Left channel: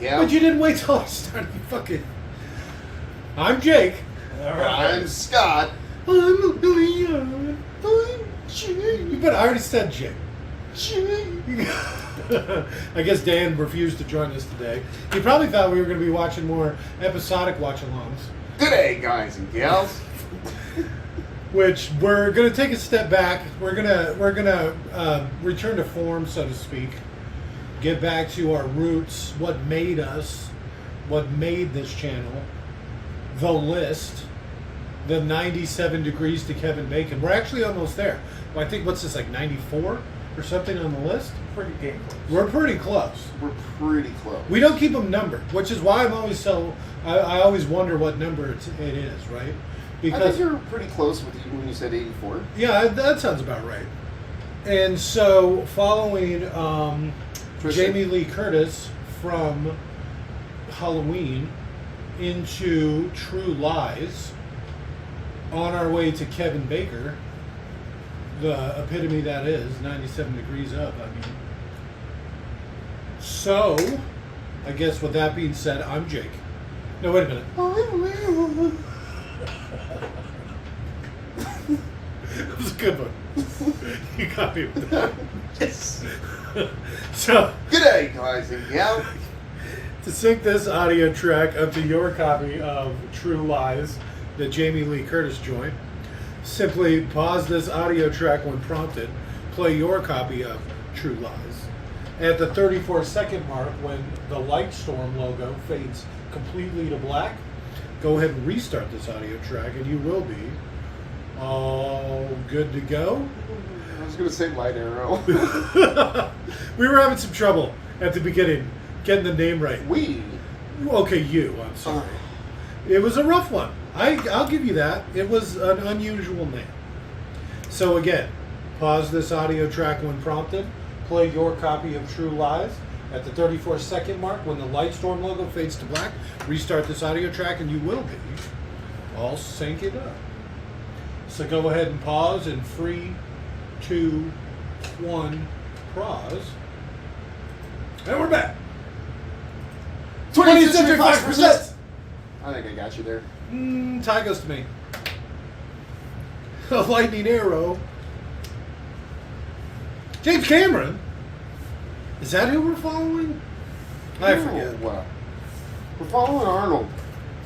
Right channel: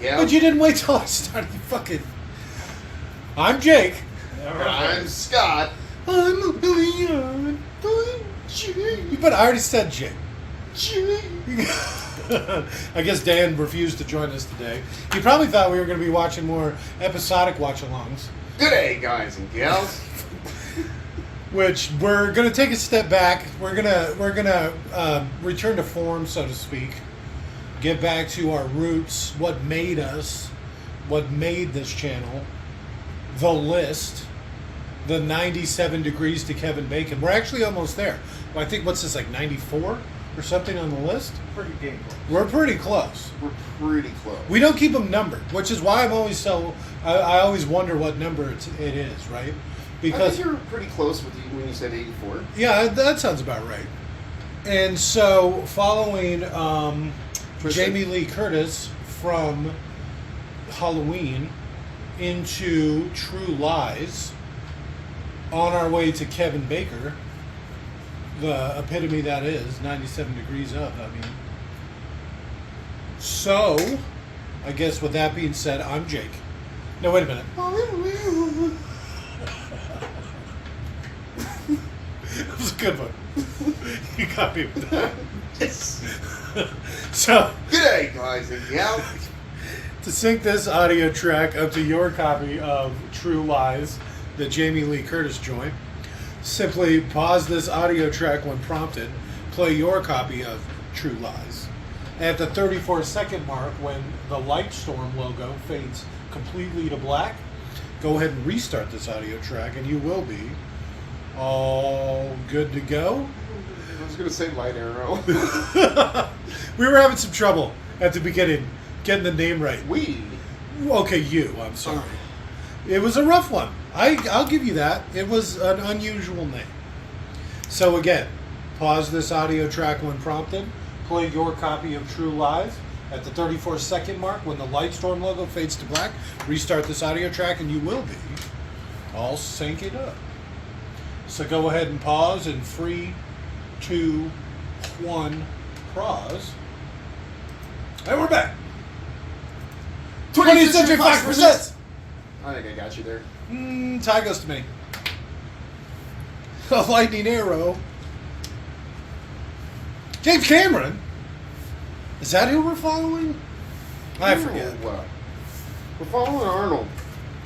Yeah. But you didn't wait till I started. You fucking. I'm Jake. I'm Scott. I'm Leon. I'm Jake. But I already said Jake. Jake. I guess Dan refused to join us today. He probably thought we were going to be watching more episodic watch-alongs. Good day, guys and gals. Which we're going to take a step back. We're gonna return to form, so to speak. Get back to our roots. What made us? What made this channel? The list. The 97 degrees to Kevin Bacon. We're actually almost there. Well, I think what's this, like 94 or something on the list? Pretty damn close. We're pretty close. We're pretty close. We don't keep them numbered, which is why I'm always so. I always wonder what number it is, right? I think you're pretty close with you when you said 84. Yeah, that sounds about right. And so, following Jamie Lee Curtis from Halloween into True Lies, on our way to Kevin Bacon, the epitome that is 97 degrees up. I mean, so I guess with that being said, I'm Jake. No, wait a minute. That was a good one. You got me with that. Yes. So, good day, guys and gals. To sync this audio track up to your copy of True Lies that Jamie Lee Curtis joined, simply pause this audio track when prompted, play your copy of True Lies. At the 34-second mark, when the Lightstorm logo fades completely to black, go ahead and restart this audio track and you will be all good to go. I was going to say Light Arrow. We were having some trouble at the beginning getting the name right. We? Okay, you. I'm sorry. It was a rough one. I'll give you that. It was an unusual name. So again, pause this audio track when prompted. Play your copy of True Lies. At the 34-second mark, when the Lightstorm logo fades to black, restart this audio track and you will be all sync it up. So go ahead and pause in 3, 2, 1, pause. And we're back. 20th Century Fox presents. I think I got you there. Tie goes to me. A lightning arrow. James Cameron? Is that who we're following? I forget. No. We're following Arnold.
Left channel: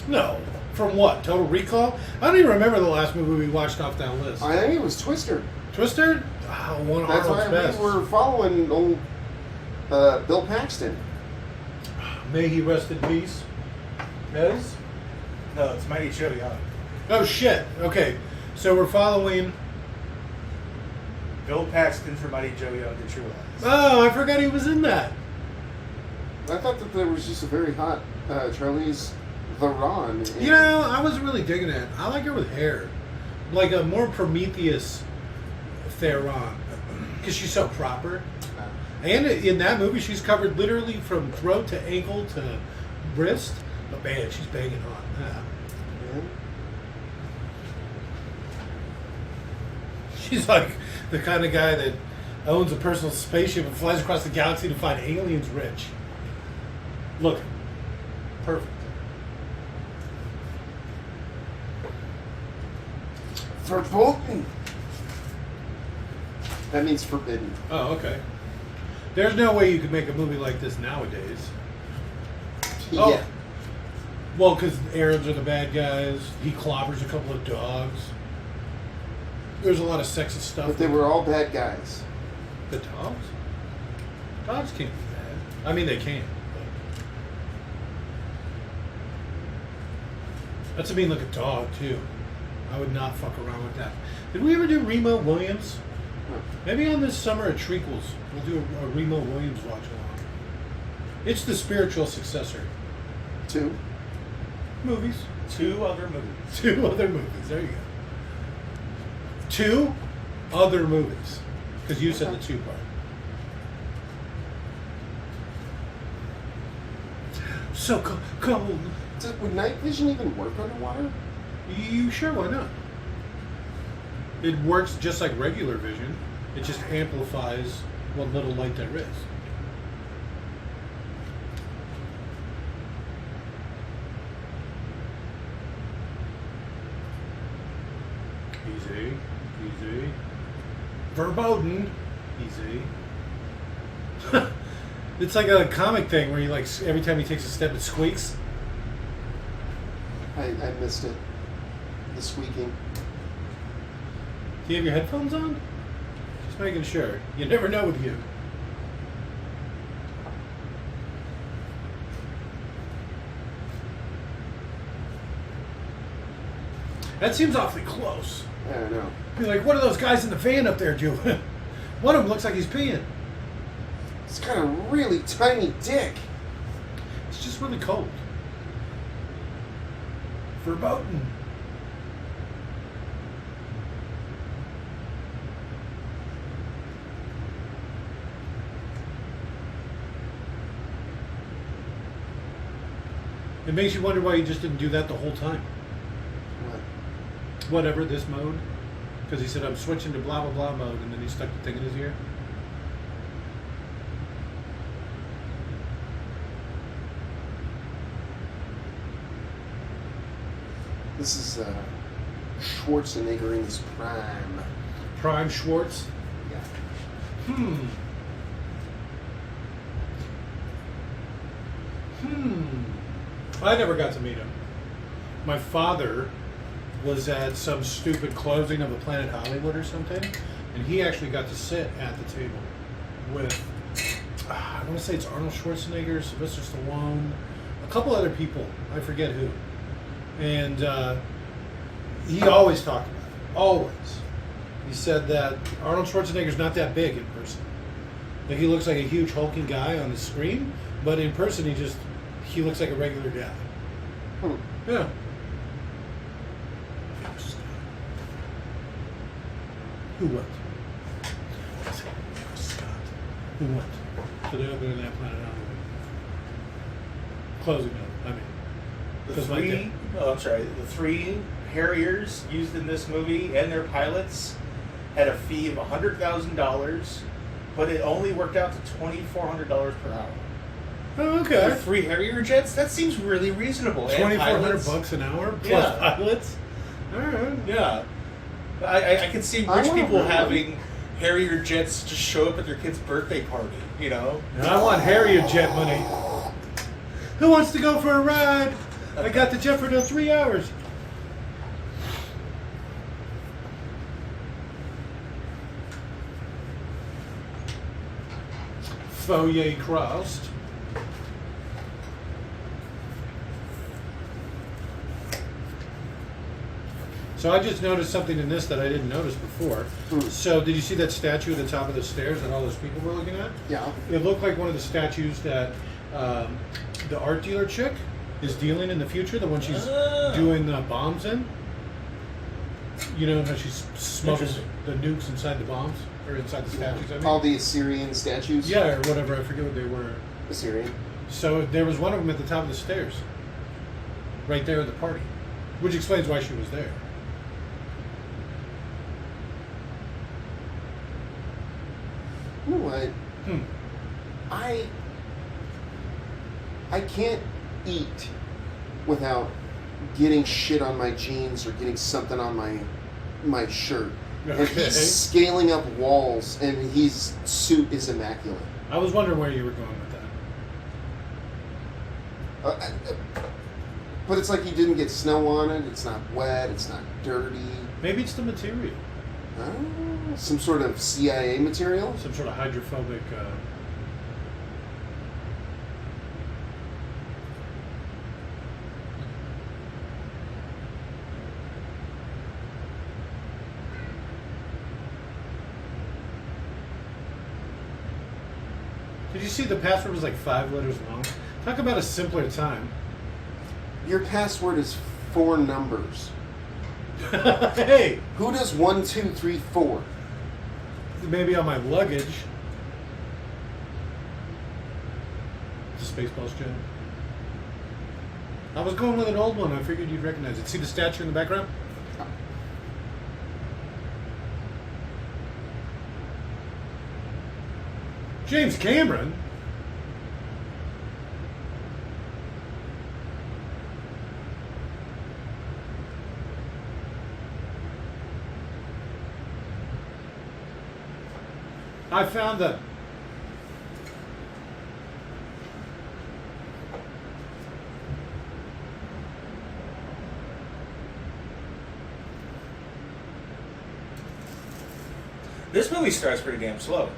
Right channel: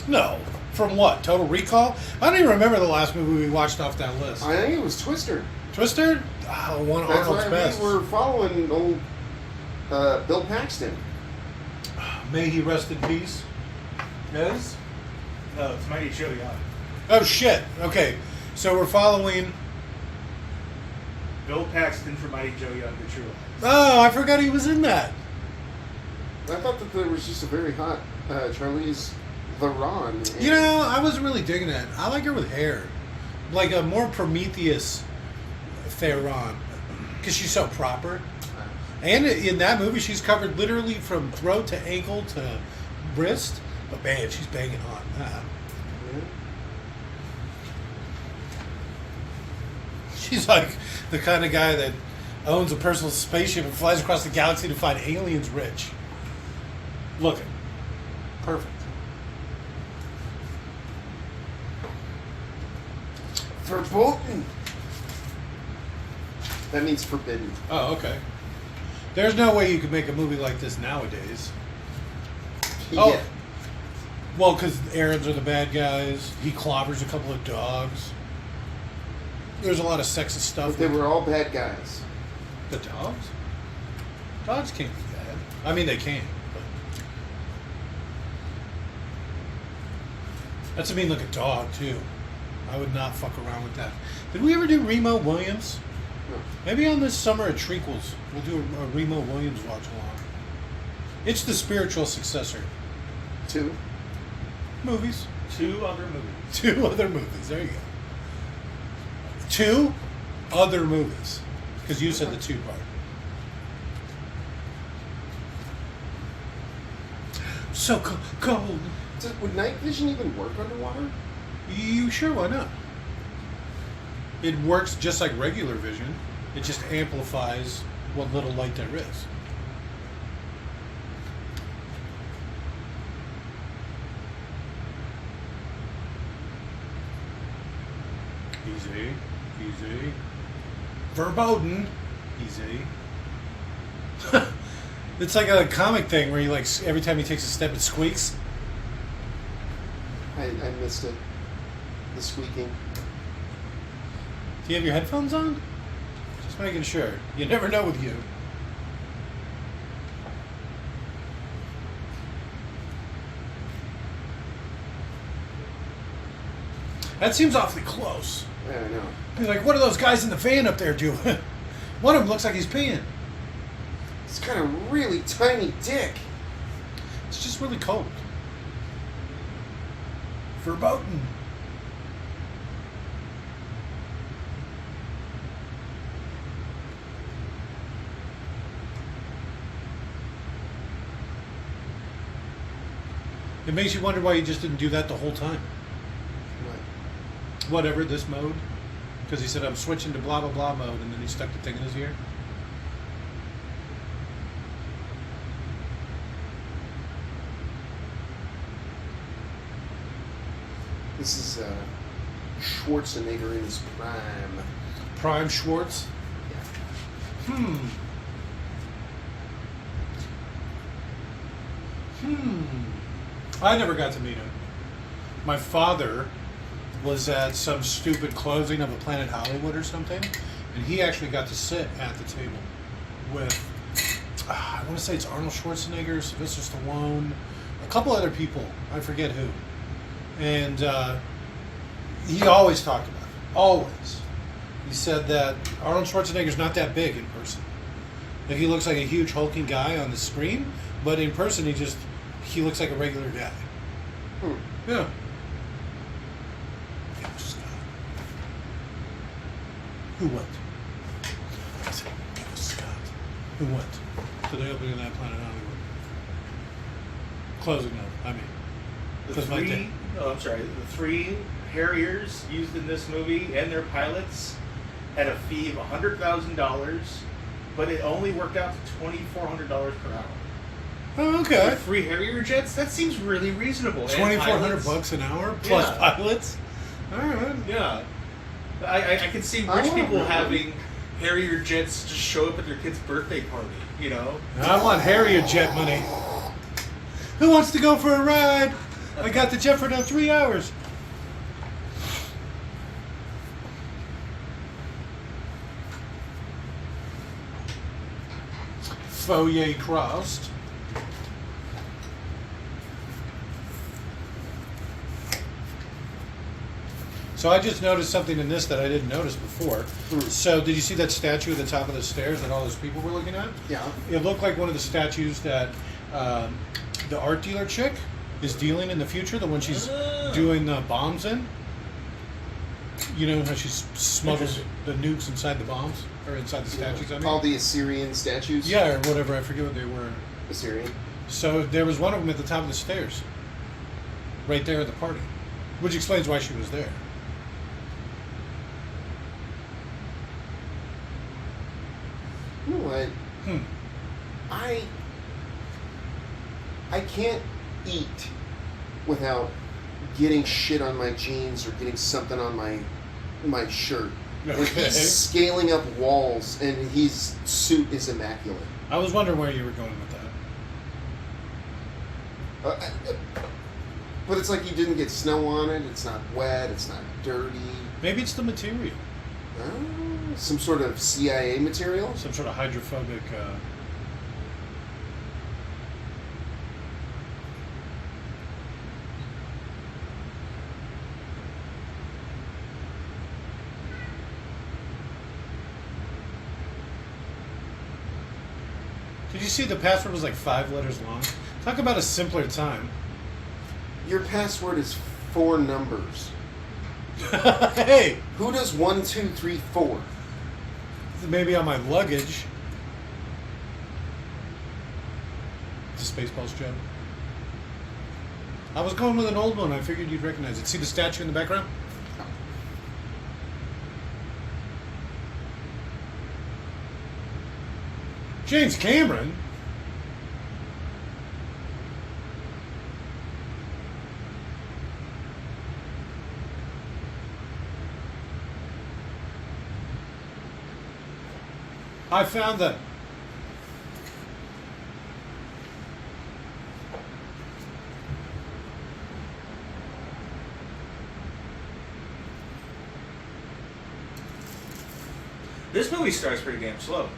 No. From what? Total Recall? I don't even remember the last movie we watched off that list. I think it was Twister. Twister? Oh, one of That's Arnold's why best. we were following old Bill Paxton. May he rest in peace. Yes? No, it's Mighty Joe Young. Oh, shit. Okay. So we're following... Bill Paxton from Mighty Joe Young to True Lies. Oh, I forgot he was in that. I thought that there was just a very hot Charlize Theron. You know, I was really digging it. I like her with hair. Like a more Prometheus Theron. Because she's so proper. And in that movie, she's covered literally from throat to ankle to wrist. But man, she's banging on that. Yeah. She's like the kind of guy that owns a personal spaceship and flies across the galaxy to find aliens rich. Looking. Perfect. Verboten. That means forbidden. Oh, okay. There's no way you could make a movie like this nowadays. Yeah. Oh. Well, because Arabs are the bad guys. He clobbers a couple of dogs. There's a lot of sexist stuff. But they were all bad guys. The dogs? Dogs can't be bad. I mean, they can. But... That's a mean looking dog, too. I would not fuck around with that. Did we ever do Remo Williams? No. Maybe on this summer at Treacles, we'll do a Remo Williams watch along. It's the spiritual successor. 2. Movies. 2 other movies. 2 other movies. There you go. 2 other movies. Because you said the 2 part. So cold. Would night vision even work underwater? You sure? Why not? It works just like regular vision. It just amplifies what little light there is. Easy. Easy. Verboten. Easy. It's like a comic thing where you like every time he takes a step it squeaks. I missed it. The squeaking. Do you have your headphones on? Just making sure. You never know with you. That seems awfully close. I don't know. Be like, what are those guys in the van up there doing? One of them looks like he's peeing. It's got a really tiny dick. It's just really cold. Verboten. It makes you wonder why you just didn't do that the whole time. What? Whatever, this mode. Because he said, I'm switching to blah, blah, blah mode, and then he stuck the thing in his ear. This is Schwarzenegger in his prime. Prime Schwartz. Yeah. I never got to meet him. My father was at some stupid closing of the Planet Hollywood or something, and he actually got to sit at the table with, I want to say it's Arnold Schwarzenegger, Sylvester Stallone, a couple other people. I forget who. And he always talked about it. Always. He said that Arnold Schwarzenegger's not that big in person. Like, he looks like a huge hulking guy on the screen, but in person he looks like a regular guy. Yeah. Who what? I said, Scott. Who what? To the opening of that Planet Hollywood. Closing of, I mean. The three Harriers used in this movie and their pilots had a fee of $100,000, but it only worked out to $2,400 per hour. Oh, okay. For 3 Harrier jets, that seems really reasonable. $2,400 an hour plus pilots. All right. Yeah, I could see rich people having Harrier jets just show up at their kid's birthday party. You know, I want Harrier jet money. Who wants to go for a ride? I got the jet for another 3 hours. Foyer crossed. So I just noticed something in this that I didn't notice before. So did you see that statue at the top of the stairs that all those people were looking at? Yeah. It looked like one of the statues that the art dealer chick is dealing in the future, the one she's doing the bombs in. You know how she smuggles the nukes inside the bombs? Or inside the statues, I mean? All the Assyrian statues? Yeah, or whatever, I forget what they were. Assyrian. So there was one of them at the top of the stairs. Right there at the party. Which explains why she was there. You know what? I can't eat without getting shit on my jeans or getting something on my shirt. Okay. And he's scaling up walls, and his suit is immaculate. I was wondering where you were going with that. But it's like you didn't get snow on it. It's not wet. It's not dirty. Maybe it's the material. Some sort of CIA material? Some sort of hydrophobic... Did you see the password was like 5 letters long? Talk about a simpler time. Your password is 4 numbers. Hey! Who does 1, 2, 3, 4? Maybe on my luggage. It's a Spaceballs joke. I was going with an old one. I figured you'd recognize it. See the statue in the background? Oh. James Cameron? I found them. This movie starts pretty damn slow.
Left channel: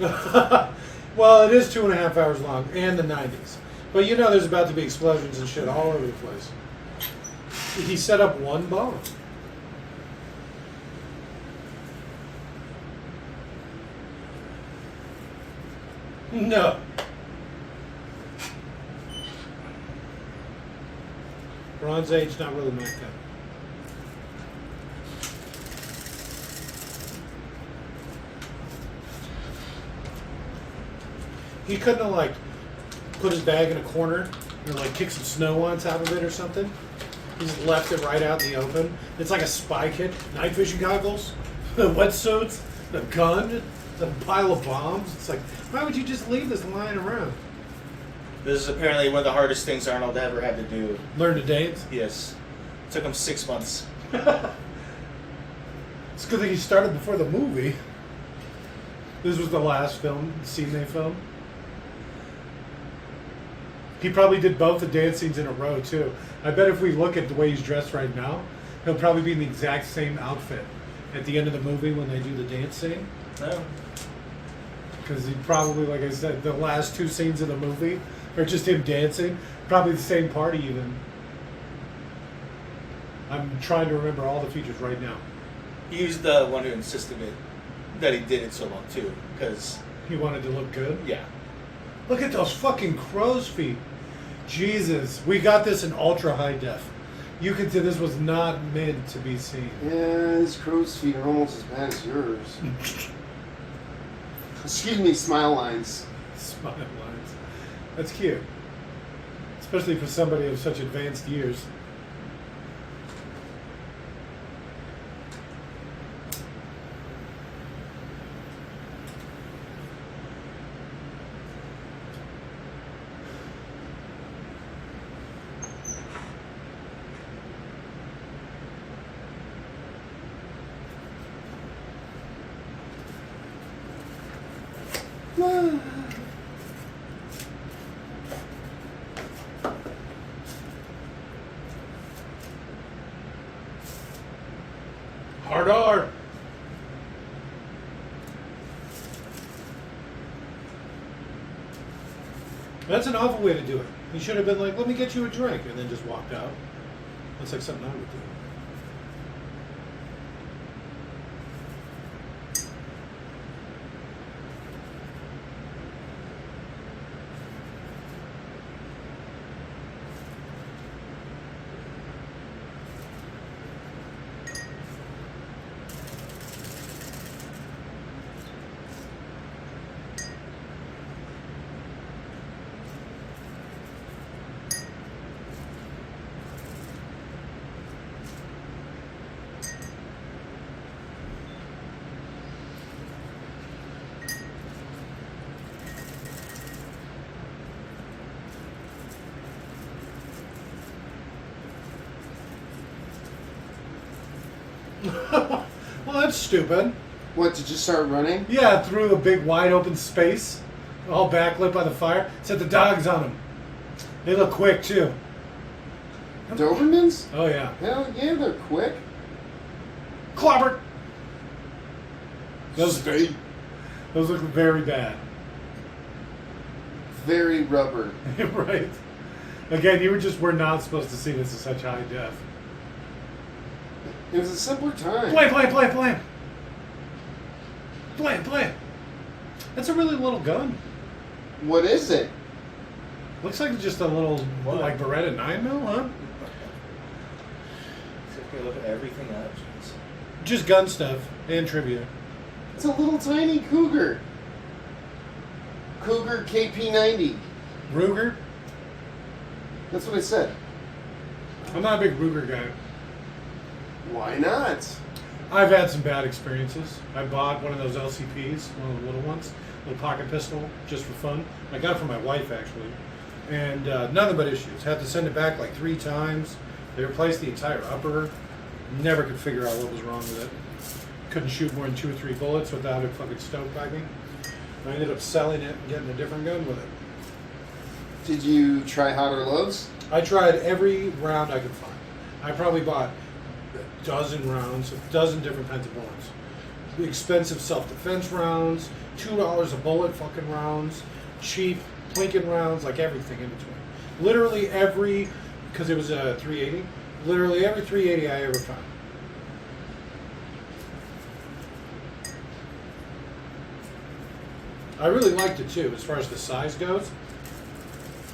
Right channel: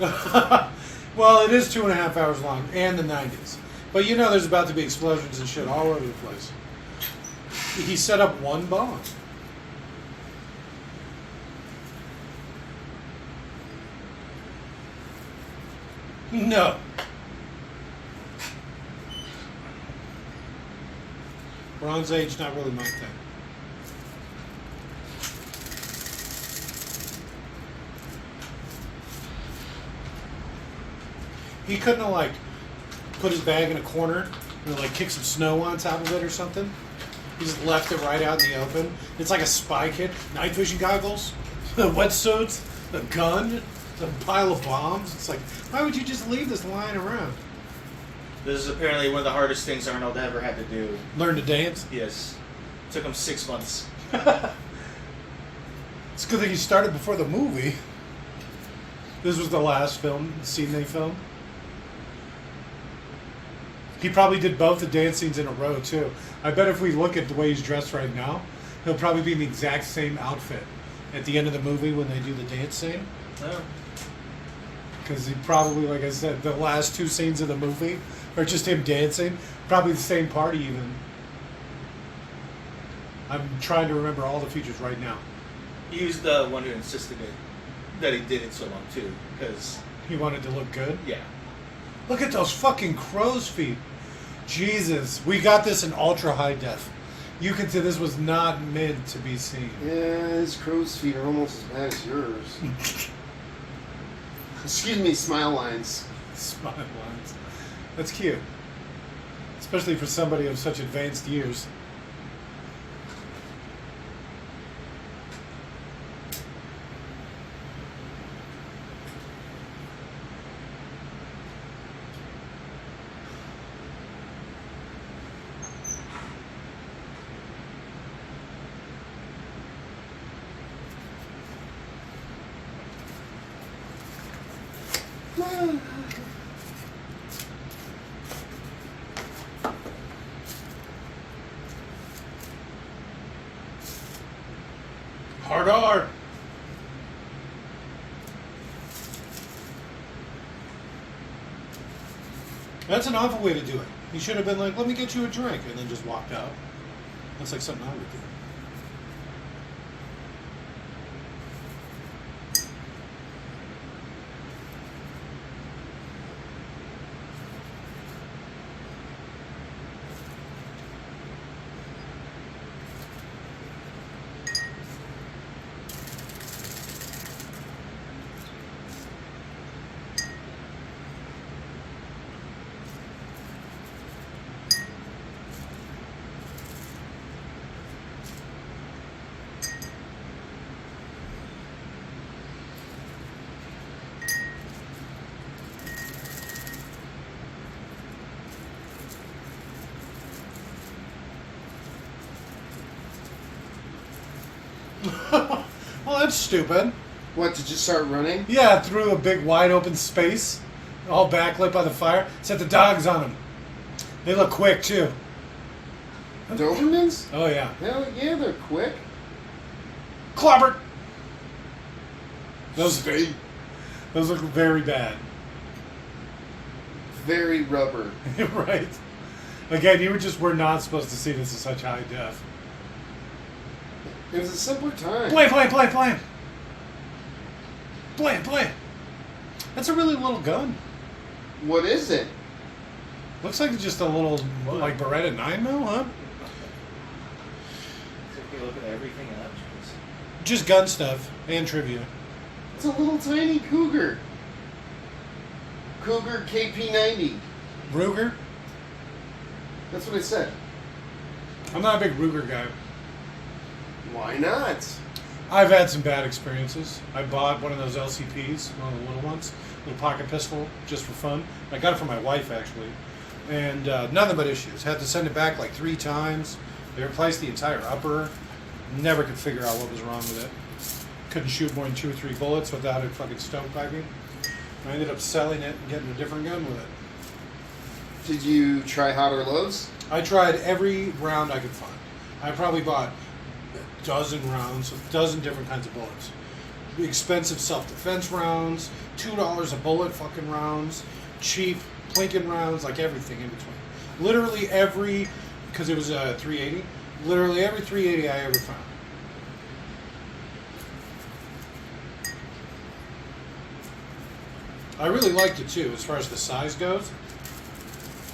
Well, it is 2.5 hours long, and the 90s. But you know there's about to be explosions and shit all over the place. He set up one bomb. No. Bronze Age, not really my thing. He couldn't have, like, put his bag in a corner and, like, kick some snow on top of it or something. He just left it right out in the open. It's like a spy kit. Night vision goggles, the wetsuits, the gun, the pile of bombs. It's like, why would you just leave this lying around? This is apparently one of the hardest things Arnold ever had to do. Learn to dance? Yes. Took him 6 months. It's a good thing he started before the movie. This was the last scene they filmed. He probably did both the dance scenes in a row, too. I bet if we look at the way he's dressed right now, he'll probably be in the exact same outfit at the end of the movie when they do the dance scene. Oh. Because he probably, like I said, the last 2 scenes of the movie are just him dancing. Probably the same party, even. I'm trying to remember all the features right now. He was the one who insisted that he did it so long, too. Because, He wanted to look good. yeah. Look at those fucking crow's feet. Jesus. We got this in ultra high def. You can see this was not meant to be seen. Yeah, his crow's feet are almost as bad as yours. Excuse me, smile lines. Smile lines. That's cute. Especially for somebody of such advanced years. Hard R. That's an awful way to do it. He should have been like, let me get you a drink, and then just walked out. That's like something I would do. Well, that's stupid. What, to just start running? Yeah, through a big wide open space, all backlit by the fire. Set the dogs on them. They look quick too. Dobermans? Oh yeah. Hell yeah, they're quick. Clobber. Those Stay look very bad. very rubber. Right. Again, you were not supposed to see this in such high def. It was a simpler time. Play. That's a really little gun. What is it? Looks like just a little, What? like Beretta 9mm, huh? So if you look at everything else. Just gun stuff and trivia. It's a little tiny Cougar. Cougar KP90. Ruger? That's what I said. I'm not a big Ruger guy. Why not? I've had some bad experiences. I bought one of those LCPs, one of the little ones, little pocket pistol, just for fun. I got it for my wife, actually. And nothing but issues. Had to send it back like 3 times. They replaced the entire upper. Never could figure out what was wrong with it. Couldn't shoot more than 2 or 3 bullets without it fucking stovepiping. I ended up selling it and getting a different gun with it. Did you try hot or lows? I tried every round I could find. I probably bought a dozen rounds, a dozen different kinds of bullets. Expensive self-defense rounds, $2 a bullet fucking rounds, cheap plinking rounds, like everything in between. Literally every, because it was a 380, literally every 380 I ever found. I really liked it too, as far as the size goes.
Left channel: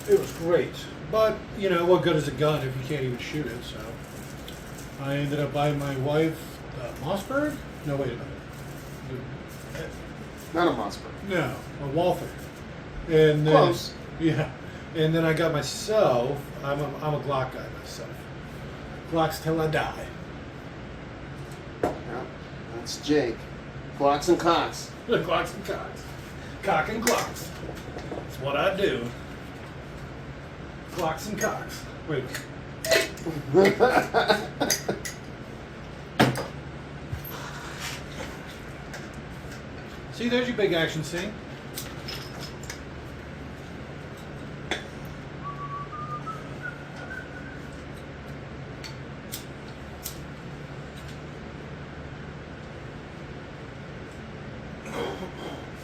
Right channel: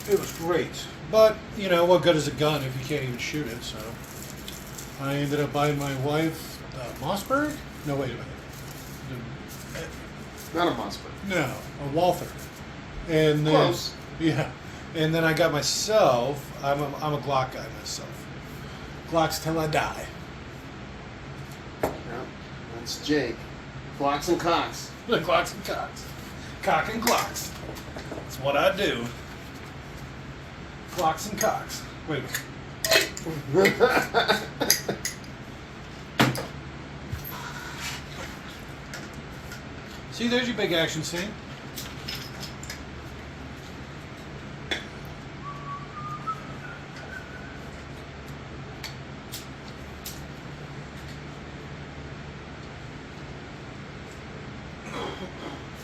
It was great. But, you know, what good is a gun if you can't even shoot it, so. I ended up buying my wife Mossberg? No, wait a minute. Not a Mossberg. No, a Walther. And then, Close. Yeah. And then I got myself, I'm a Glock guy myself. Glocks till I die. Yeah, that's Jake. Glocks and cocks. The Glocks and cocks. Cock and clocks. That's what I do. Glocks and cocks. Wait a minute. See, there's your big action scene.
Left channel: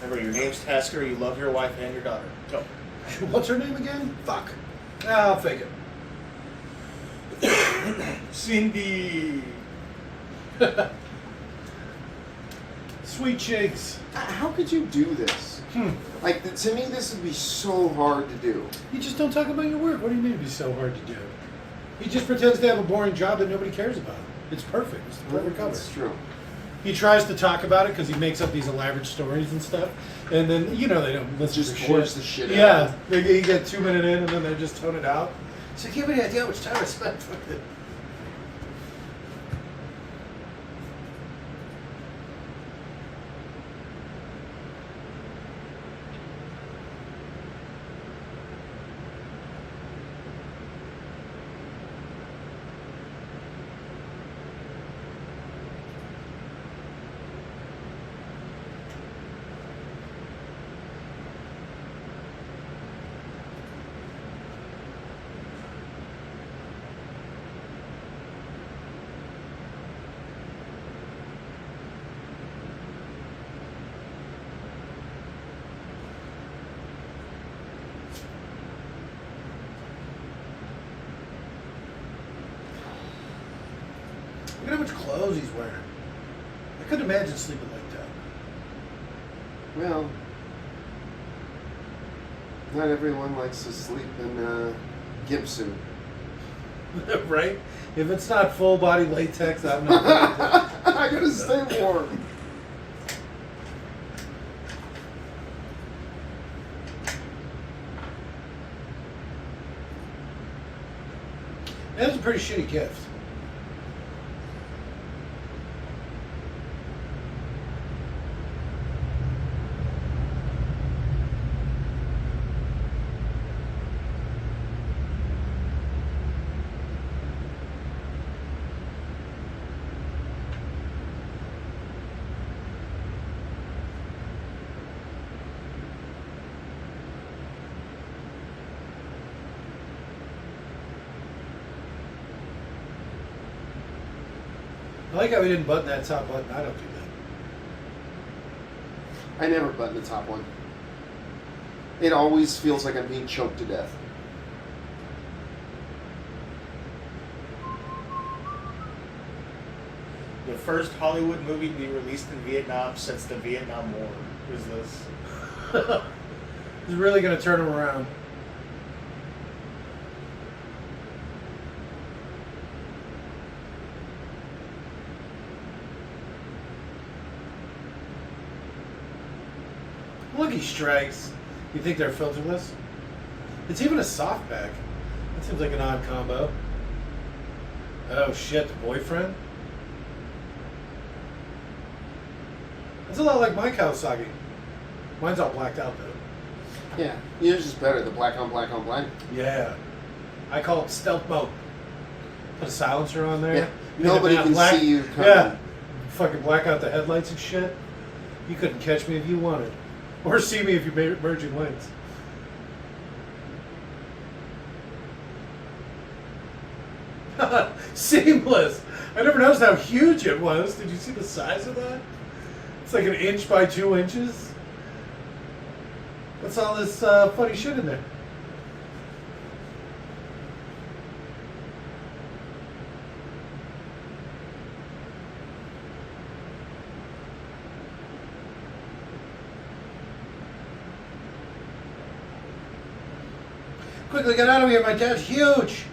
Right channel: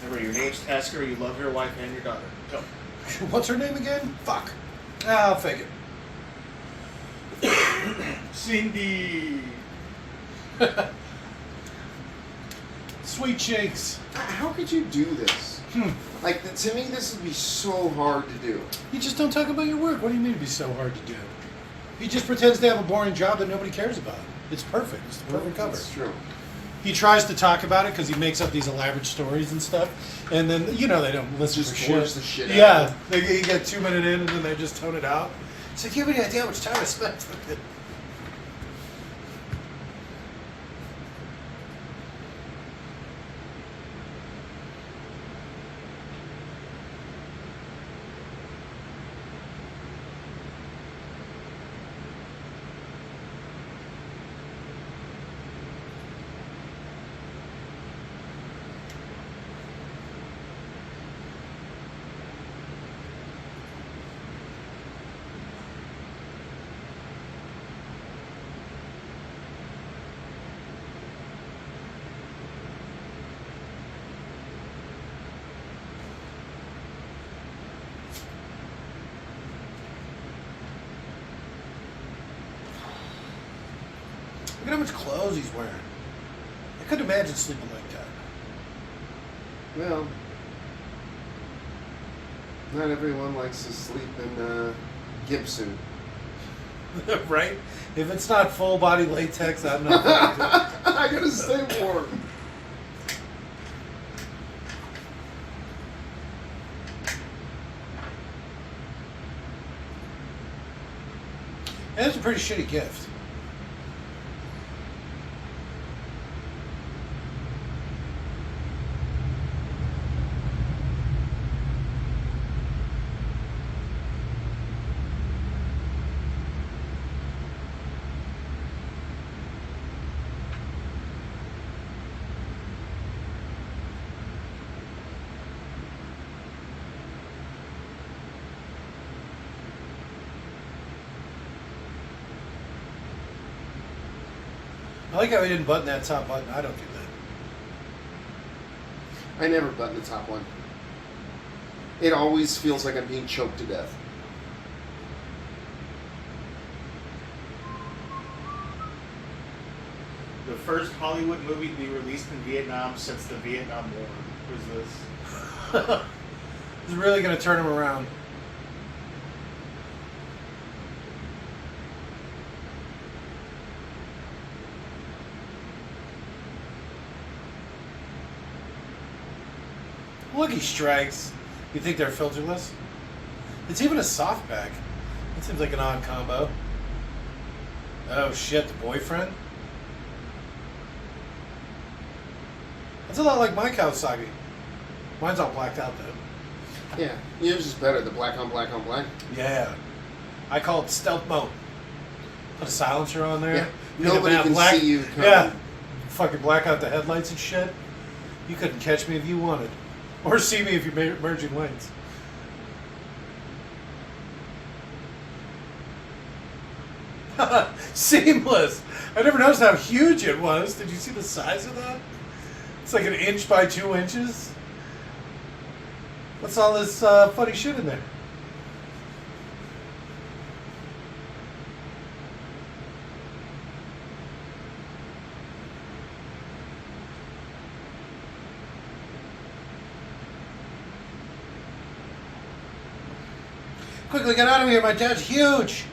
Remember, your name's Tasker. You love your wife and your daughter. Go. What's her name again? Fuck. Ah, I'll fake it. Cindy. Sweet cheeks. How could you do this? Like, to me, this would be so hard to do. You just don't talk about your work. What do you mean it'd be so hard to do? He just pretends to have a boring job that nobody cares about. It's perfect. It's the perfect cover. That's true. He tries to talk about it because he makes up these elaborate stories and stuff, and then they don't listen Just to force shit. the shit out. Yeah, you get 2 minutes in and then they just tone it out. So do you have any idea how much time I spent with it? Look at how much clothes he's wearing. I couldn't imagine sleeping like that. Well, not everyone likes to sleep in a gimp suit. Right? If it's not full body latex, I'm not. I gotta stay warm. That was a pretty shitty gift. I like how he didn't button that top button. I don't do that. I never button the top one. It always feels like I'm being choked to death. The first Hollywood movie to be released in Vietnam since the Vietnam War was this. He's really going to turn him around. Look, he strikes. You think they're filterless? It's even a soft bag. That seems like an odd combo. Oh shit, the boyfriend? That's a lot like my Kawasaki. Mine's all blacked out though. Yeah, yours is better. The black on black on black. Yeah. I call it stealth mode. Put a silencer on there. Yeah. Make it Nobody matte can black. see you coming. Yeah. Fucking black out the headlights and shit. You couldn't catch me if you wanted. Or see me if you're merging lanes. Seamless. I never noticed how huge it was. Did you see the size of that? It's like 1 inch by 2 inches. What's all this funny shit in there? Quickly get out of here, my dad's huge.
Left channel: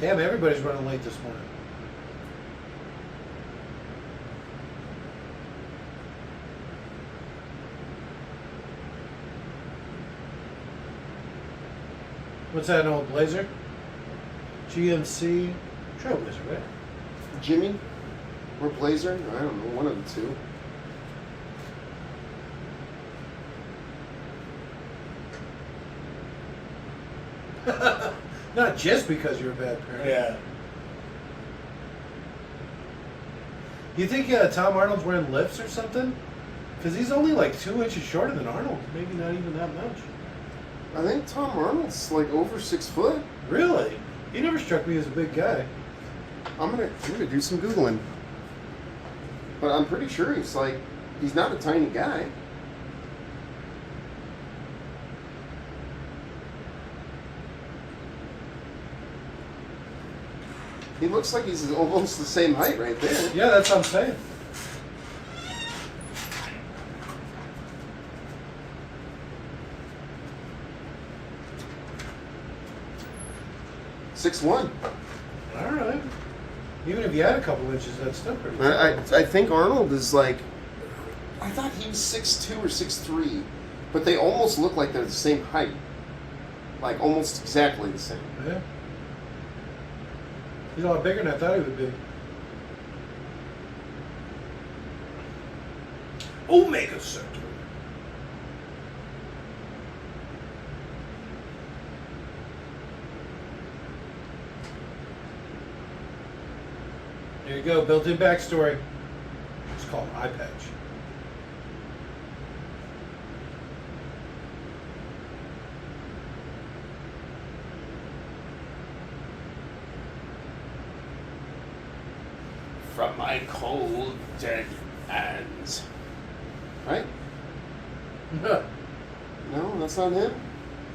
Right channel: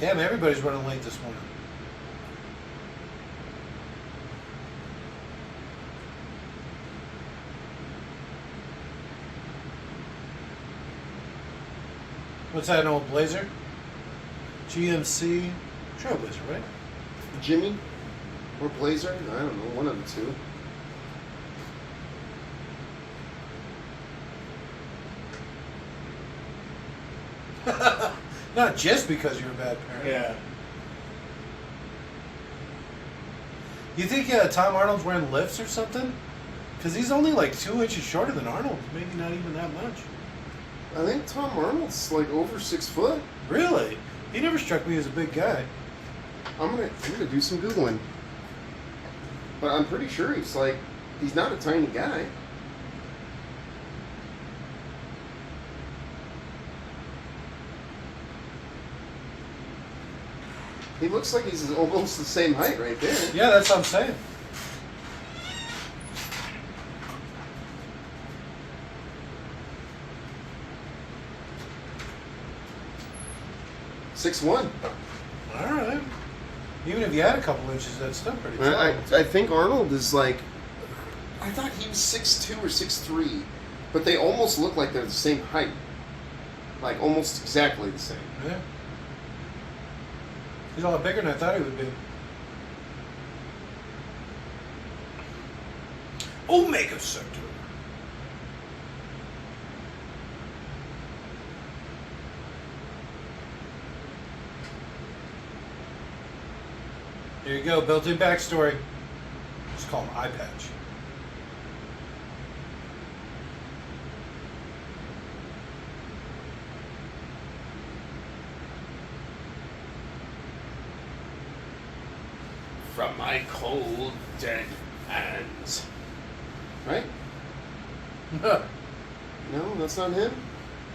Damn, everybody's running late this morning. What's that, an old Blazer? GMC Trailblazer, right? Jimmy or Blazer? I don't know, one of the two. Not just because you're a bad parent. Yeah. You think Tom Arnold's wearing lifts or something? Because he's only like 2 inches shorter than Arnold. Maybe not even that much. I think Tom Arnold's like over 6 foot. Really? He never struck me as a big guy. I'm gonna do some Googling. But I'm pretty sure he's not a tiny guy. He looks like he's almost the same height right there. Yeah, that's what I'm saying. Six one. All right. Even if you had a couple inches, that's still pretty tall. I think Arnold is like, I thought he was 6'2" or 6'3", but they almost look like they're the same height. Like almost exactly the same. Yeah. He's a lot bigger than I thought he would be. Omega Sector. There you go, built-in backstory. Just call him Eye Patch. From my cold, dead hands. Right? No, that's not him.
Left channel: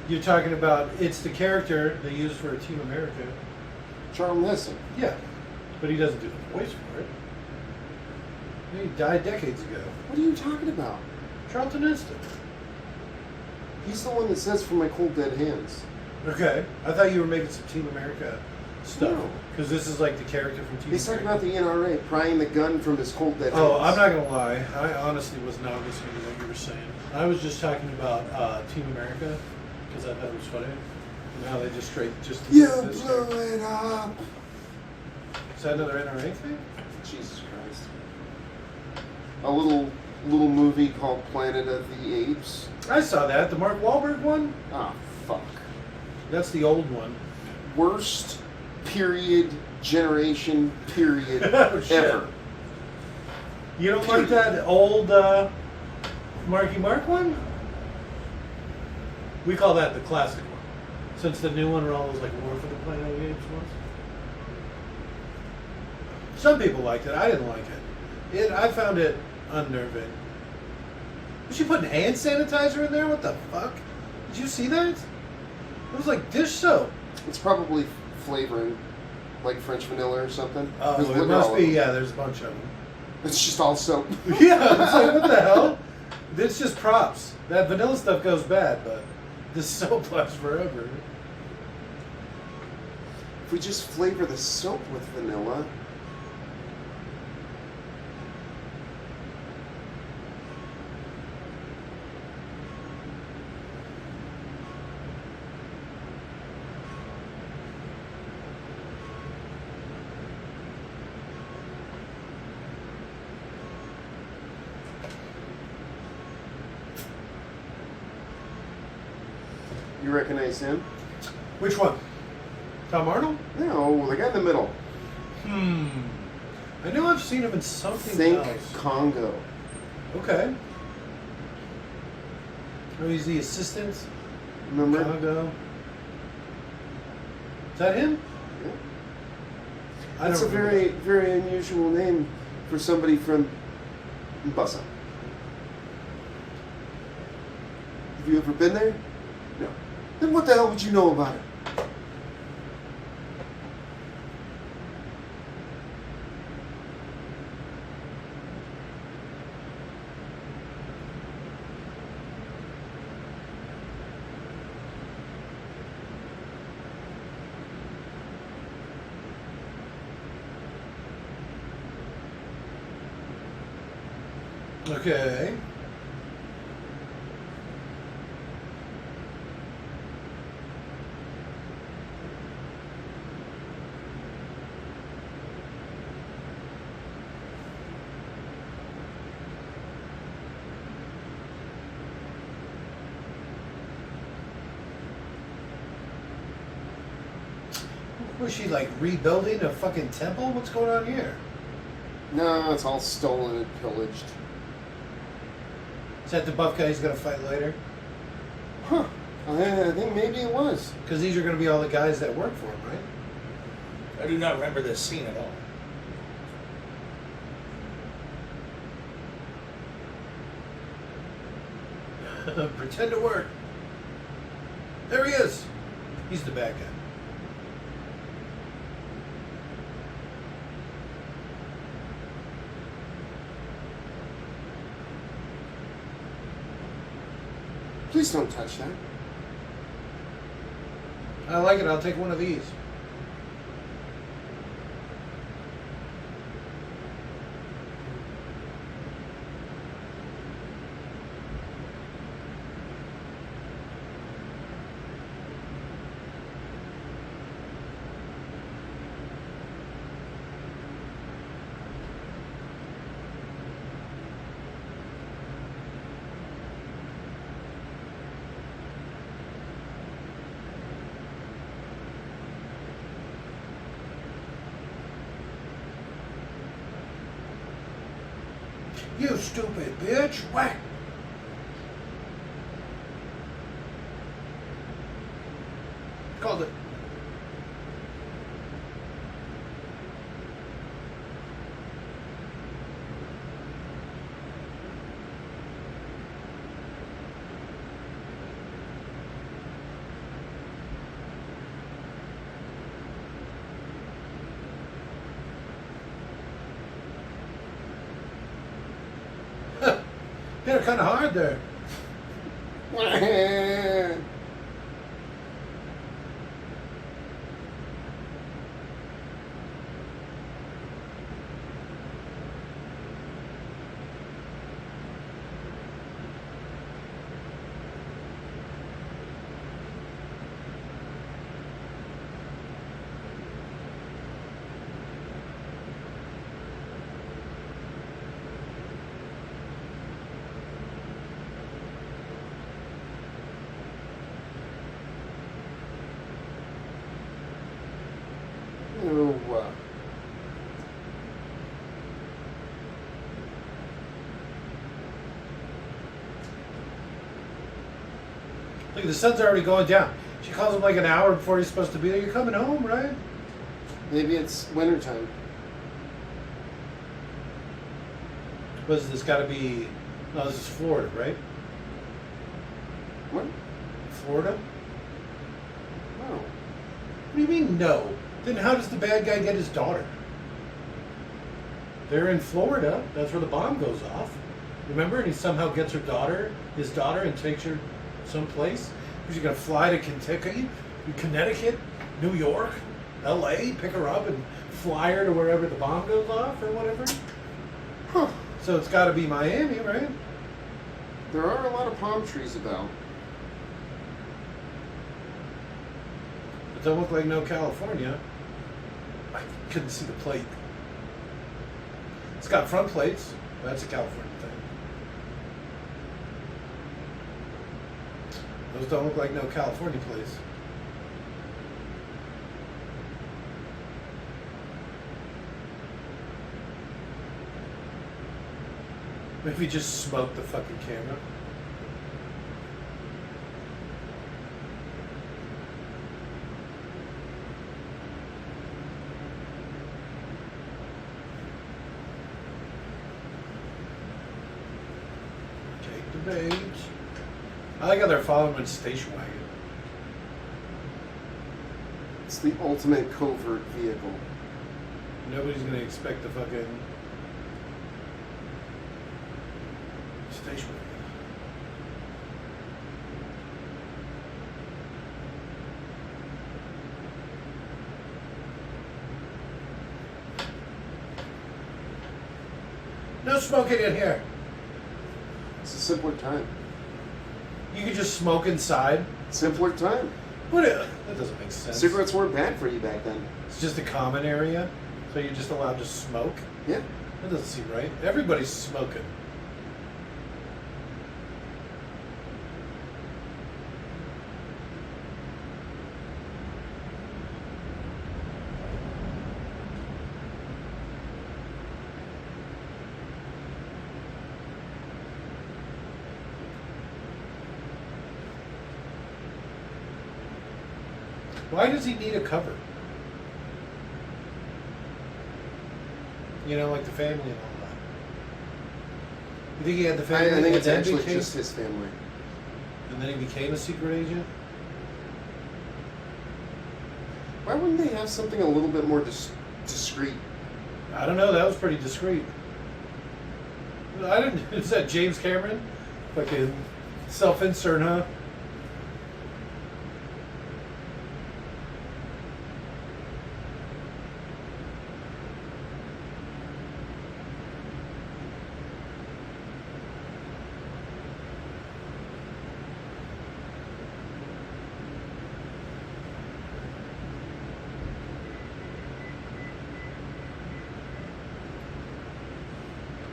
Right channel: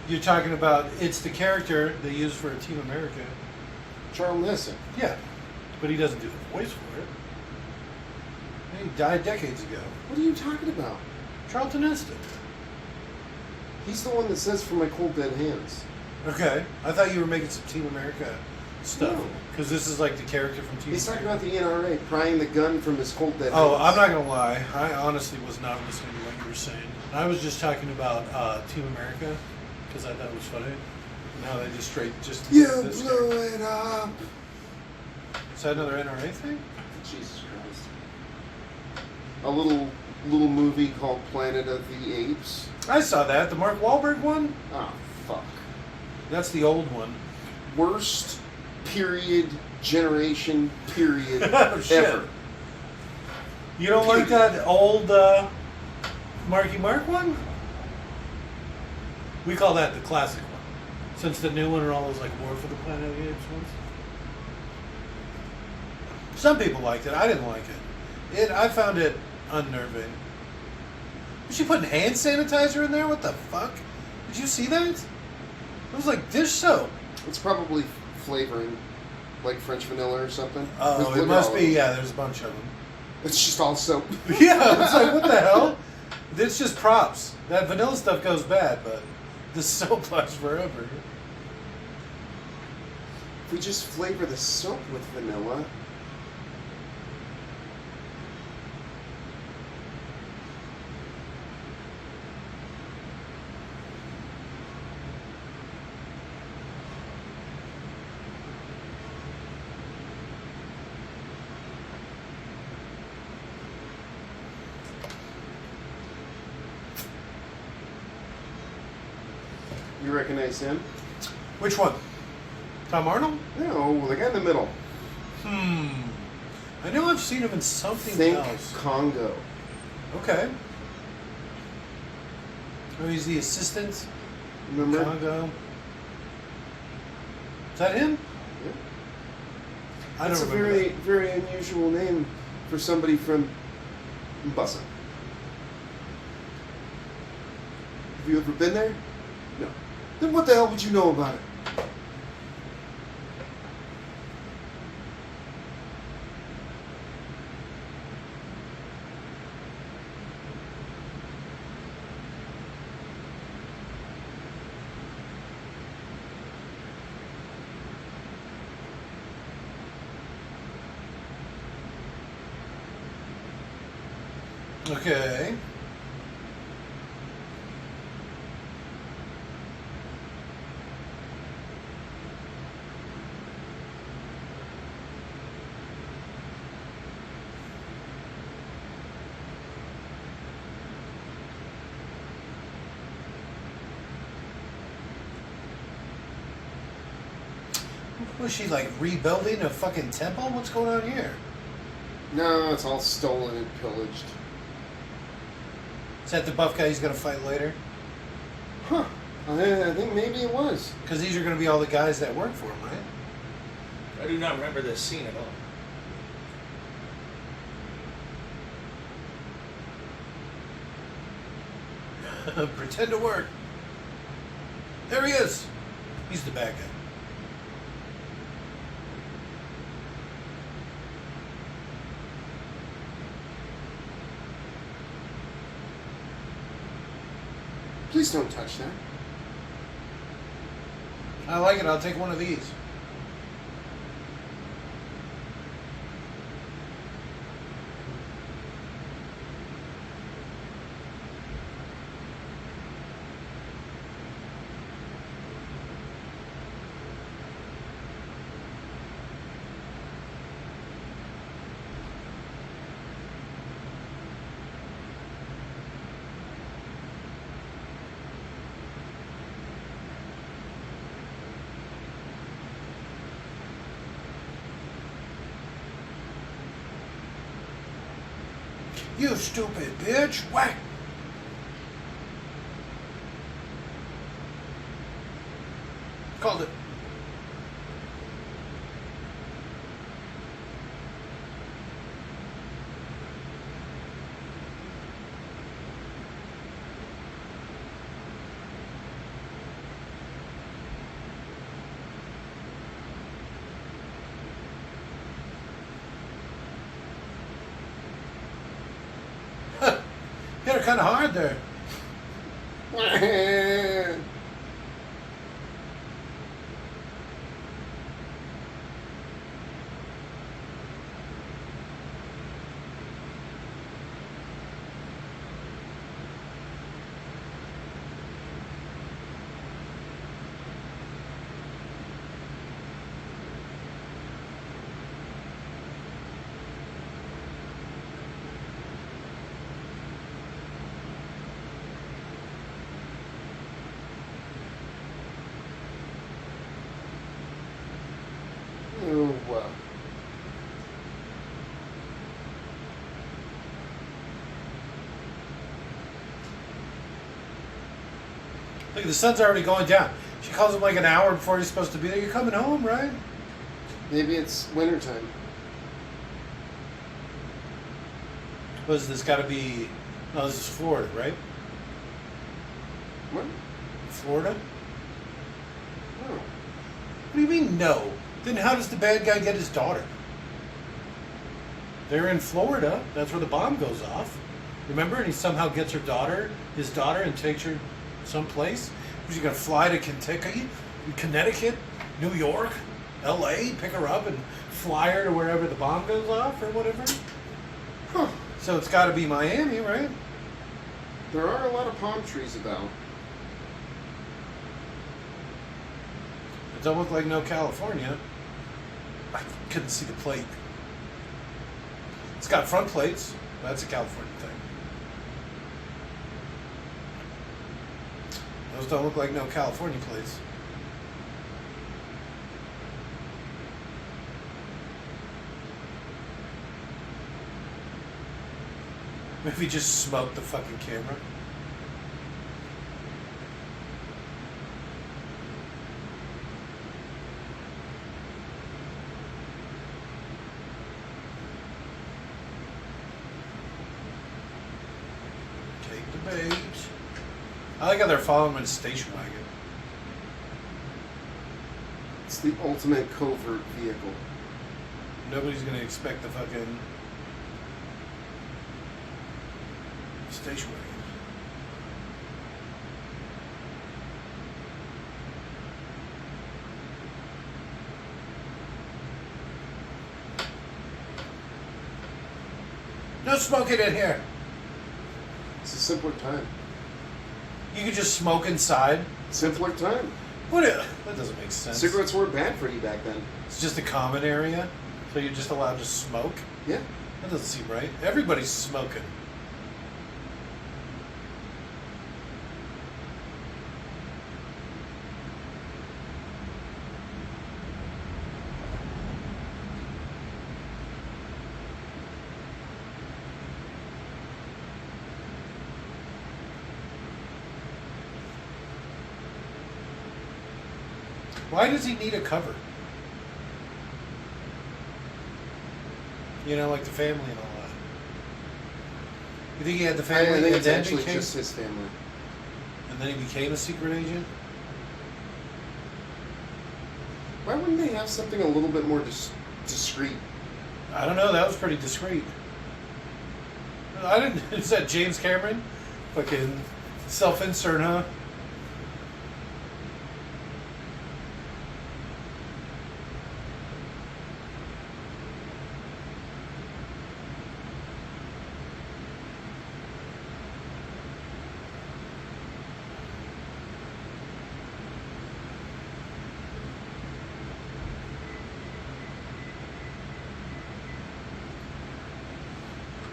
You're talking about, it's the character they used for Team America. Charles Nesson. Yeah, but he doesn't do the voice for it. He died decades ago. What are you talking about? Charlton Heston. He's the one that says "from my cold, dead hands." Okay, I thought you were making some Team America stuff. No. Because this is like the character from Team He's America. talking about the NRA prying the gun from his cold, dead hands. Oh, I'm not gonna lie. I honestly was not listening to what you were saying. I was just talking about Team America because I thought it was funny. Now they just You this blew character. it up. Is that another NRA thing? Jesus Christ. A little movie called Planet of the Apes. I saw that. The Mark Wahlberg one. Ah, fuck. That's the old one. Worst generation Oh, shit. ever. You don't like that old Marky Mark one? We call that the classic one. Since the new one are always like War for the Planet of the Apes ones. Some people liked it. I didn't like it. I found it unnerving. Was she putting hand sanitizer in there? What the fuck? Did you see that? It was like dish soap. It's probably flavoring, like French vanilla or something. Oh, Look it at must all of be. them. Yeah, there's a bunch of them. It's just all soap. Yeah, it's like, what the hell? It's just props. That vanilla stuff goes bad, but this soap lasts forever. If we just flavor the soap with vanilla. You recognize him? Which one? Tom Arnold? No, the guy in the middle. I know I've seen him in something Think else. Congo. Okay. Oh, he's the assistant. Remember? Congo. Is that him? Yeah. I That's a don't remember very, very unusual name for somebody from Mbasa. Have you ever been there? No. Then what the hell would you know about it? Okay. Was she like rebuilding a fucking temple? What's going on here? No, it's all stolen and pillaged. Is that the buff guy he's gonna fight later? Huh. I think maybe it was. Because these are gonna be all the guys that work for him, right? I do not remember this scene at all. Pretend to work. There he is. He's the bad guy. Please don't touch that. I like it. I'll take one of these. You stupid bitch! Whack! Called it. Hit her kind of hard there. Look, the sun's already going down. She calls him like an hour before he's supposed to be there. You're coming home, right? Maybe it's wintertime. Was this got to be? No, this is Florida, right? What? Florida? No. What do you mean no? Then how does the bad guy get his daughter? They're in Florida. That's where the bomb goes off. Remember? And he somehow gets her daughter, his daughter, and takes her someplace. Was he going to fly to Kentucky, Connecticut, New York, L.A., pick her up and fly her to wherever the bomb goes off or whatever? Huh. So it's got to be Miami, right? There are a lot of palm trees about. It doesn't look like no California. I couldn't see the plate. It's got front plates. That's a California thing. Those don't look like no California plates. Maybe just smoke the fucking camera. Take the bait. I like how they're following him in a station wagon. It's the ultimate covert vehicle. Nobody's gonna expect the fucking station wagon. No smoking in here. It's a simpler time. You could just smoke inside. Simpler time. What? That doesn't make sense. Cigarettes weren't bad for you back then. It's just a common area, so you're just allowed to smoke. Yeah. That doesn't seem right. Everybody's smoking. Why does he need a cover? You know, like the family and all that. You think he had the family? I think and it's then actually became- just his family. And then he became a secret agent? Why wouldn't they have something a little bit more discreet? I don't know. That was pretty discreet. I didn't. Is that James Cameron? Fucking self-insert, huh?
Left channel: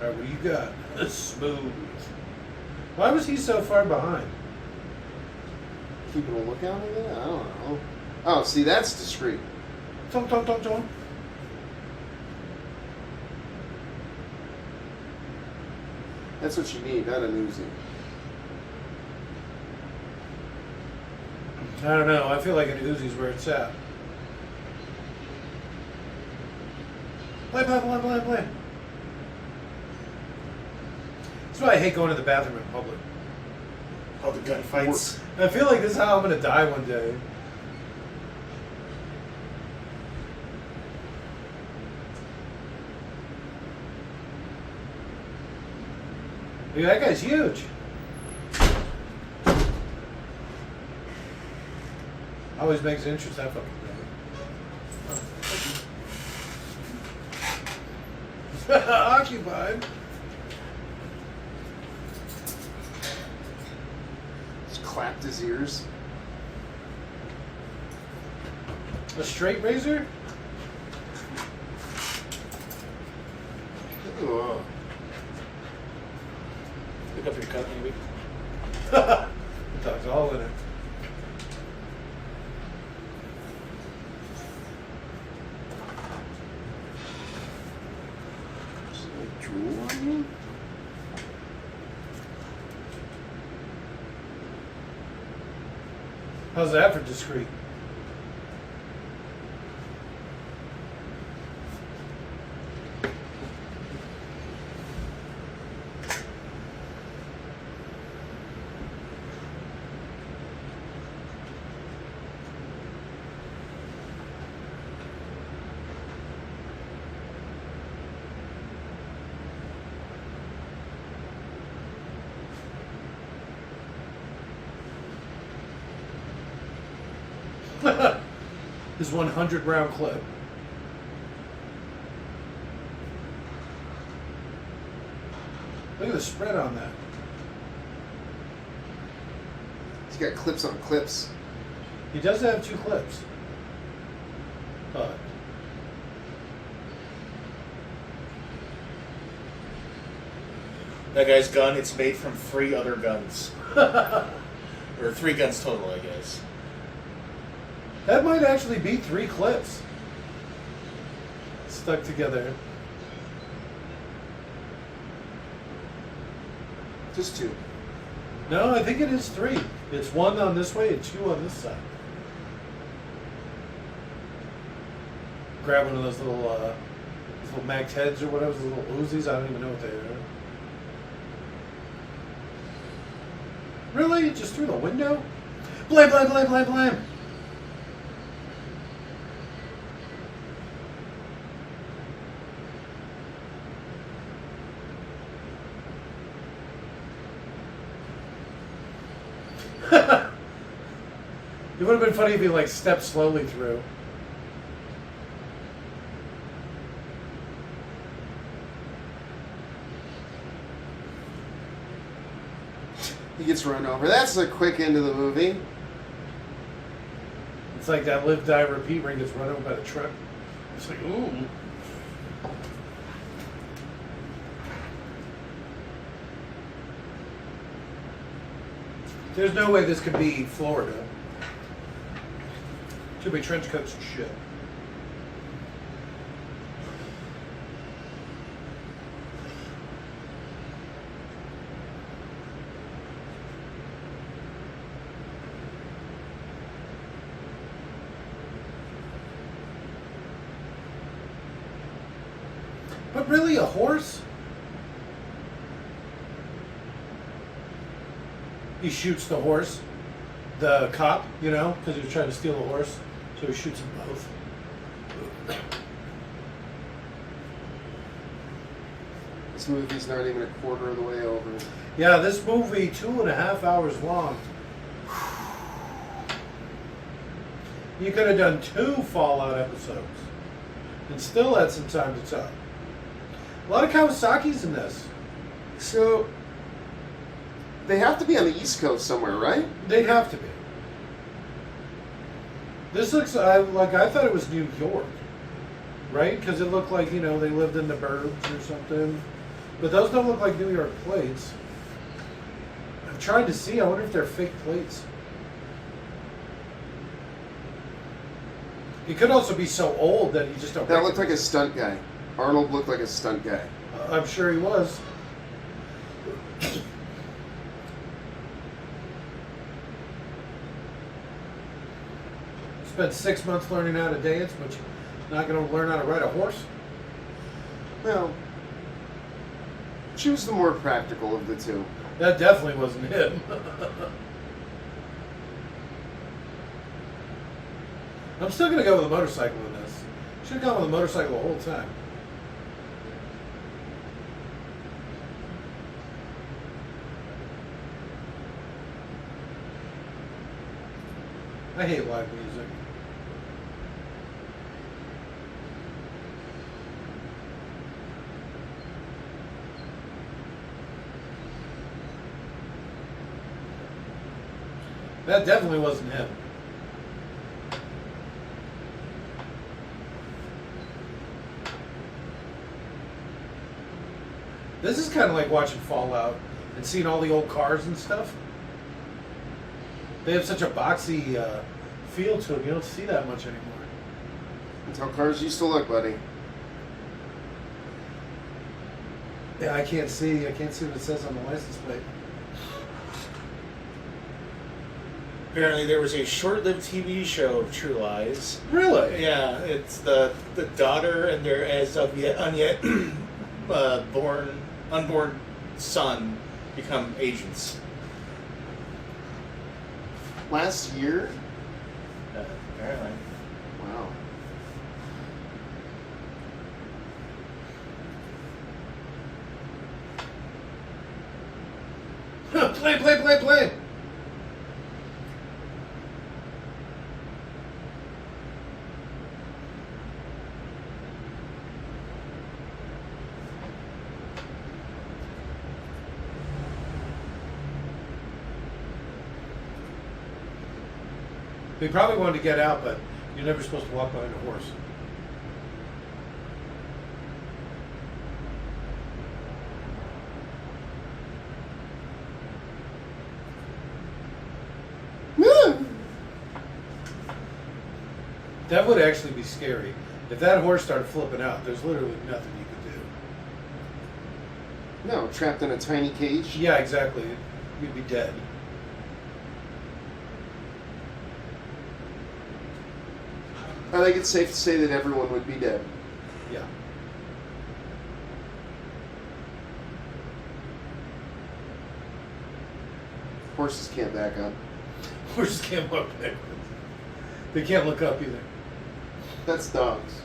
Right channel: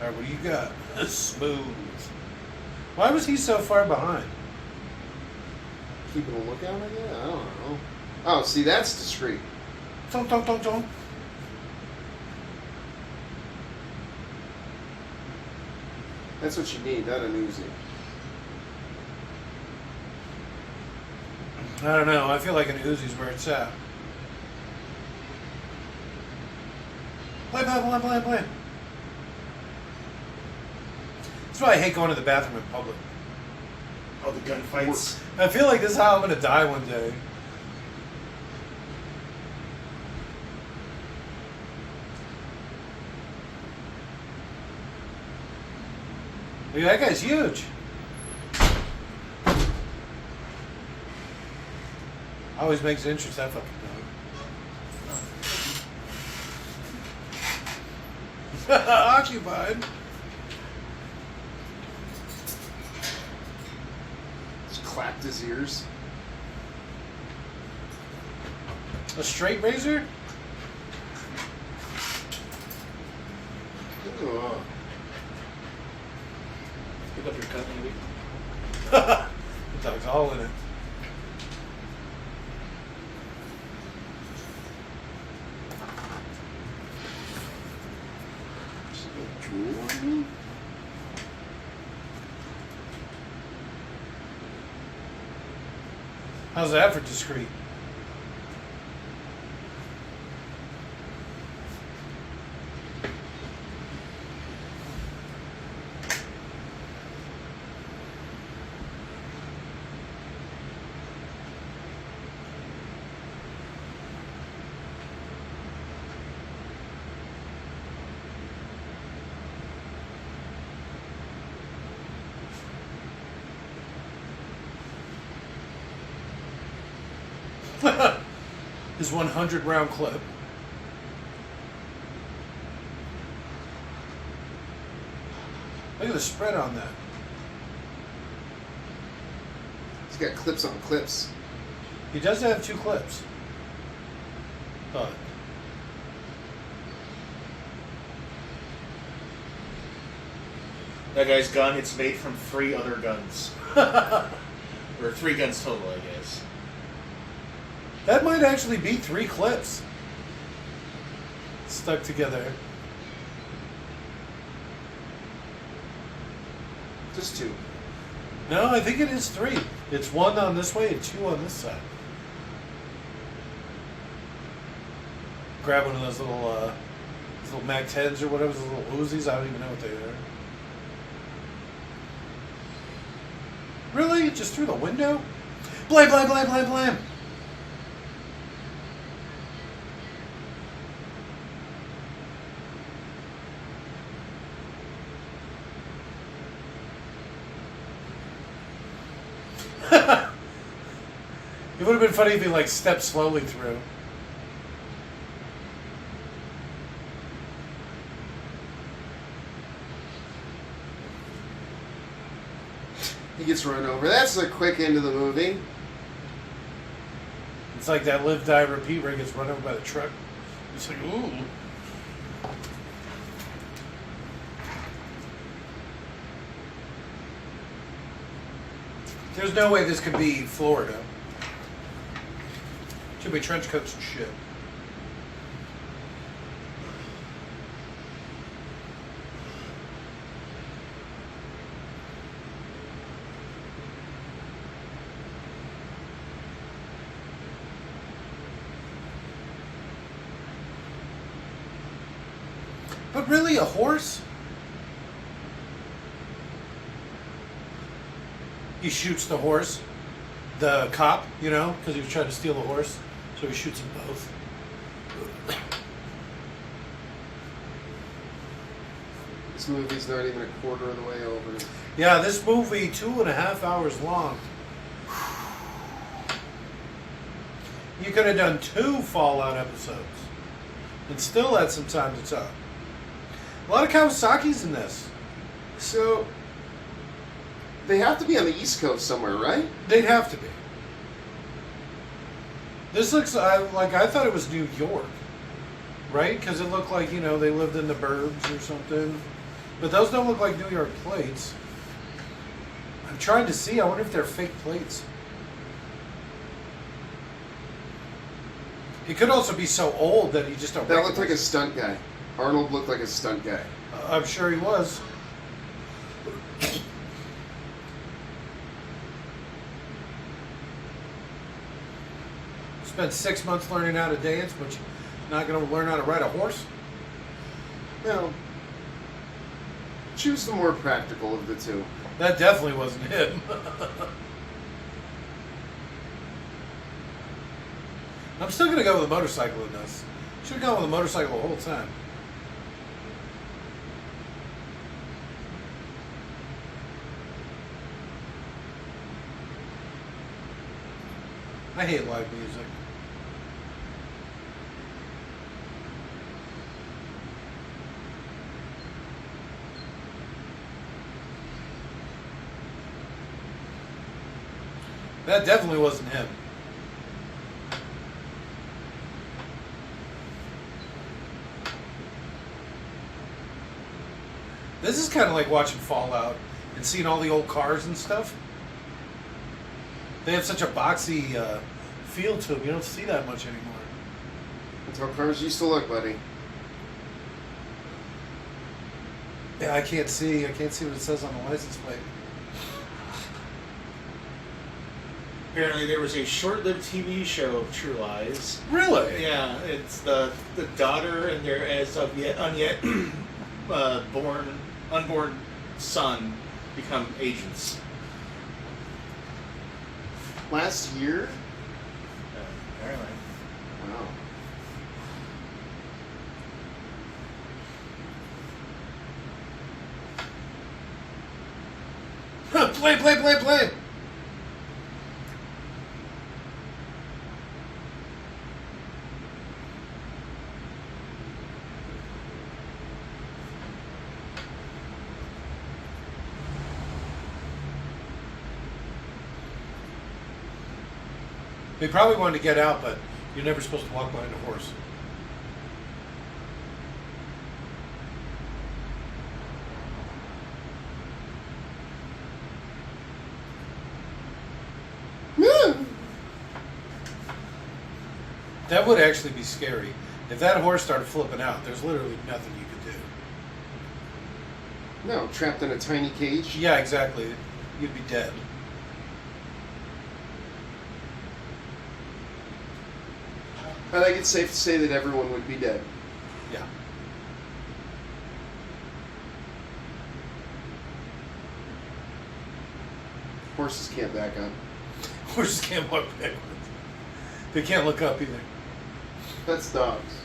All right, what do you got? Smooth. Why was he so far behind? Keeping a lookout at that? I don't know. Oh, see, that's discreet. Don't. That's what you need, not an Uzi. I don't know. I feel like an Uzi's where it's at. Play. That's why I hate going to the bathroom in public. All the gunfights. I feel like this is how I'm going to die one day. Dude, that guy's huge. Always makes it interesting, that fucking dog. Occupied. Just clapped his ears. A straight razor? Ugh. Pick up your cut, maybe. The dog's all in it. Just no drool on me? How's that for discreet? His 100 round clip. Look at the spread on that. He's got clips on clips. He does have 2 clips. But That guy's gun, it's made from 3 other guns. Or 3 guns total, I guess. that might actually be 3 clips stuck together. Just 2. No, I think it is 3. It's 1 on this way and 2 on this side. Grab one of those little Mag 10s or whatever, those little Uzis. I don't even know what they are. Really? Just through the window? Blam, blam, blam, blam, blam. It would have been funny if he like stepped slowly through. He gets run over. That's a quick end of the movie. It's like that live, die, repeat where he gets run over by the truck. It's like, ooh. There's no way this could be Florida. Should be trench coats and shit. But really, a horse? He shoots the horse, the cop, you know, because he was trying to steal the horse. So he shoots them both. This movie's not even a quarter of the way over. Yeah, this movie, 2.5 hours long. You could have done 2 Fallout episodes and still had some time to talk. A lot of Kawasaki's in this. So, they have to be on the East Coast somewhere, right? They'd have to be. This looks like I thought it was New York, right? Because it looked like, you know, they lived in the burbs or something. But those don't look like New York plates. I'm trying to see. I wonder if they're fake plates. He could also be so old that he just don't. That looked like a stunt guy. Arnold looked like a stunt guy. I'm sure he was. Spent 6 months learning how to dance, but you're not going to learn how to ride a horse? Well, choose the more practical of the two. That definitely wasn't him. I'm still going to go with a motorcycle in this. Should have gone with a motorcycle the whole time. I hate live music. That definitely wasn't him. This is kind of like watching Fallout and seeing all the old cars and stuff. They have such a boxy feel to them. You don't see that much anymore. That's how cars used to look, buddy. Yeah, I can't see what it says on the license plate. Apparently, there was a short-lived TV show of True Lies. Really? Yeah, it's the daughter and their as of yet unborn son become agents. Last year? Apparently. Wow. Play. They probably wanted to get out, but you're never supposed to walk behind a horse. That would actually be scary. If that horse started flipping out, there's literally nothing you could do. No, trapped in a tiny cage. Yeah, exactly. You'd be dead. I think it's safe to say that everyone would be dead. Yeah. Horses can't back up. Horses can't walk backwards. They can't look up either. That's dogs.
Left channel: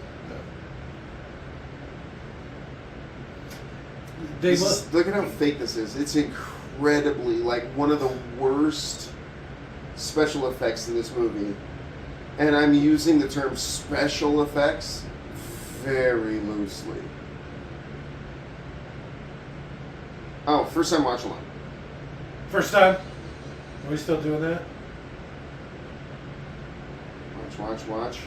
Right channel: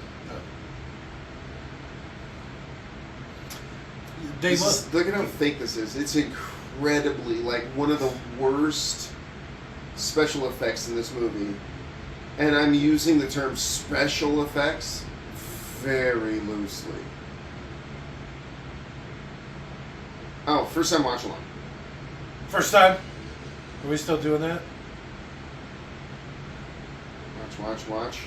They Look at how fake this is. It's incredibly, like, one of the worst special effects in this movie. And I'm using the term special effects very loosely. Oh, first time watch along. First time? Are we still doing that? Watch.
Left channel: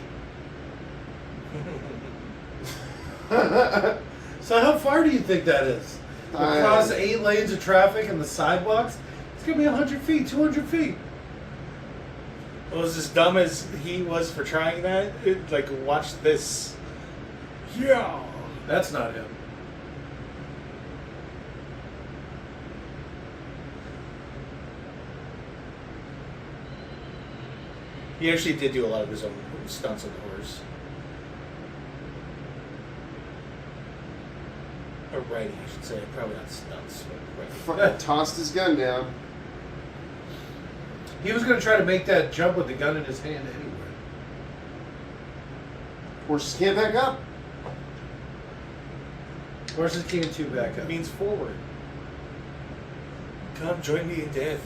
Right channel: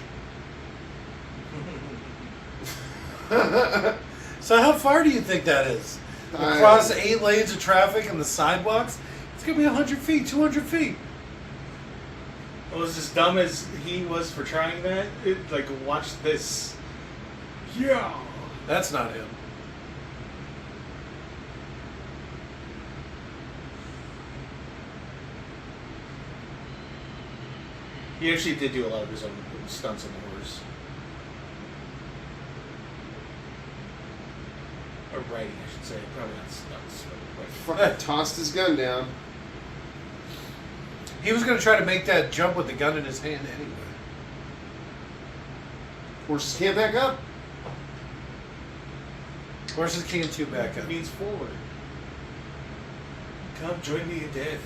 So how far do you think that is? Across 8 lanes of traffic and the sidewalks? It's going to be 100 feet, 200 feet. It was as dumb as he was for trying that. Like, watch this. Yeah. That's not him. He actually did do a lot of his own stunts on the horse. Or riding, I should say. Probably not stunts, but riding. Fucking tossed his gun down. He was going to try to make that jump with the gun in his hand anyway. Horses can't back up. Horses can't too back It up. means forward. Come join me in death.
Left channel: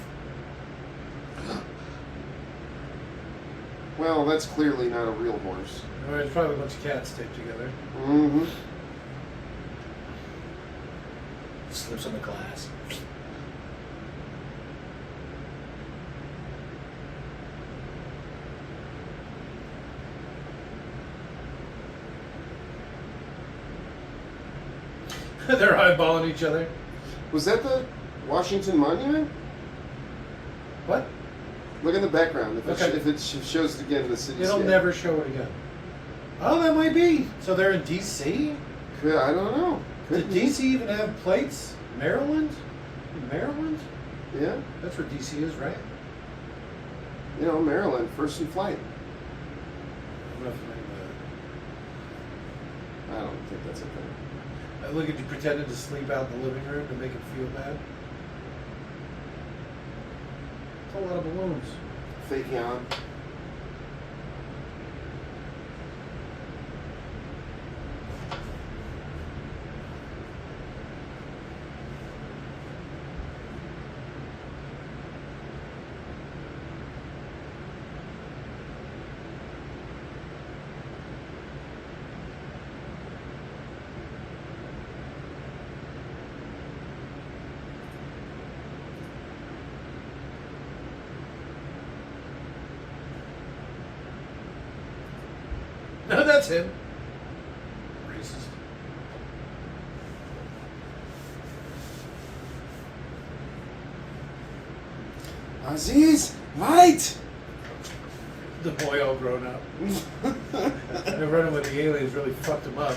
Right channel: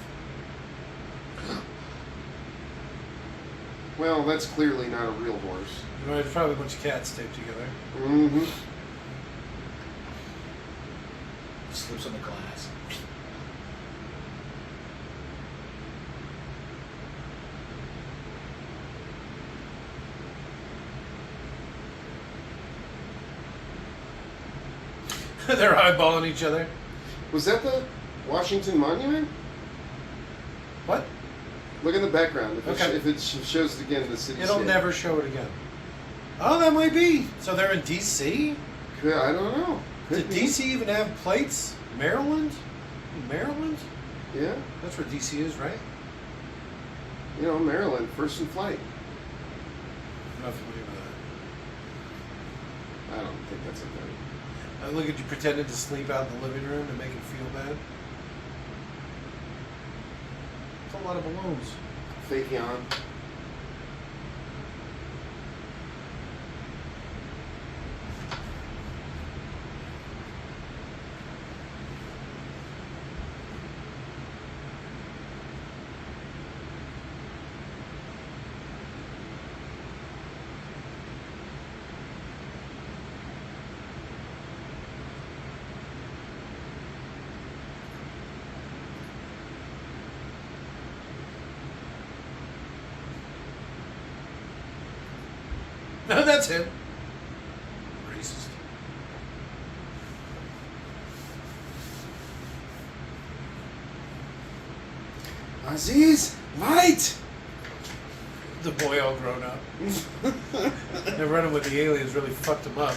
Well, that's clearly not a real horse. There's probably a bunch of cats taped together. Mm-hmm. Slips on the glass. They're eyeballing each other. Was that the Washington Monument? What? Look in the background. If, Okay. if it shows it again, the city. It'll never show it again. Oh, that might be. So they're in D.C.? I don't know. Did D.C. even have plates? Maryland? Maryland? Yeah. That's where D.C. is, right? You know, Maryland, first in flight. I'm not familiar with I don't think that's a thing. that. Look at you pretending to sleep out in the living room to make him feel bad. That's a lot of balloons. Fake yawn. No, that's it. Racist. Aziz, right! The boy all grown up. They're running with the aliens really fucked him up.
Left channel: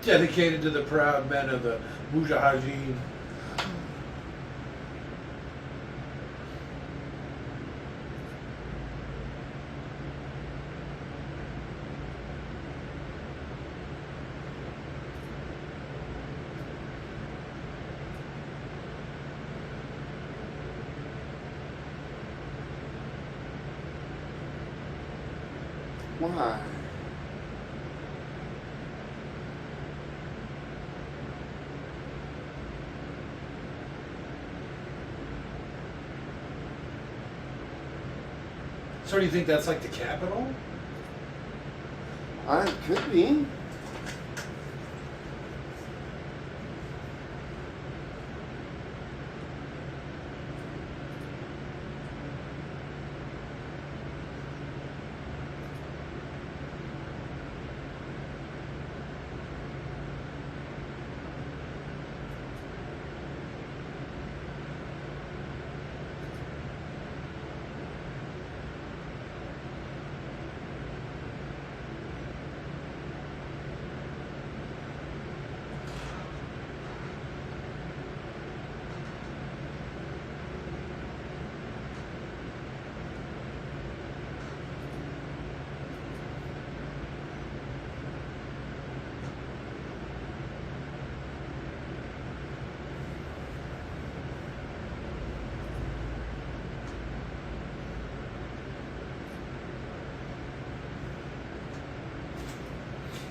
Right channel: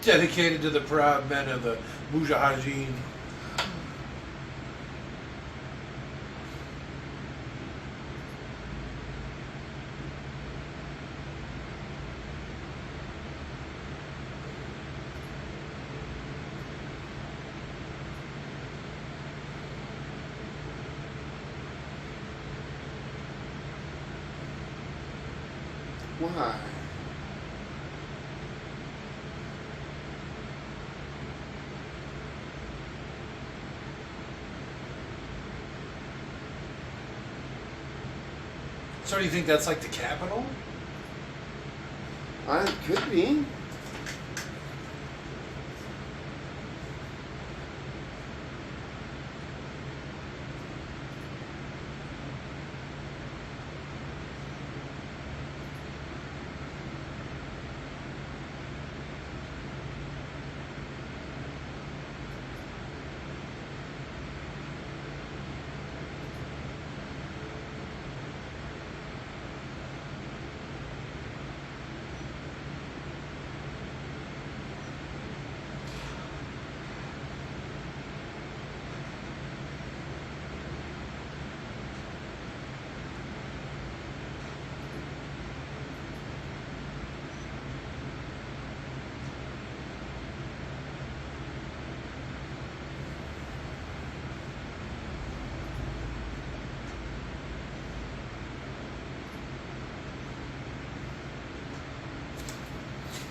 Dedicated to the proud men of the Mujahideen. Why? So do you think that's like the Capitol? It could be.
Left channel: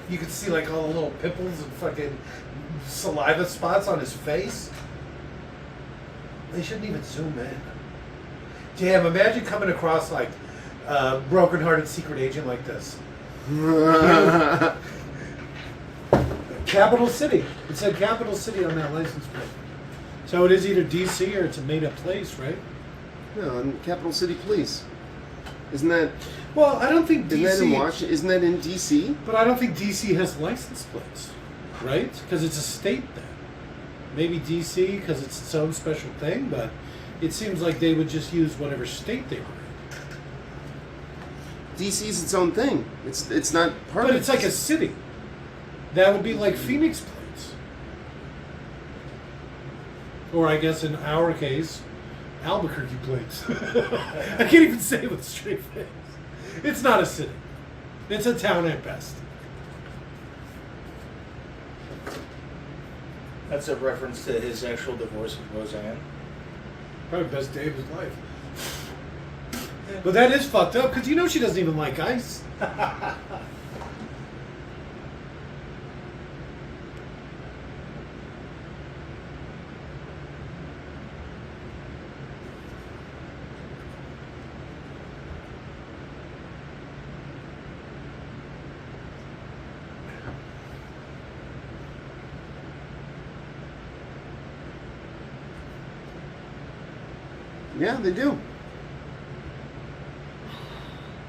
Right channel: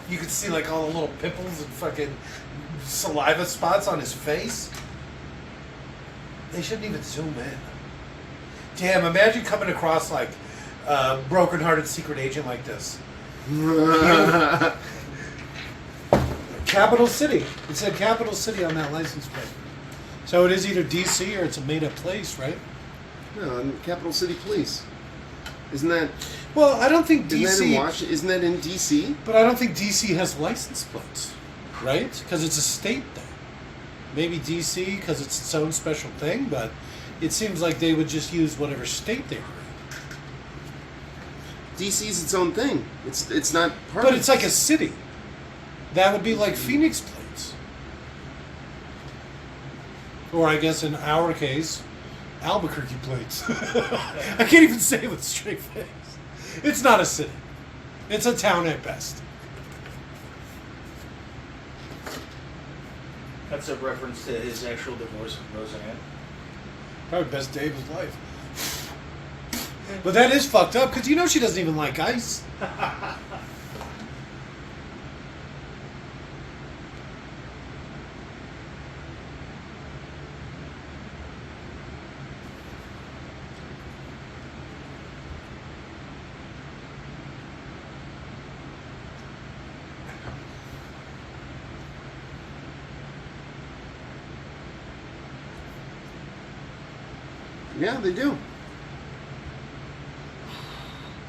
You could see like all the little pimples and fucking saliva spots on his face. They shouldn't even zoom in. Damn, imagine coming across like a broken-hearted secret agent like this. Capital City. It said Capital City on that license plate. So it is either DC or it's a made-up place, right? No, and Capital City Police. Isn't that? Well, I don't think DC. Isn't that in Washington? Isn't that in DC? But I don't think DC has license plates, right? Because it's a state thing. Maybe DC because it's its own special thing, but it seems like they would just use whatever state they were in. DC's its own thing. It's not part of. But it's like a city. That would be like Phoenix plates. Or I guess in our case, Albuquerque plates. I can't even say it with a straight face. It's not a city. It's a town at best. That's a reference to his actual divorce with Roseanne. Probably the best day of his life. But that is fucked up because you know she doesn't even like ice. Yeah, they do.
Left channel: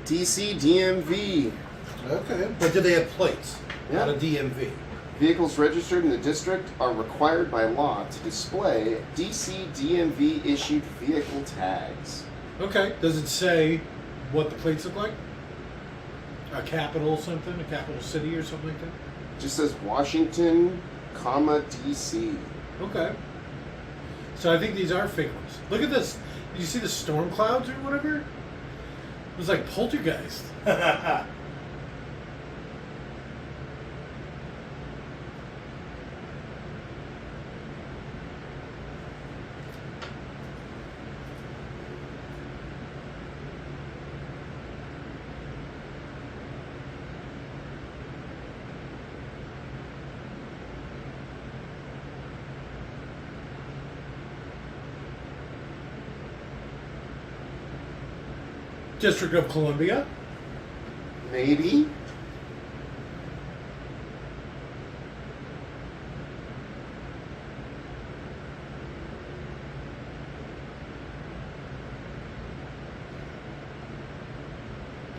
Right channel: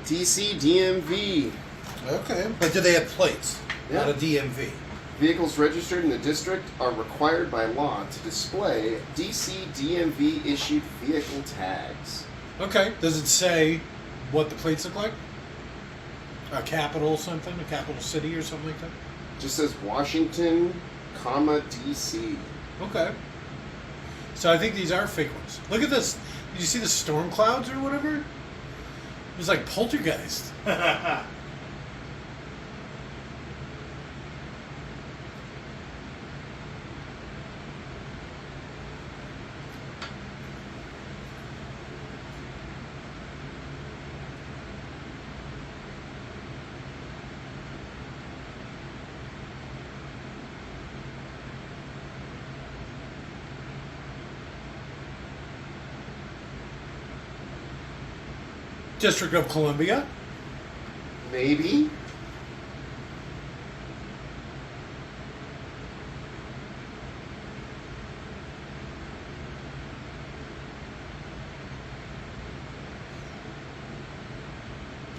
DC DMV. Okay. But do they have plates? Yeah. Not a DMV. Vehicles registered in the district are required by law to display DC DMV issued vehicle tags. Okay. Does it say what the plates look like? A capital something? A capital city or something like that? Just says Washington, comma DC. Okay. So I think these are fake ones. Look at this. Did you see the storm clouds or whatever? It was like poltergeist. District of Columbia. Maybe.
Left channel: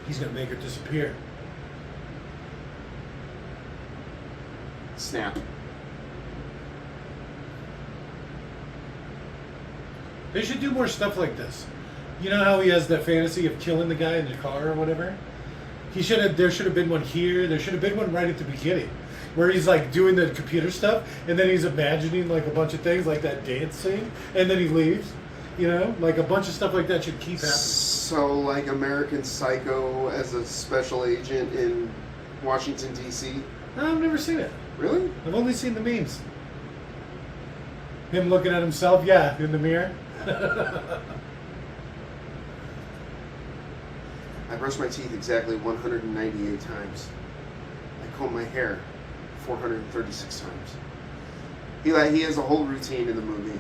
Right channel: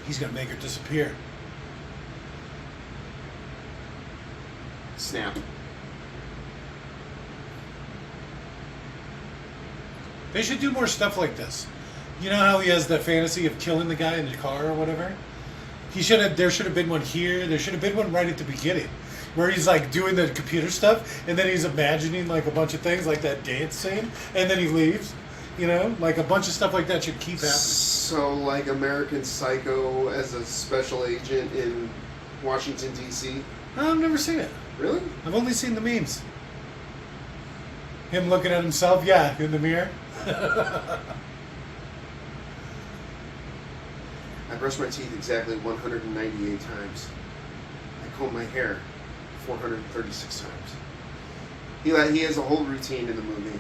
He's gonna make her disappear. Snap. They should do more stuff like this. You know how he has the fantasy of killing the guy in the car or whatever? There should have been one here. There should have been one right at the beginning. Where he's like doing the computer stuff and then he's imagining like a bunch of things like that dance scene and then he leaves. You know? Like a bunch of stuff like that should keep happening. So like American Psycho as a special agent in Washington DC? I've never seen it. Really? I've only seen the memes. Him looking at himself, yeah, in the mirror. I brush my teeth exactly 198 times. I comb my hair 436 times. He has a whole routine in the movie.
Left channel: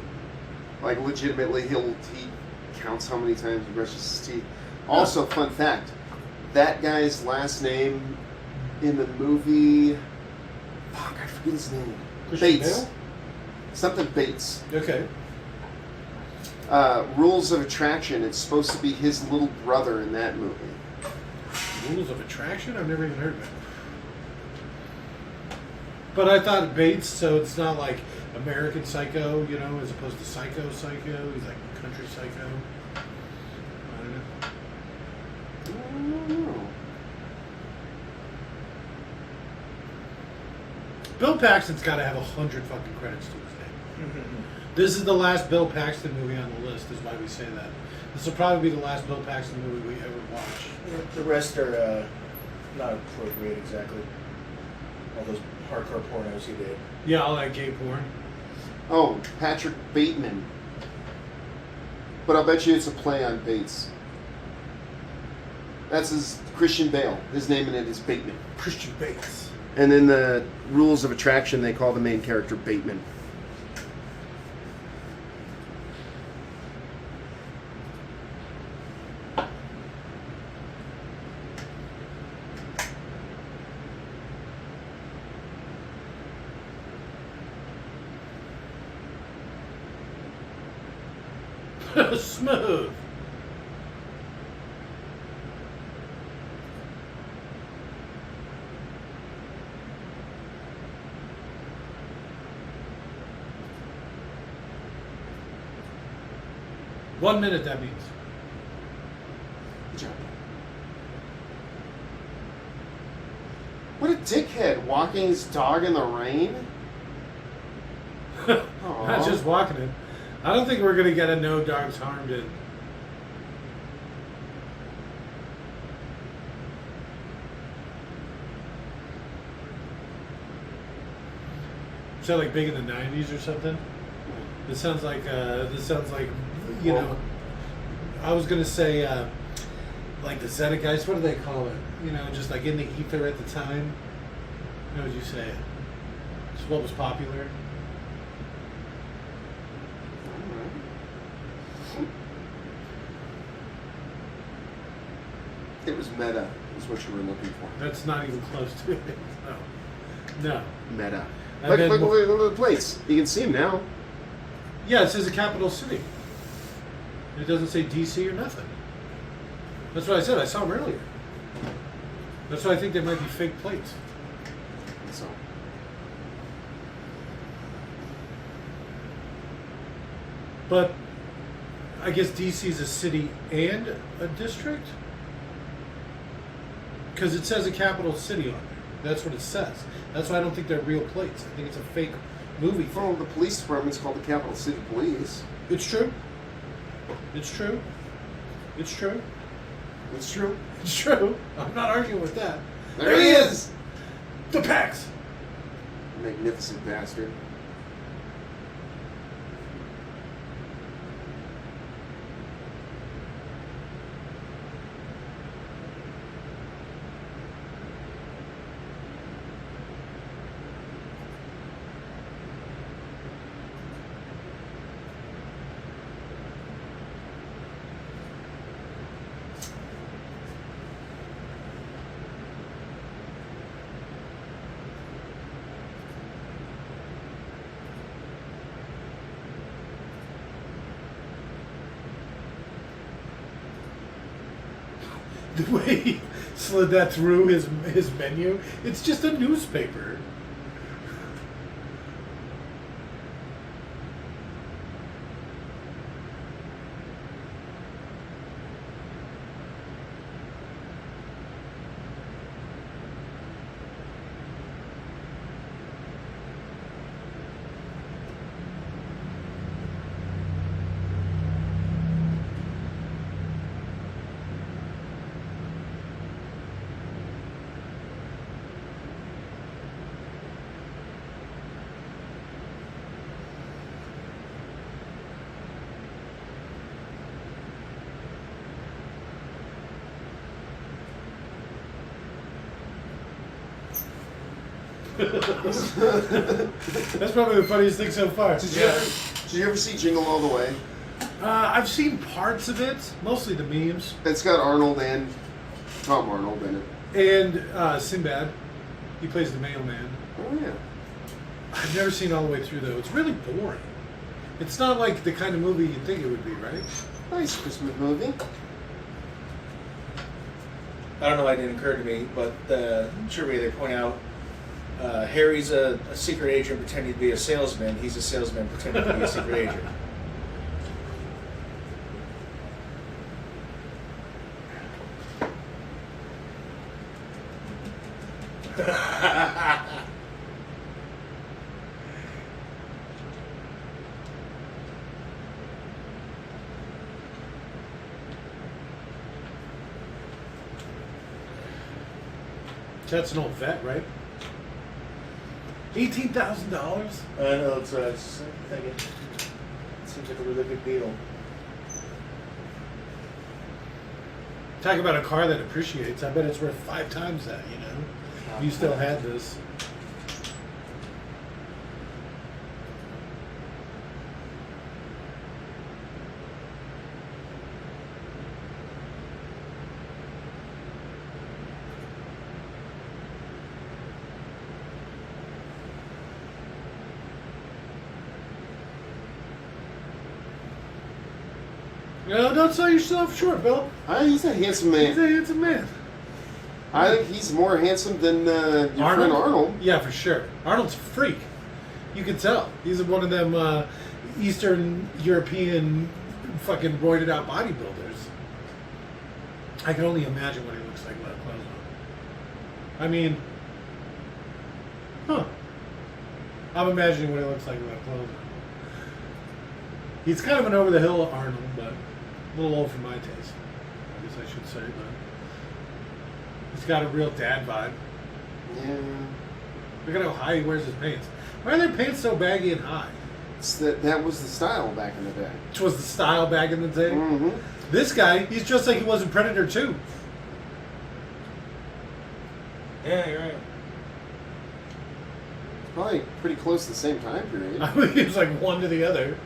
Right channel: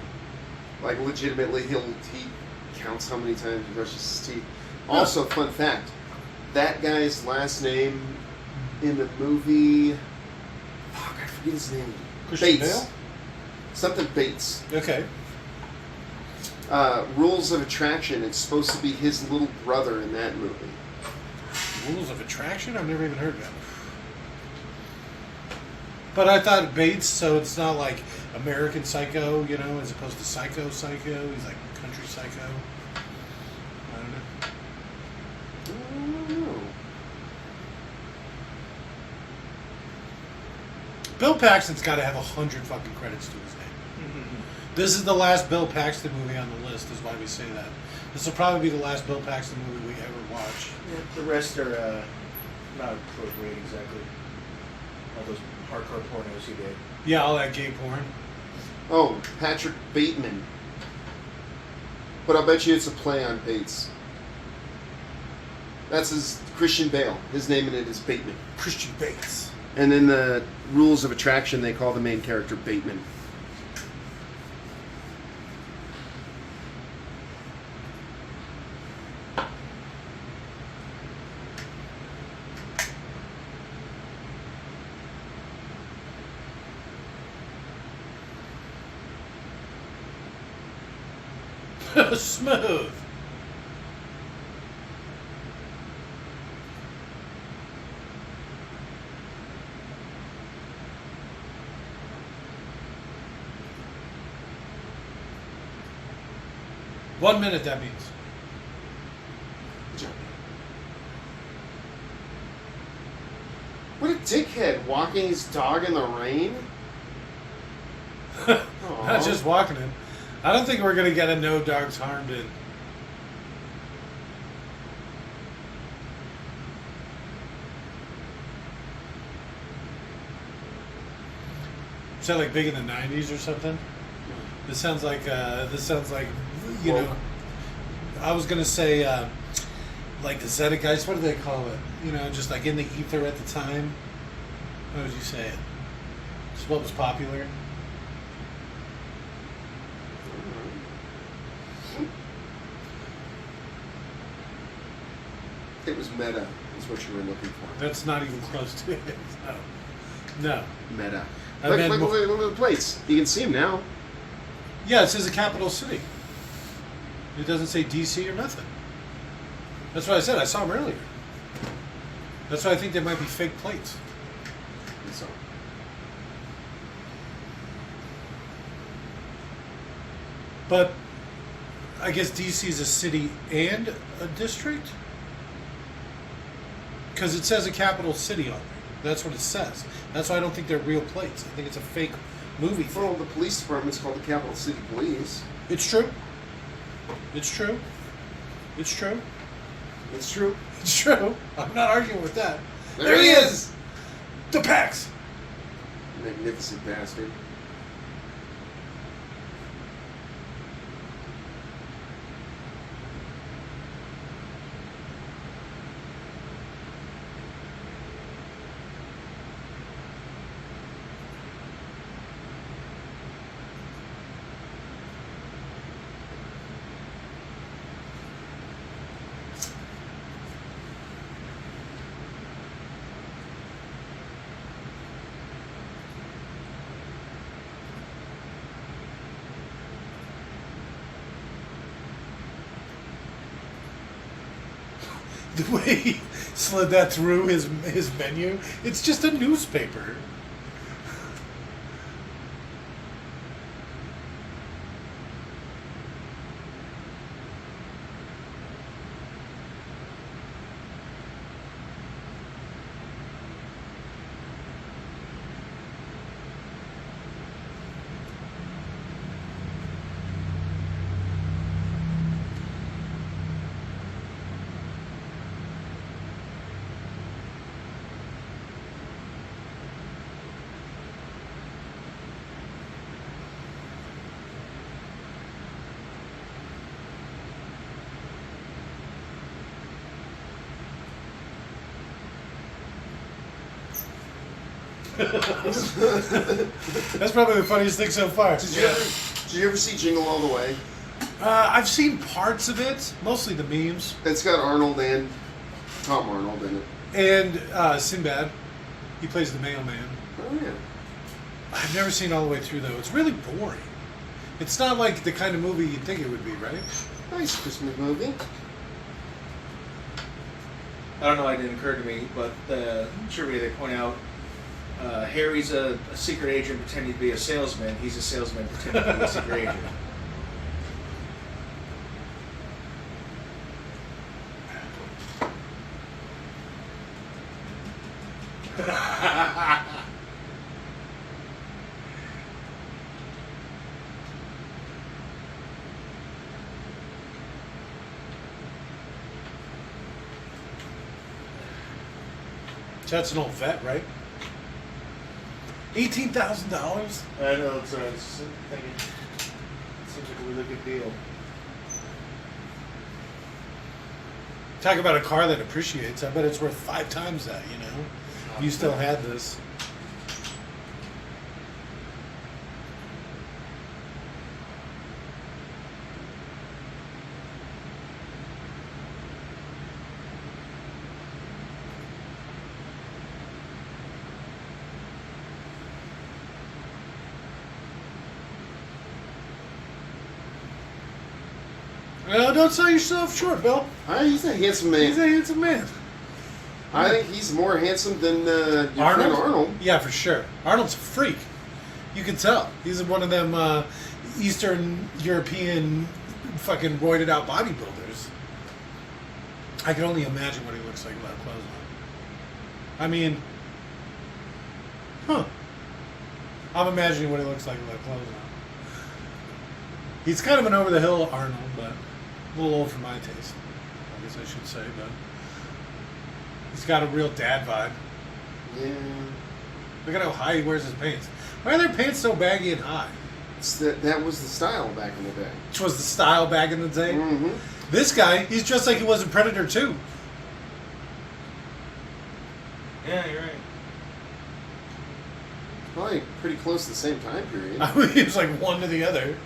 Like legitimately, he counts how many times he brushes his teeth. Also, fun fact: that guy's last name in the movie, fuck, I forget his name. Christian Bates. Bale? Something Bates. Okay. Rules of Attraction. It's supposed to be his little brother in that movie. Rules of Attraction? I've never even heard of it. But I thought Bates, so it's not like American Psycho, you know, as opposed to Psycho. He's like country psycho. I don't know. Oh. Bill Paxton's got to have 100 fucking credits to his name. This is the last Bill Paxton movie on the list, is why we say that. This will probably be the last Bill Paxton movie we ever watch. Yeah, the rest are not appropriate exactly. All those hardcore pornos he did. Yeah, all that gay porn. Oh, Patrick Bateman. But I'll bet you it's a play on Bates. That's his Christian Bale. His name in it is Bateman. Christian Bates. And in the rules of attraction, they call the main character Bateman. Smooth. One minute, that means. Good job. What a dickhead, walking his dog in the rain. Not just walking it. I don't think we're going to get a no dogs harmed in. Is that like big in the 90s or something? This sounds like you know, I was going to say like the zeitgeist, what do they call it? You know, just like in the ether at the time. How would you say it? It's what was popular. It was meta, is what you were looking for. That's not even close to it. No. Meta. I Look, meant- look at the plates. You can see them now. Yeah, it says a capital city. It doesn't say DC or nothing. That's what I said. I saw them earlier. That's why I think they might be fake plates. So, But I guess DC is a city and a district? Because it says a capital city on there. That's what it says. That's why I don't think they're real plates. I think it's a fake movie thing. well, the police department's called the Capital City Police. It's true. It's true. It's true. It's true. It's true. I'm not arguing with that. There he is! The Pax! Magnificent bastard. The way he slid that through his menu, it's just a newspaper. That's probably the funniest thing so far. Did you ever see Jingle All the Way? I've seen parts of it, mostly the memes, It's got Arnold and Tom Arnold in it. and Sinbad. He plays the mailman. Oh, yeah. I've never seen all the way through though. It's really boring. It's not like the kind of movie you'd think it would be, right? Nice Christmas movie. I don't know why it didn't occur to me, but surely they point out Harry's a secret agent pretending to be a salesman. He's a salesman pretending to be a secret agent. That's an old vet, right? $18,000. I know, it's thinking. It seems like a really good deal. Talk about a car that appreciates. I bet it's worth 5 times that. You know, You still had this. Well, don't sell yourself short, Bill. He's a handsome He's a man. handsome man. I think he's more handsome than your friend Arnold. Yeah, for sure. Arnold's a freak. You can tell. He's one of them Eastern European fucking roided out bodybuilders. I can only imagine what he looks like without clothes on. I mean, I'm imagining what he looks like without clothes on. He's kind of an over the hill Arnold, but a little old for my taste, I guess I should say. But he's got a real dad vibe. Yeah. Look at how high he wears his pants. Why are their pants so baggy and high? That was the style back in the day. Which was the style back in the day. Mm-hmm. This guy, he's just like he was in Predator 2. Yeah, you're right. Probably pretty close to the same time period. I mean, he was like one to the other.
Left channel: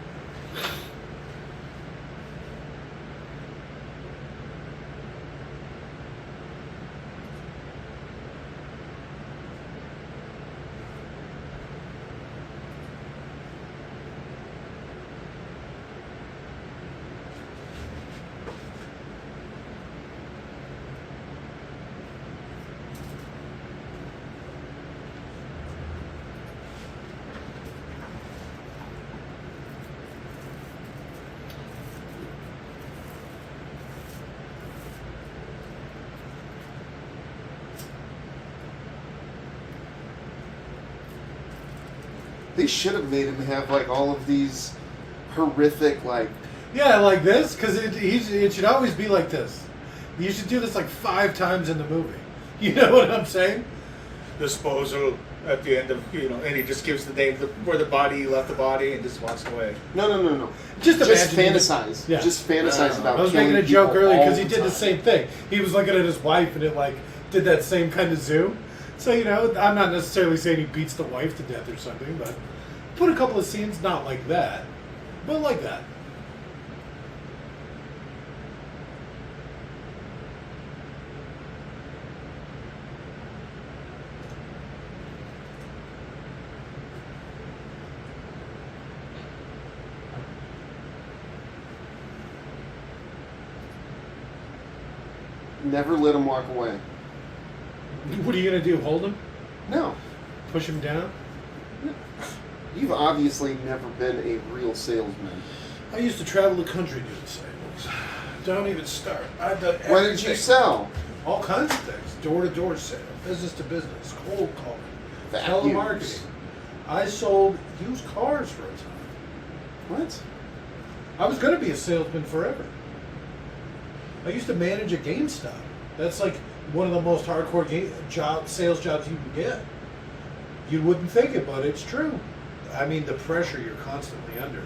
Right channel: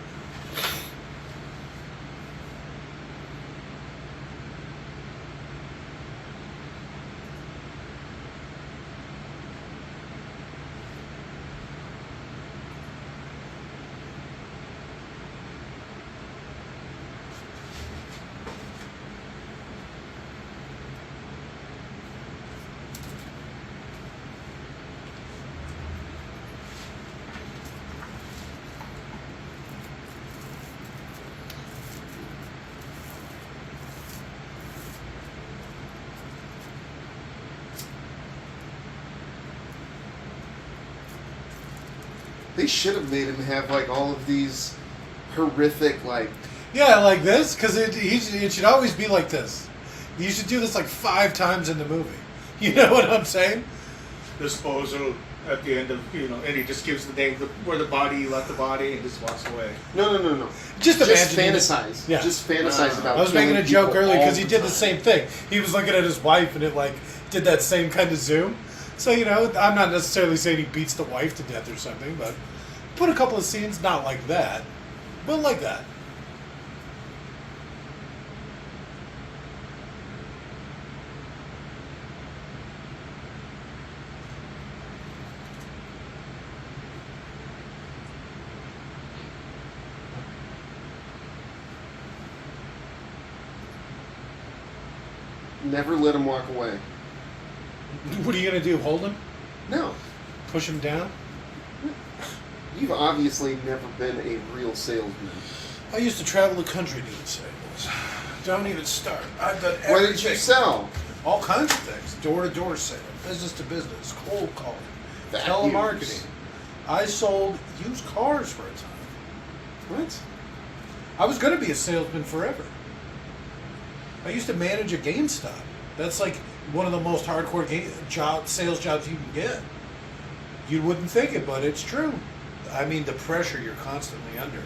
They should have made him have like all of these horrific like. Yeah, like this, because it should always be like this. You should do this like 5 times in the movie. You know what I'm saying? Disposal at the end of, and he just gives the name where the body left the body and just walks away. No. Just fantasize. Yeah. Just fantasize about. I was killing making a joke people earlier all because he did the time. same thing. He was looking at his wife and it like did that same kind of zoom. So, I'm not necessarily saying he beats the wife to death or something, but put a couple of scenes not like that, but like that. Never let him walk away. What are you going to do, hold him? No. Push him down? You've obviously never been a real salesman. I used to travel the country doing sales. Don't even start. I've done everything. What did you sell? All kinds of things. Door-to-door sale, business-to-business, cold calling, Vacuums. telemarketing. I sold used cars for a time. What? I was going to be a salesman forever. I used to manage a GameStop. That's like one of the most hardcore sales jobs you can get. You wouldn't think it, but it's true. I mean, the pressure you're constantly under.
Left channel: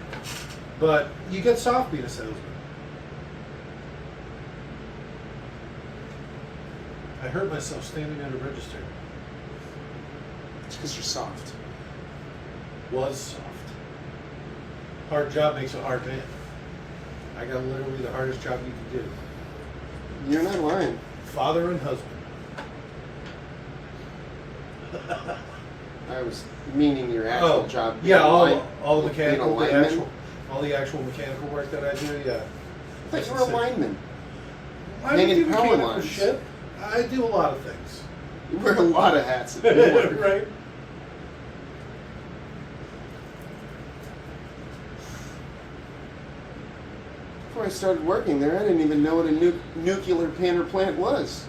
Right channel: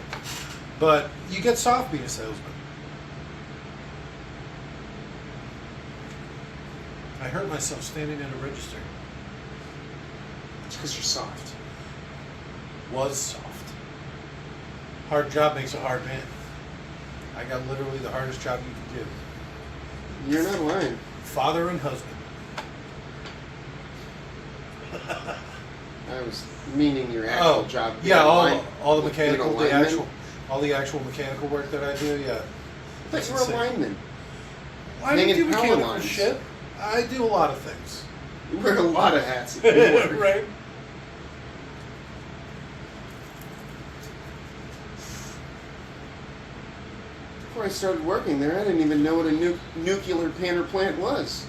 But you get soft being a salesman. I hurt myself standing at a register. It's because you're soft. Was soft. Hard job makes a hard man. I got literally the hardest job you can do. You're not lying. Father and husband. I was meaning your actual job. Yeah, all the being a mechanical, lineman. all the actual mechanical work that I do. Yeah. I thought you were a lineman. I don't Hanging do power mechanical lines. shit. I do a lot of things. You wear a lot of hats at work. Right. Before I started working there, I didn't even know what a nuclear panel plant was.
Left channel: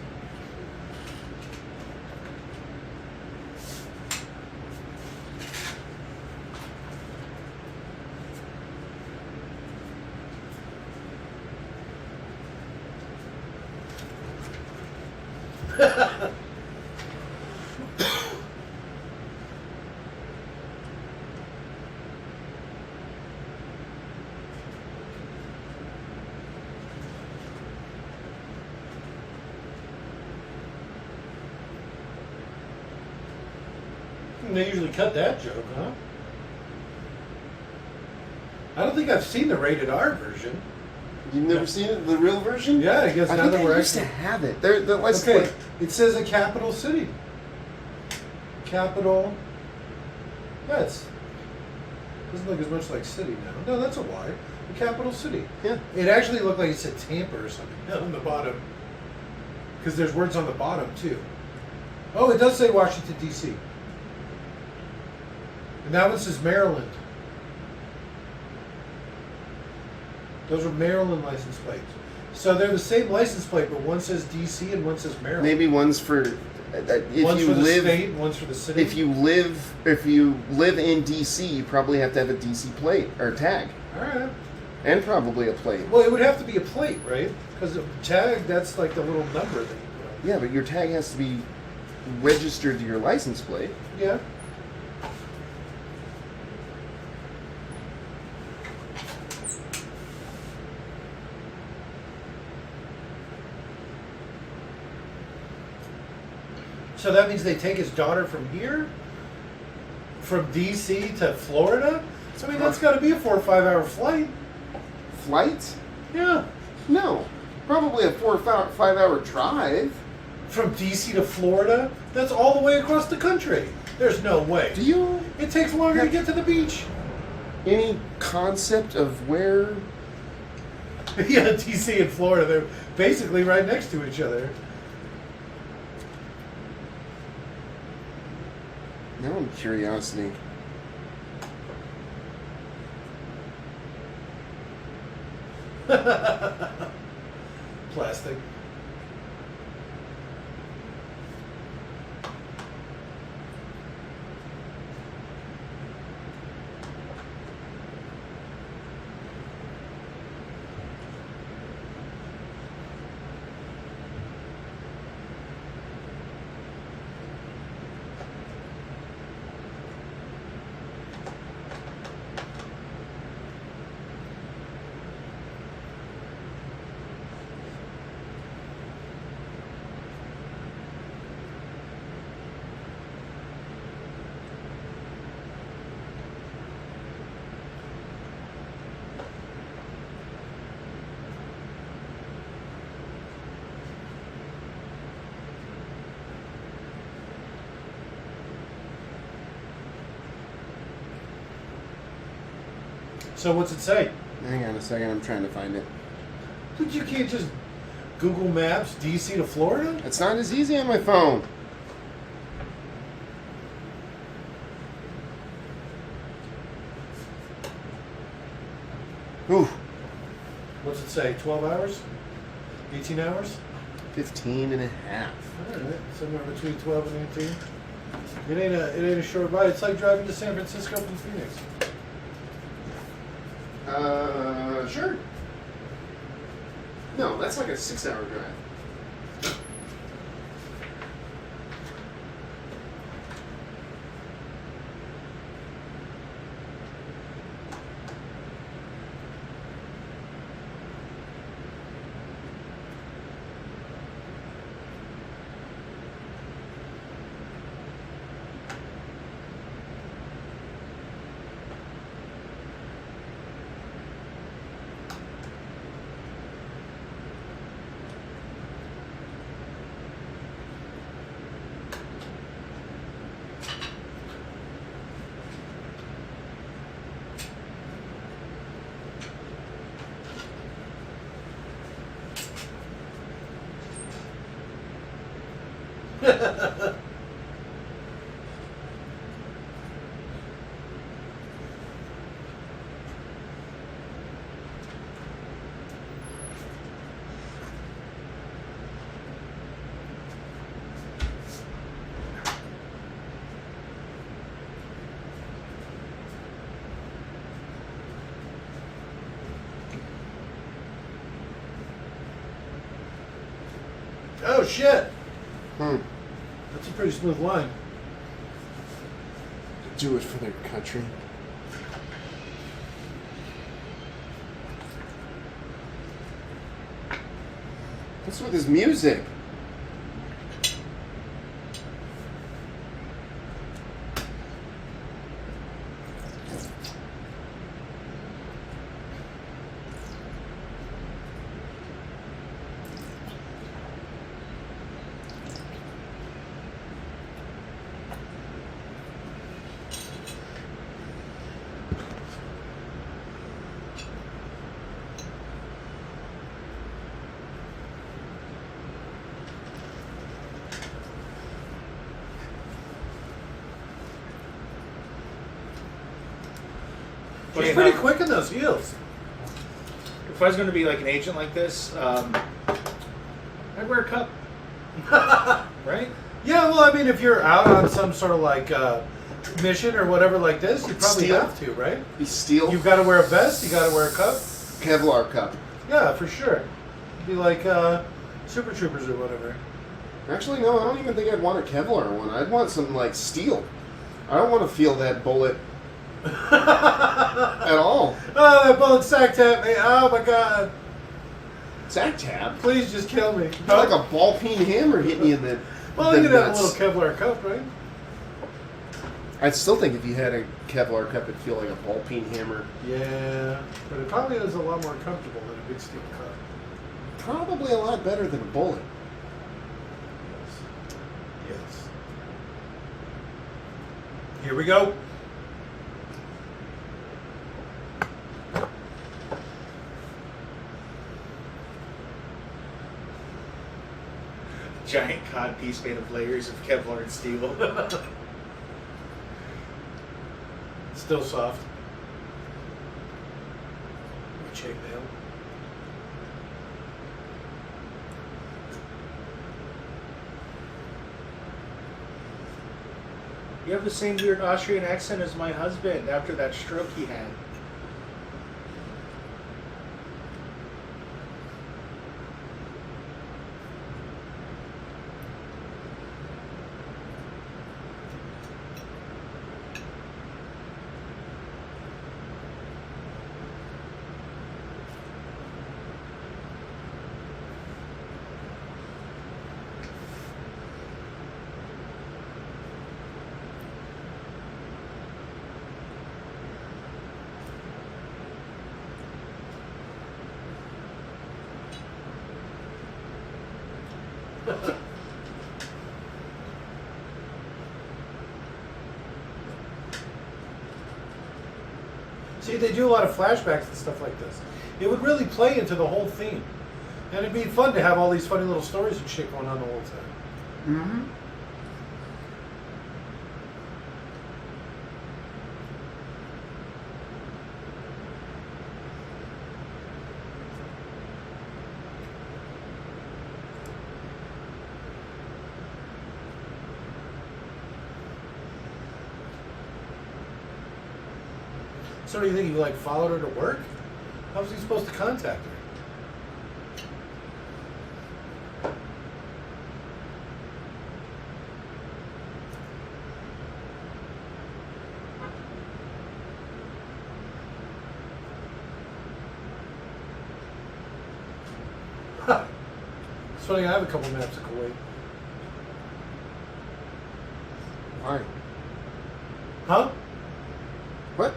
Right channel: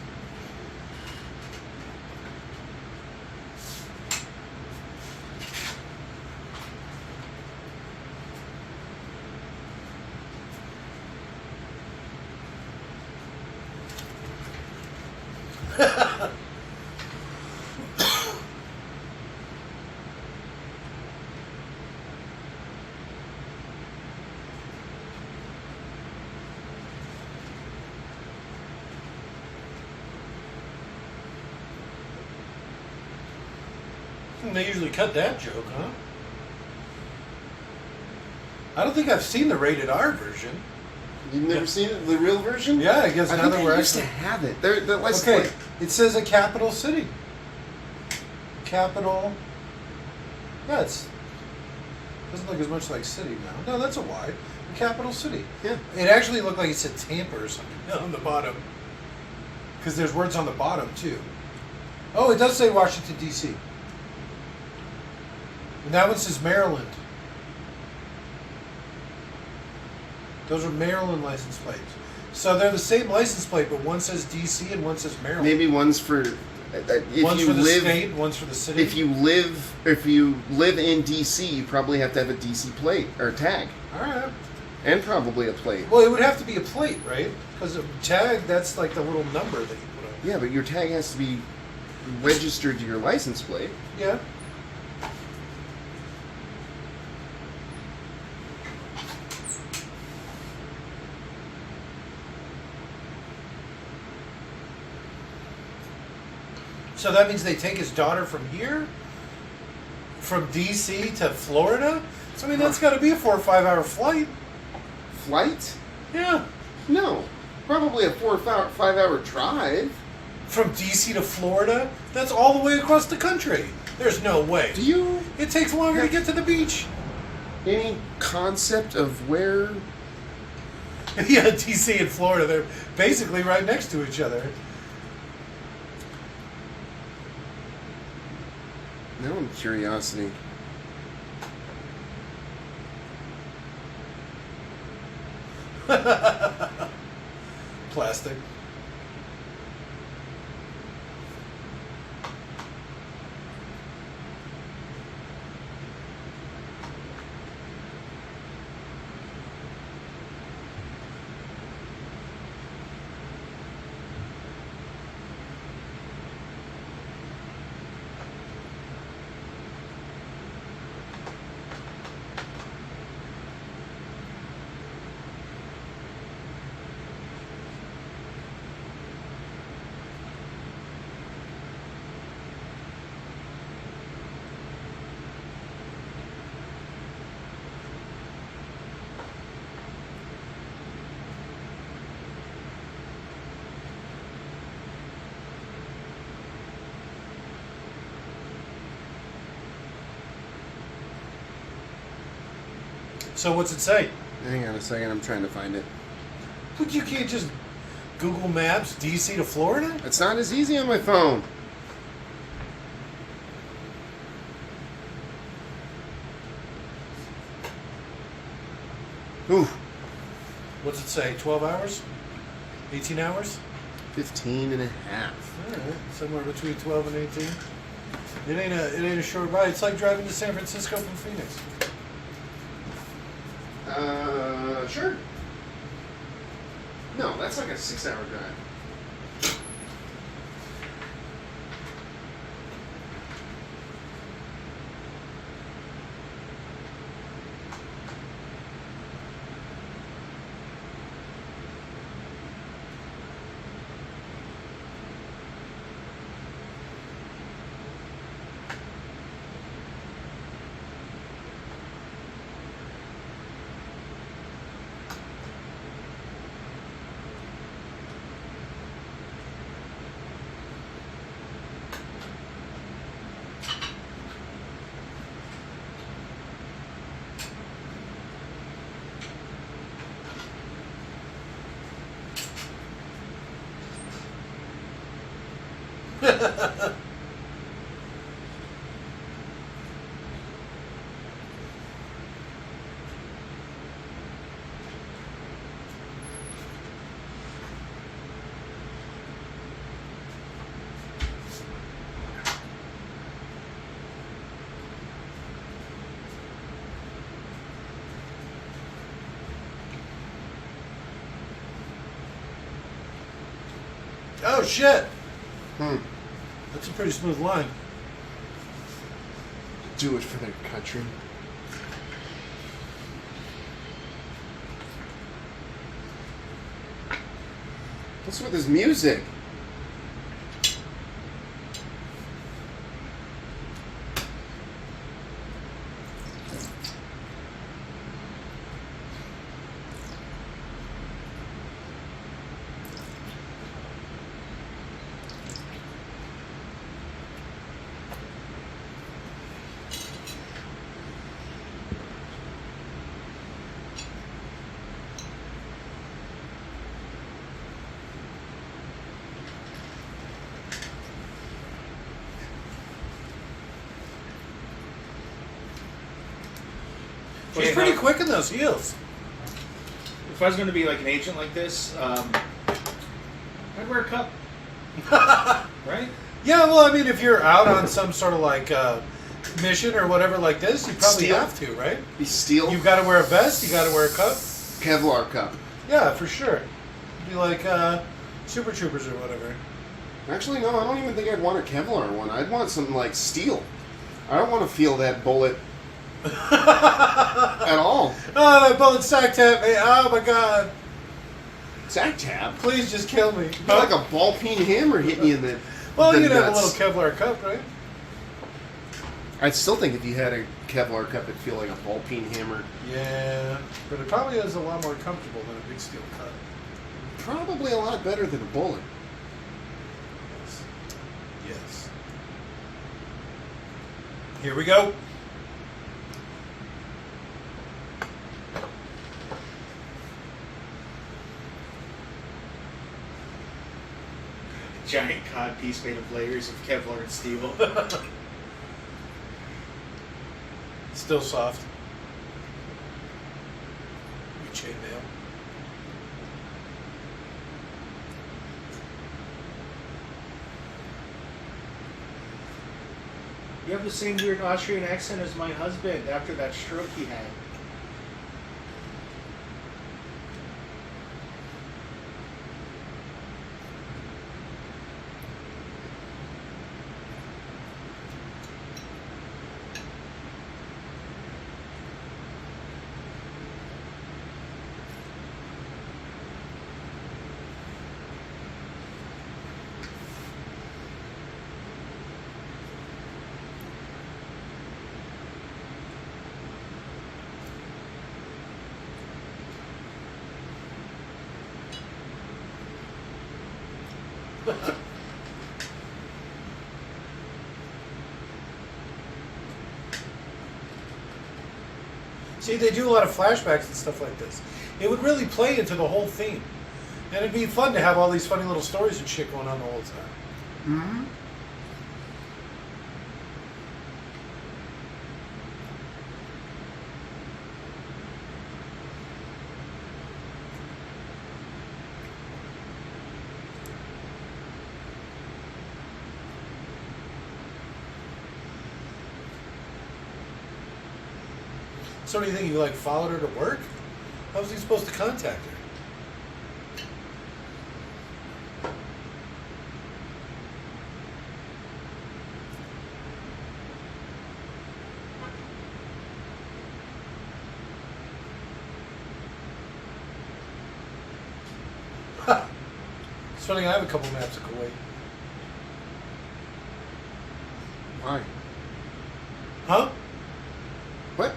They usually cut that joke, huh? I don't think I've seen the rated R version. You've never seen it, the real version? Yeah, I guess I now think that I we're used to actually... have it. The license Okay, plate. it says a capital city. Capital. Yeah, it doesn't look as much like city now. No, that's a Y. The capital city. Yeah. It actually looked like it said Tampa or something on the bottom. Because there's words on the bottom, too. Oh, it does say Washington, D.C. And that one says Maryland. Those are Maryland license plates. So they're the same license plate, but one says D.C. and one says Maryland. Maybe one's for if one's you for the live state, one's for the city. if you live in DC, you probably have to have a DC plate or a tag, All right. and probably a plate. Well, it would have to be a plate, right? Because a tag, that's like the little number that you put on. Yeah, but your tag has to be registered to your license plate. Yeah. So that means they take his daughter from here, from D.C. to Florida. So I mean, that's got to be a 4 or 5 hour flight. Flight? Yeah. No, probably a 4 or 5 hour drive. From D.C. to Florida, that's all the way across the country. There's no way. Do you It takes longer to get to the beach. any concept of where? Yeah, D.C. and Florida, they're basically right next to each other. Now I'm curiosity. Plastic. So what's it say? Hang on a second, I'm trying to find it. But you can't just Google Maps DC to Florida? It's not as easy on my phone. Ooh, What's it say? 12 hours? 18 hours? 15 and a half. All right, somewhere between 12 and 18. It ain't a short ride. It's like driving to San Francisco from Phoenix. Sure. No, that's like a 6-hour drive. Oh, shit. Hmm. That's a pretty smooth line. Do it for their country. What's with this music? Funny She's pretty enough, quick in those heels. If I was going to be like an agent like this, I'd wear a cup. Right? Yeah, well, I mean, if you're out on some sort of like mission or whatever like this, you probably Steel? have to, right? Be steel. You've got to wear a vest. You got to wear a cup. Kevlar cup. Yeah, for sure. Be like Super Troopers or whatever. Actually, no, I don't even think I'd want a Kevlar one. I'd want something like steel. I don't want to feel that bullet at all. Oh, that bullet sack tap me. Oh my god. Sack tab. Please just kill me. Feel like a ball peen hammer hitting you in the Well, the you'd have a nuts. little Kevlar cup, right? I'd still think if you had a Kevlar cup, it'd feel like a ball peen hammer. Yeah, but it probably is a lot more comfortable than a big steel cup. Probably a lot better than a bullet. Yes. Here we go. Giant cod piece made of layers of Kevlar and steel. Still soft. Chainmail. You have the same weird Austrian accent as my husband after that stroke he had. See, they do a lot of flashbacks and stuff like this. It would really play into the whole theme. And it'd be fun to have all these funny little stories and shit going on the whole time. Mm-hmm. So do you think he like followed her to work? How was he supposed to contact her? It's funny, I have a couple maps of Kuwait. Why? Huh? What?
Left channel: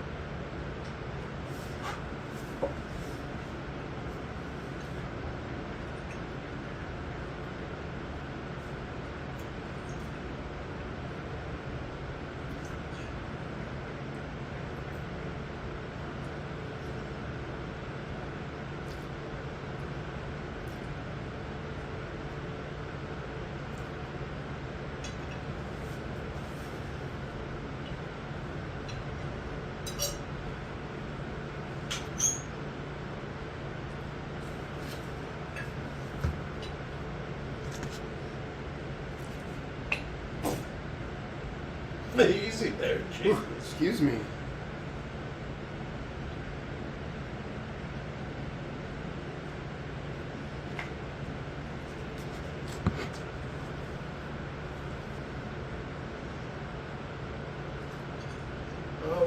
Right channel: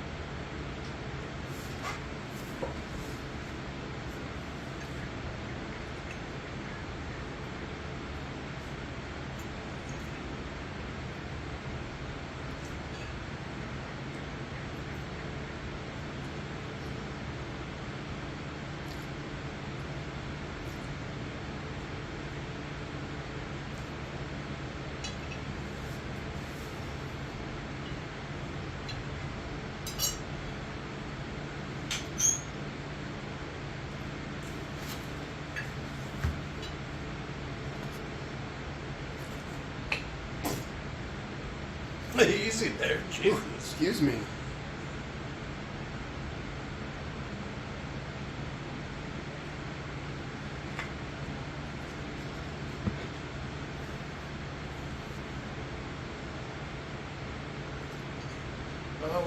Easy there, Jesus. Excuse me.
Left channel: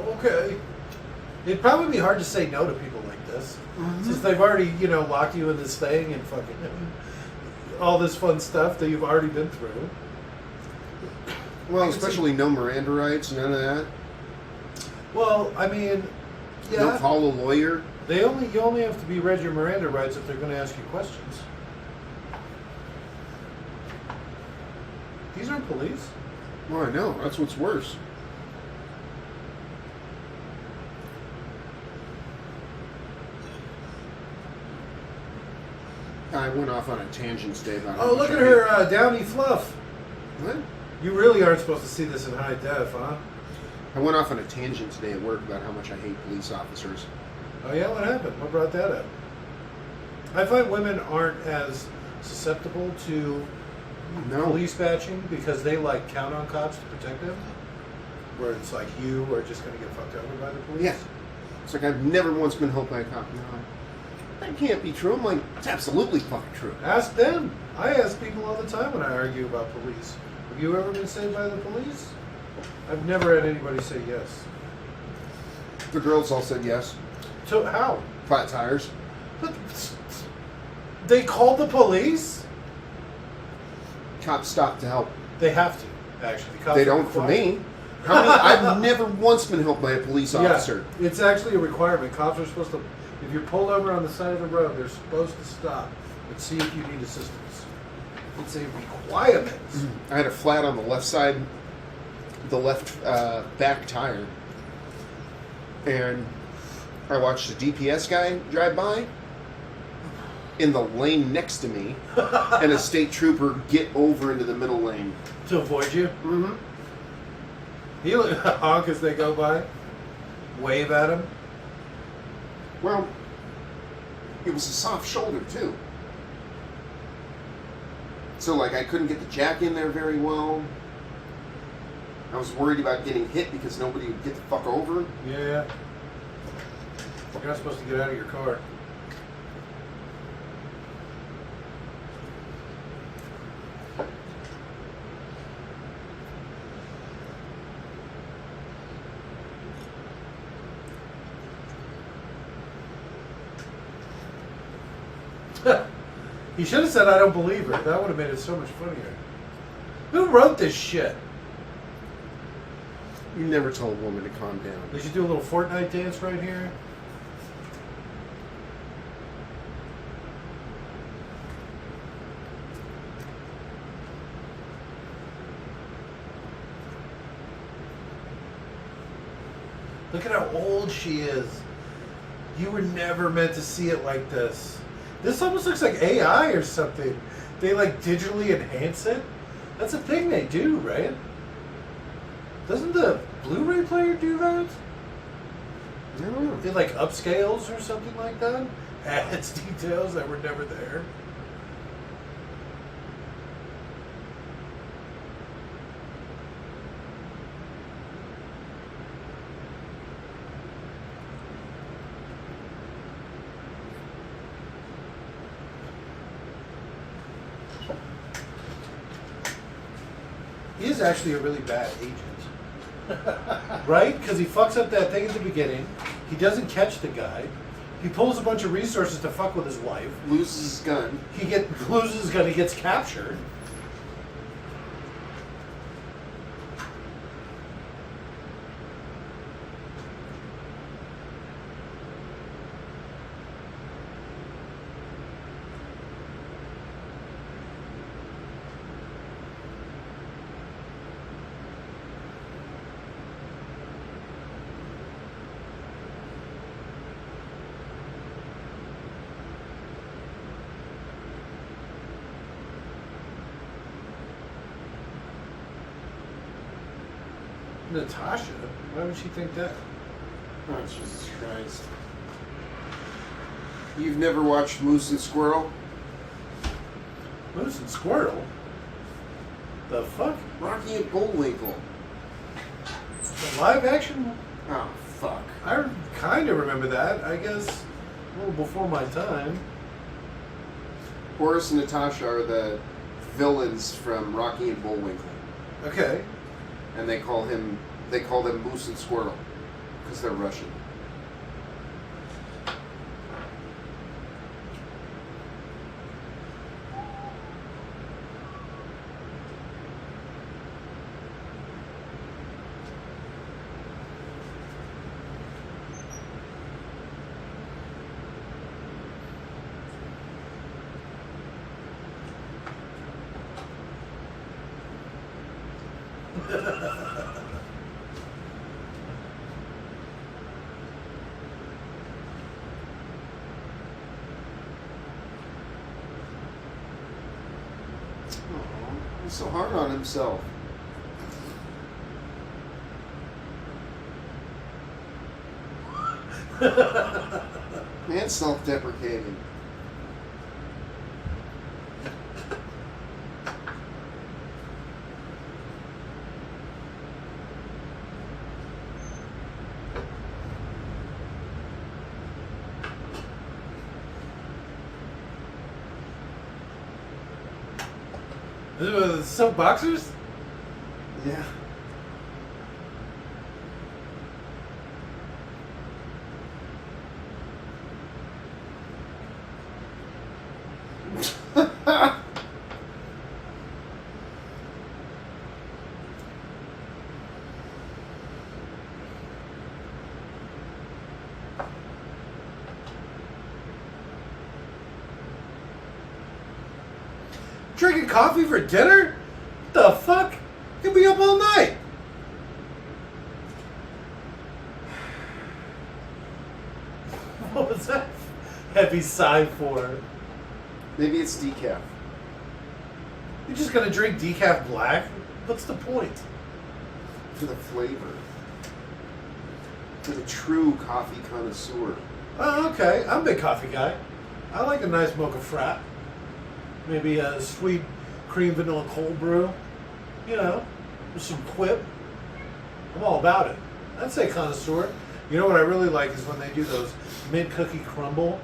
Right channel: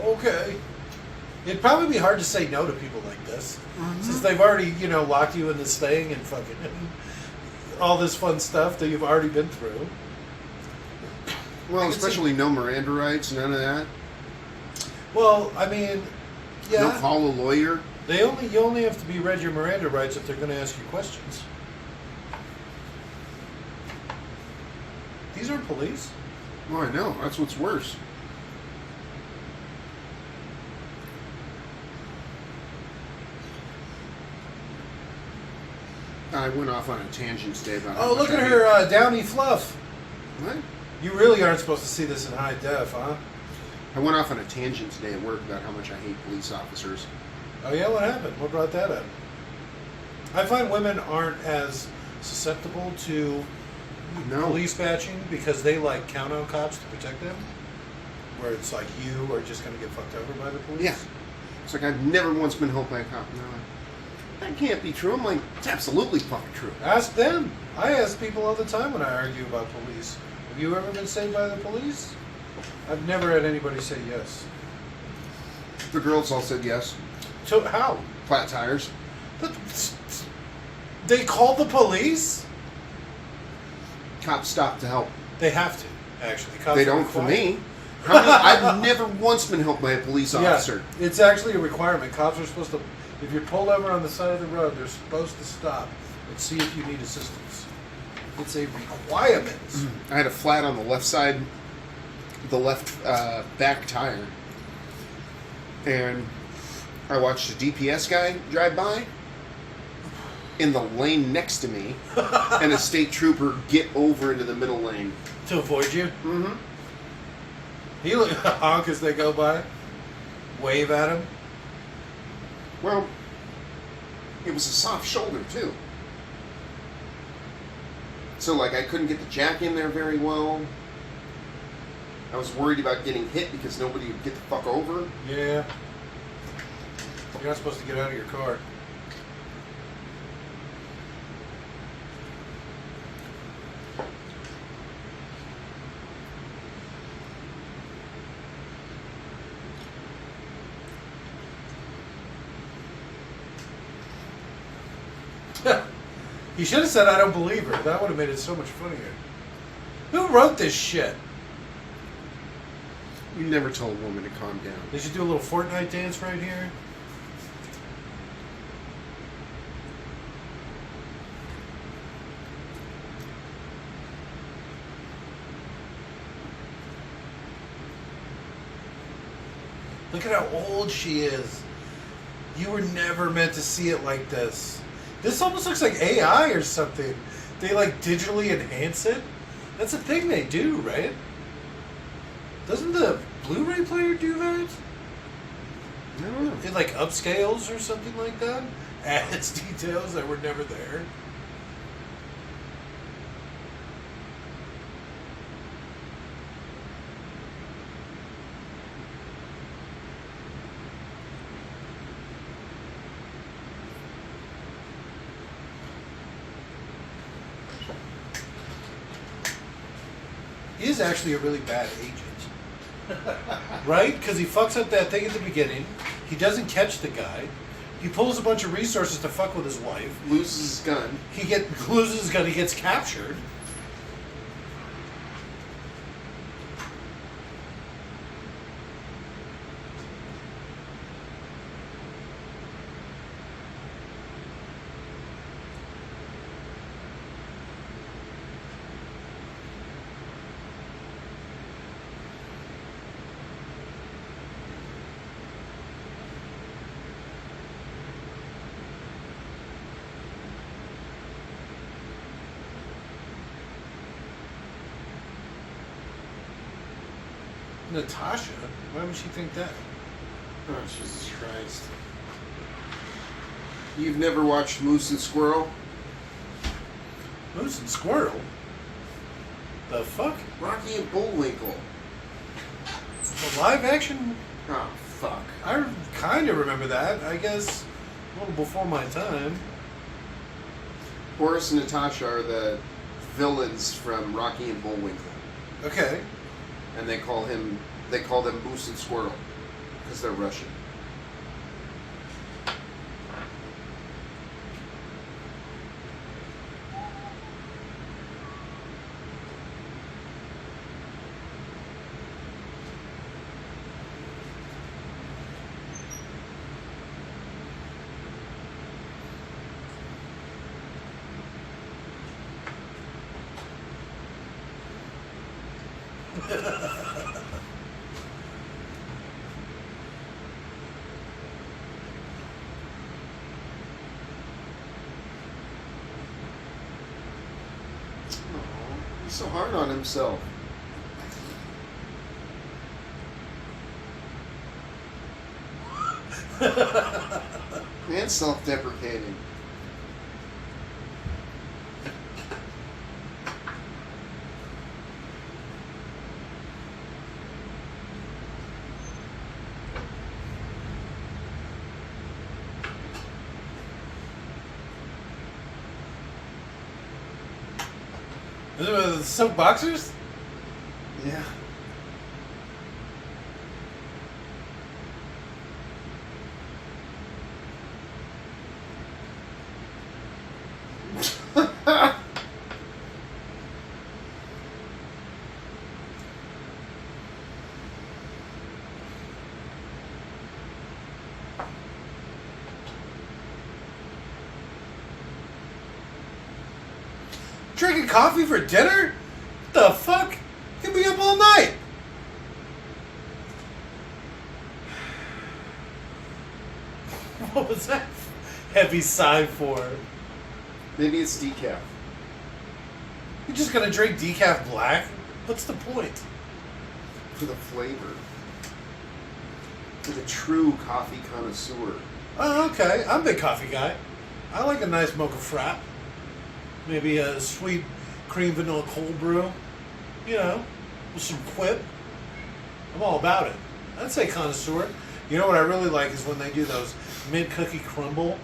Okay. It'd probably be hard to say no to people like this, since they've already, locked you in this thing and fucking all this fun stuff that you've already been through. Well, especially no Miranda rights, none of that. Well, I mean, yeah. Don't call a lawyer. You only have to be read your Miranda rights if they're going to ask you questions. These aren't police. Well, I know. That's what's worse. I went off on a tangent today about how Oh, much look I at her downy fluff. hate- What? You really aren't supposed to see this in high def, huh? I went off on a tangent today at work about how much I hate police officers. Oh yeah, what happened? What brought that up? I find women aren't as susceptible to police bashing because they like count on cops to protect them. Where it's like you are just gonna get fucked over by the police. Yeah. It's like I've never once been helped by a cop. No, that can't be true. I'm like, it's absolutely fucking true. Ask them. I ask people all the time when I argue about police. Have you ever been saved by the police? I've never had anybody say yes. The girls all said yes. So how? Flat tires. But they called the police? Cops stopped to help. They have to, actually. Cops They are don't for required. me. How many? I've never once been helped by a police officer. Yeah, it's actually a requirement. Cops are supposed to, if you're pulled over on the side of the road, they're supposed to stop and see if you need assistance. It's a requirement. I had a flat on the left side, the left back tire, and I watched a DPS guy drive by in the lane next to me, and a state trooper get over into the middle lane. To avoid you? Mm-hmm. He honk as they go by, wave at him. Well, it was a soft shoulder, too. So, like, I couldn't get the jack in there very well. I was worried about getting hit because nobody would get the fuck over. Yeah. You're not supposed to get out of your car. He should have said, "I don't believe her." That would have made it so much funnier. Who wrote this shit? You never told a woman to calm down. They should do a little Fortnite dance right here. Look at how old she is. You were never meant to see it like this. This almost looks like AI or something. They like digitally enhance it. That's a thing they do, right? Doesn't the Blu-ray player do that? I don't know. It like upscales or something like that? Adds details that were never there. He is actually a really bad agent. Right? Because he fucks up that thing at the beginning. He doesn't catch the guy. He pulls a bunch of resources to fuck with his wife. Loses his gun. He loses his gun. He gets captured. Natasha? Why would she think that? Oh, Jesus Christ. You've never watched Moose and Squirrel? Moose and Squirrel? The fuck? Rocky and Bullwinkle. The live action? Oh, fuck. I kind of remember that. I guess a little before my time. Horace and Natasha are the villains from Rocky and Bullwinkle. Okay. And they call them Moose and Squirrel because they're Russian. He's so hard on himself. And self-deprecating. Silk boxers? Yeah. Drinking coffee for dinner? What the fuck? You'll be up all night. What was that heavy sigh for? Maybe it's decaf. You're just gonna drink decaf black? What's the point? For the flavor. For the true coffee connoisseur. Oh, okay. I'm a big coffee guy. I like a nice mocha frap. Maybe a sweet cream vanilla cold brew. You know, with some quip. I'm all about it. I'd say connoisseur. You know what I really like is when they do those mint cookie crumble.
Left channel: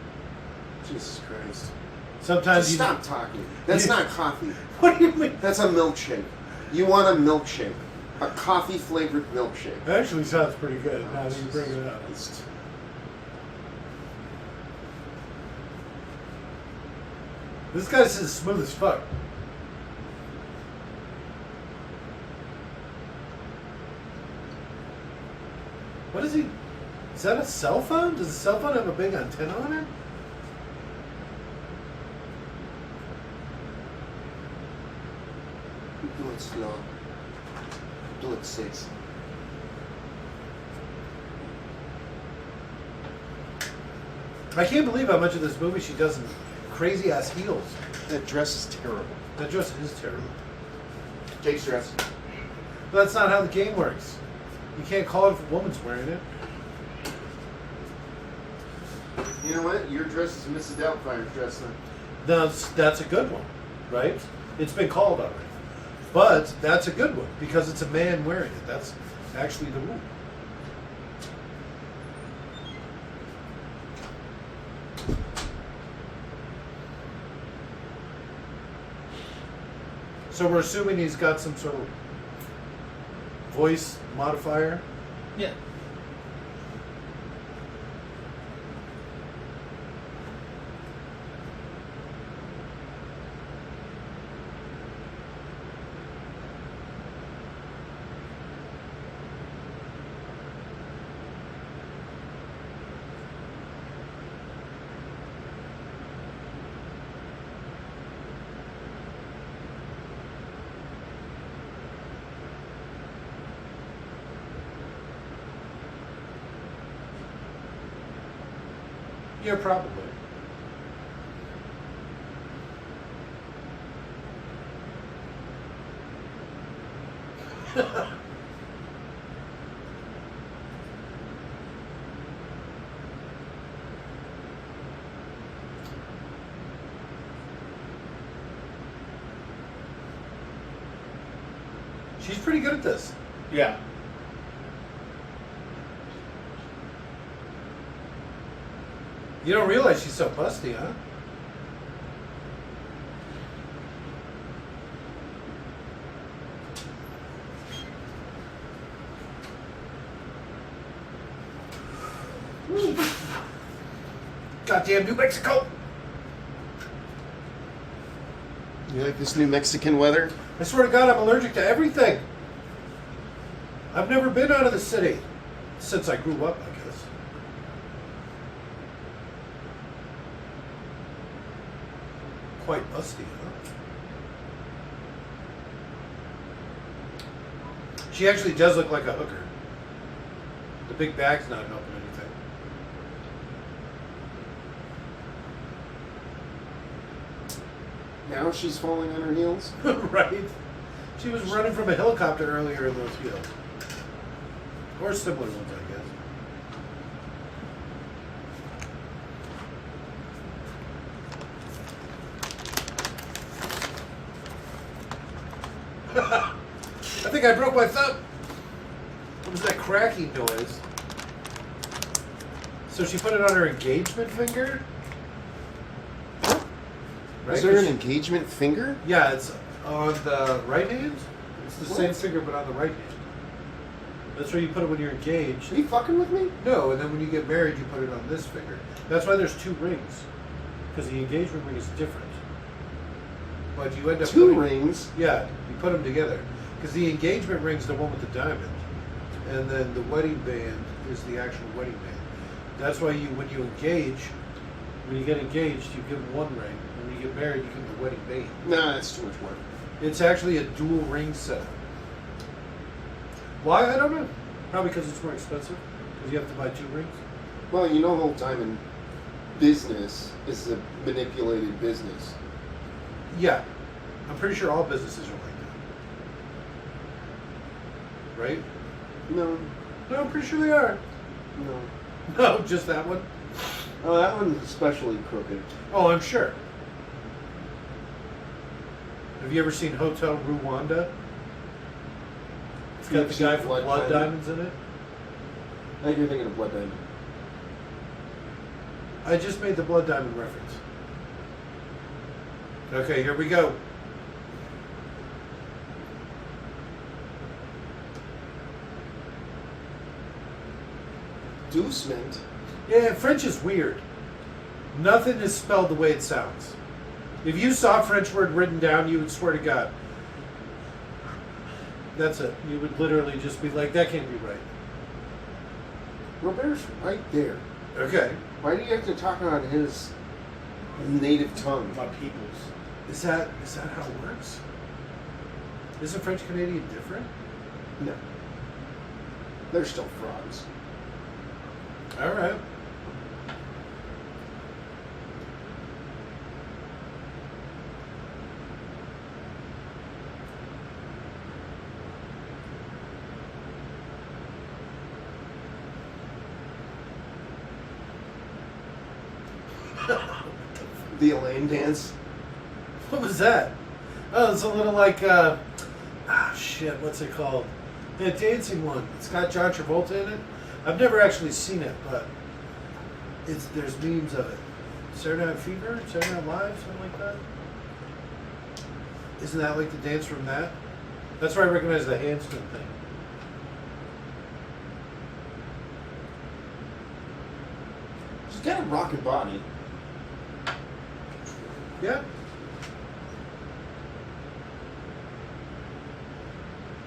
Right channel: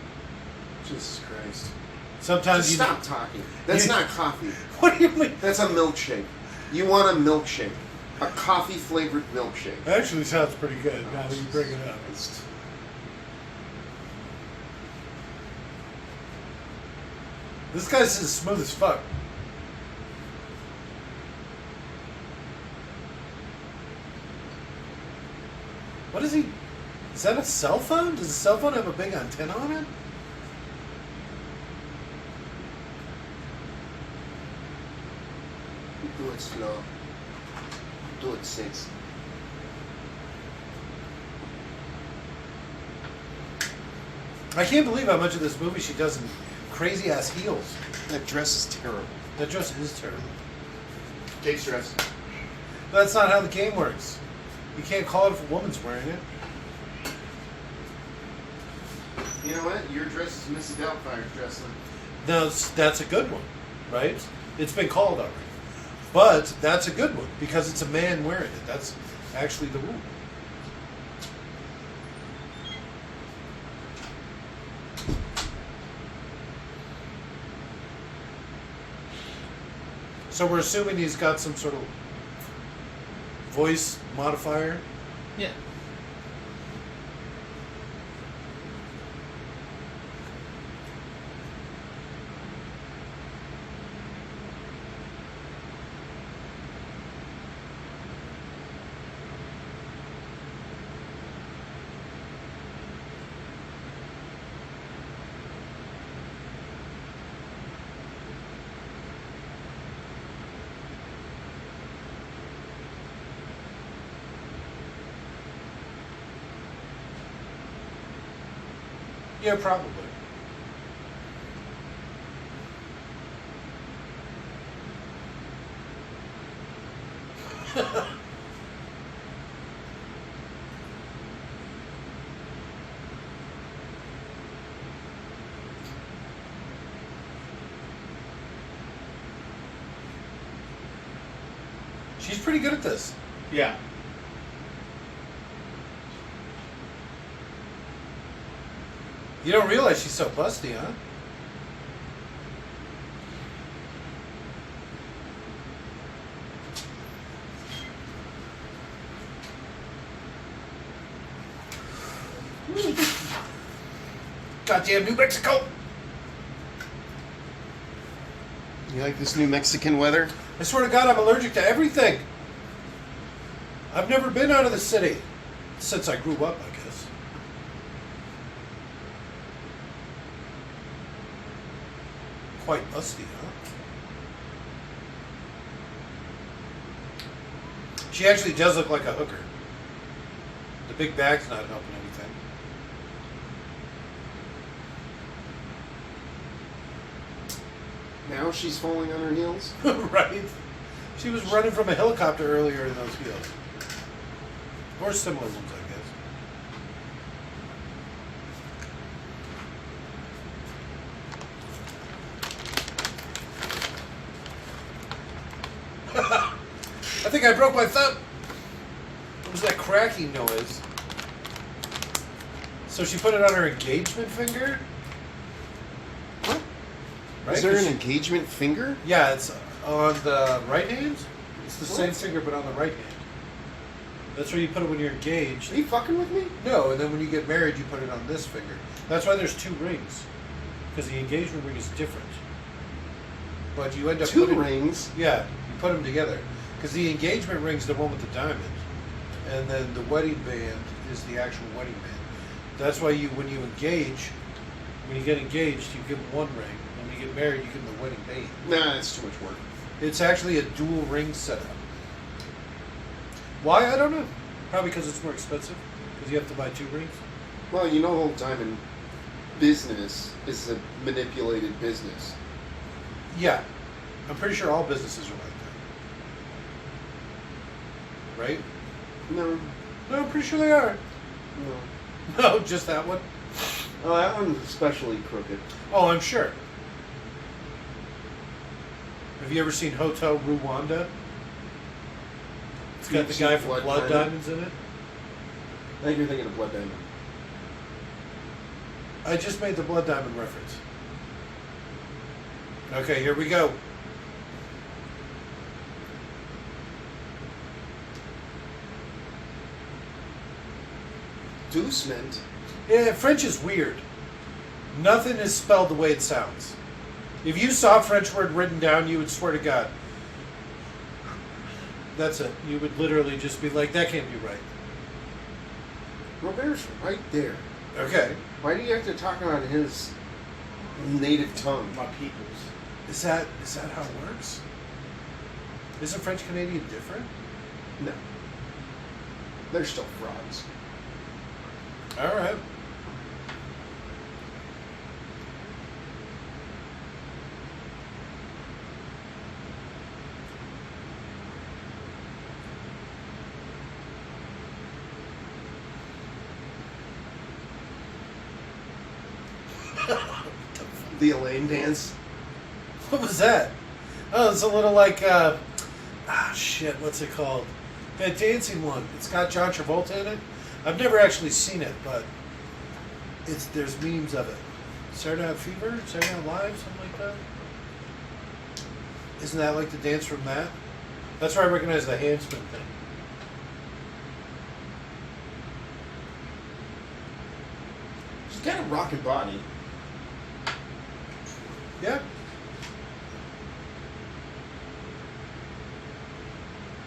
Jesus Christ. Sometimes Just stop talking. That's not coffee. What do you mean? That's a milkshake. You want a milkshake. A coffee-flavored milkshake. That actually sounds pretty good now that you bring it up. Christ. This guy's as smooth as fuck. What is he? Is that a cell phone? Does a cell phone have a big antenna on it? Do it slow. Do it sexy. I can't believe how much of this movie she does in crazy ass heels. That dress is terrible. That dress is terrible. Jake's dress. That's not how the game works. You can't call it if a woman's wearing it. You know what? Your dress is Mrs. Doubtfire's dress then. That's a good one, right? It's been called already. But that's a good one because it's a man wearing it. That's actually the rule. So we're assuming he's got some sort of voice modifier. Yeah. Yeah, probably. She's pretty good at this. Yeah. You don't realize she's so busty, huh? Goddamn New Mexico! You like this New Mexican weather? I swear to God, I'm allergic to everything. I've never been out of the city since I grew up, I guess. Quite busty, huh? She actually does look like a hooker. The big bag's not helping anything. Now she's falling on her heels? Right? She was running from a helicopter earlier in those heels. Or similar ones, I guess. think I broke my thumb. What was that cracking noise? So she put it on her engagement finger? What? Right? Is there 'Cause an engagement finger? yeah, it's on the right hand. It's the What? same finger, but on the right hand. That's where you put it when you're engaged. Are you fucking with me? No, and then when you get married, you put it on this finger. That's why there's 2 rings. Because the engagement ring is different. But you end up 2 putting, rings? Yeah, you put them together. Because the engagement ring's the one with the diamond. And then the wedding band is the actual wedding band. That's why when you get engaged, you give them 1 ring. When you get married, you give them the wedding band. Nah, it's too much work. It's actually a dual ring setup. Why? I don't know. Probably because it's more expensive. Because you have to buy 2 rings. Well, you know the whole diamond business is a manipulated business. Yeah. I'm pretty sure all businesses are like that. Right? No, No, I'm pretty sure they are. no. No, just that one. Oh, that one's especially crooked. Oh, I'm sure. Have you ever seen Hotel Rwanda? It's got You've the seen guy from Blood Blood Diamond? Diamonds in it. I think you're thinking of Blood Diamond. I just made the Blood Diamond reference. Okay, here we go. Inducement? Yeah, French is weird. Nothing is spelled the way it sounds. If you saw a French word written down, you would swear to God. That's it. You would literally just be like, that can't be right. Robert's right there. Okay. Why do you have to talk on his native tongue? My peoples. Is that how it works? Isn't French Canadian different? No. They're still frauds. All right. The Elaine dance? What was that? Oh, it's a little like, shit, what's it called? The dancing one. It's got John Travolta in it. I've never actually seen it, but there's memes of it. Saturday Night Fever? Saturday Night Live? Something like that? Isn't that like the dance from that? That's where I recognize the handspin thing. She's got a rockin' body. Yeah.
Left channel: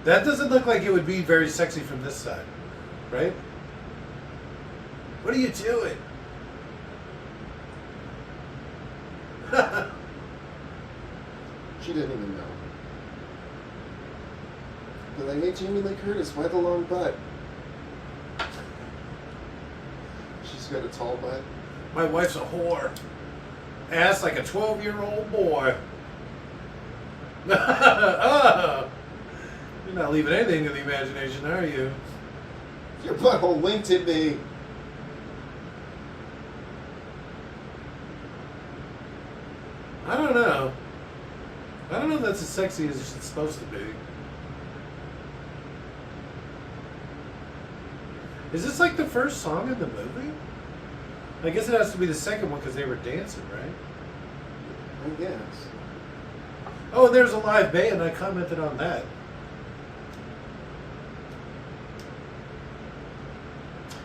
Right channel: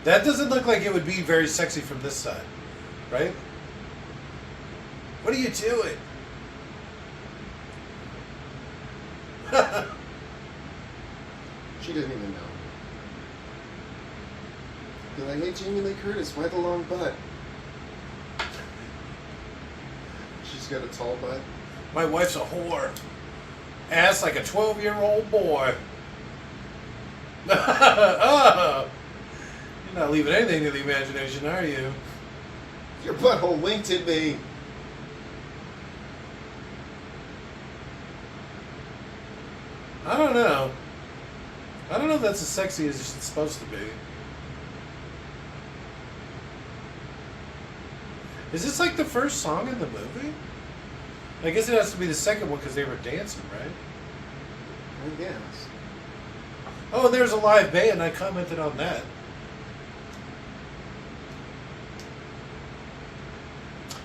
That doesn't look like it would be very sexy from this side, right? What are you doing? She didn't even know. They're like, hey, Jamie Lee Curtis, why the long butt? She's got a tall butt. My wife's a whore. Ass like a 12-year-old boy. Oh, you're not leaving anything to the imagination, are you? Your butthole winked at me. I don't know. I don't know if that's as sexy as it's supposed to be. Is this like the first song in the movie? I guess it has to be the second one because they were dancing, right? I guess. Oh, and there's a live band. I commented on that.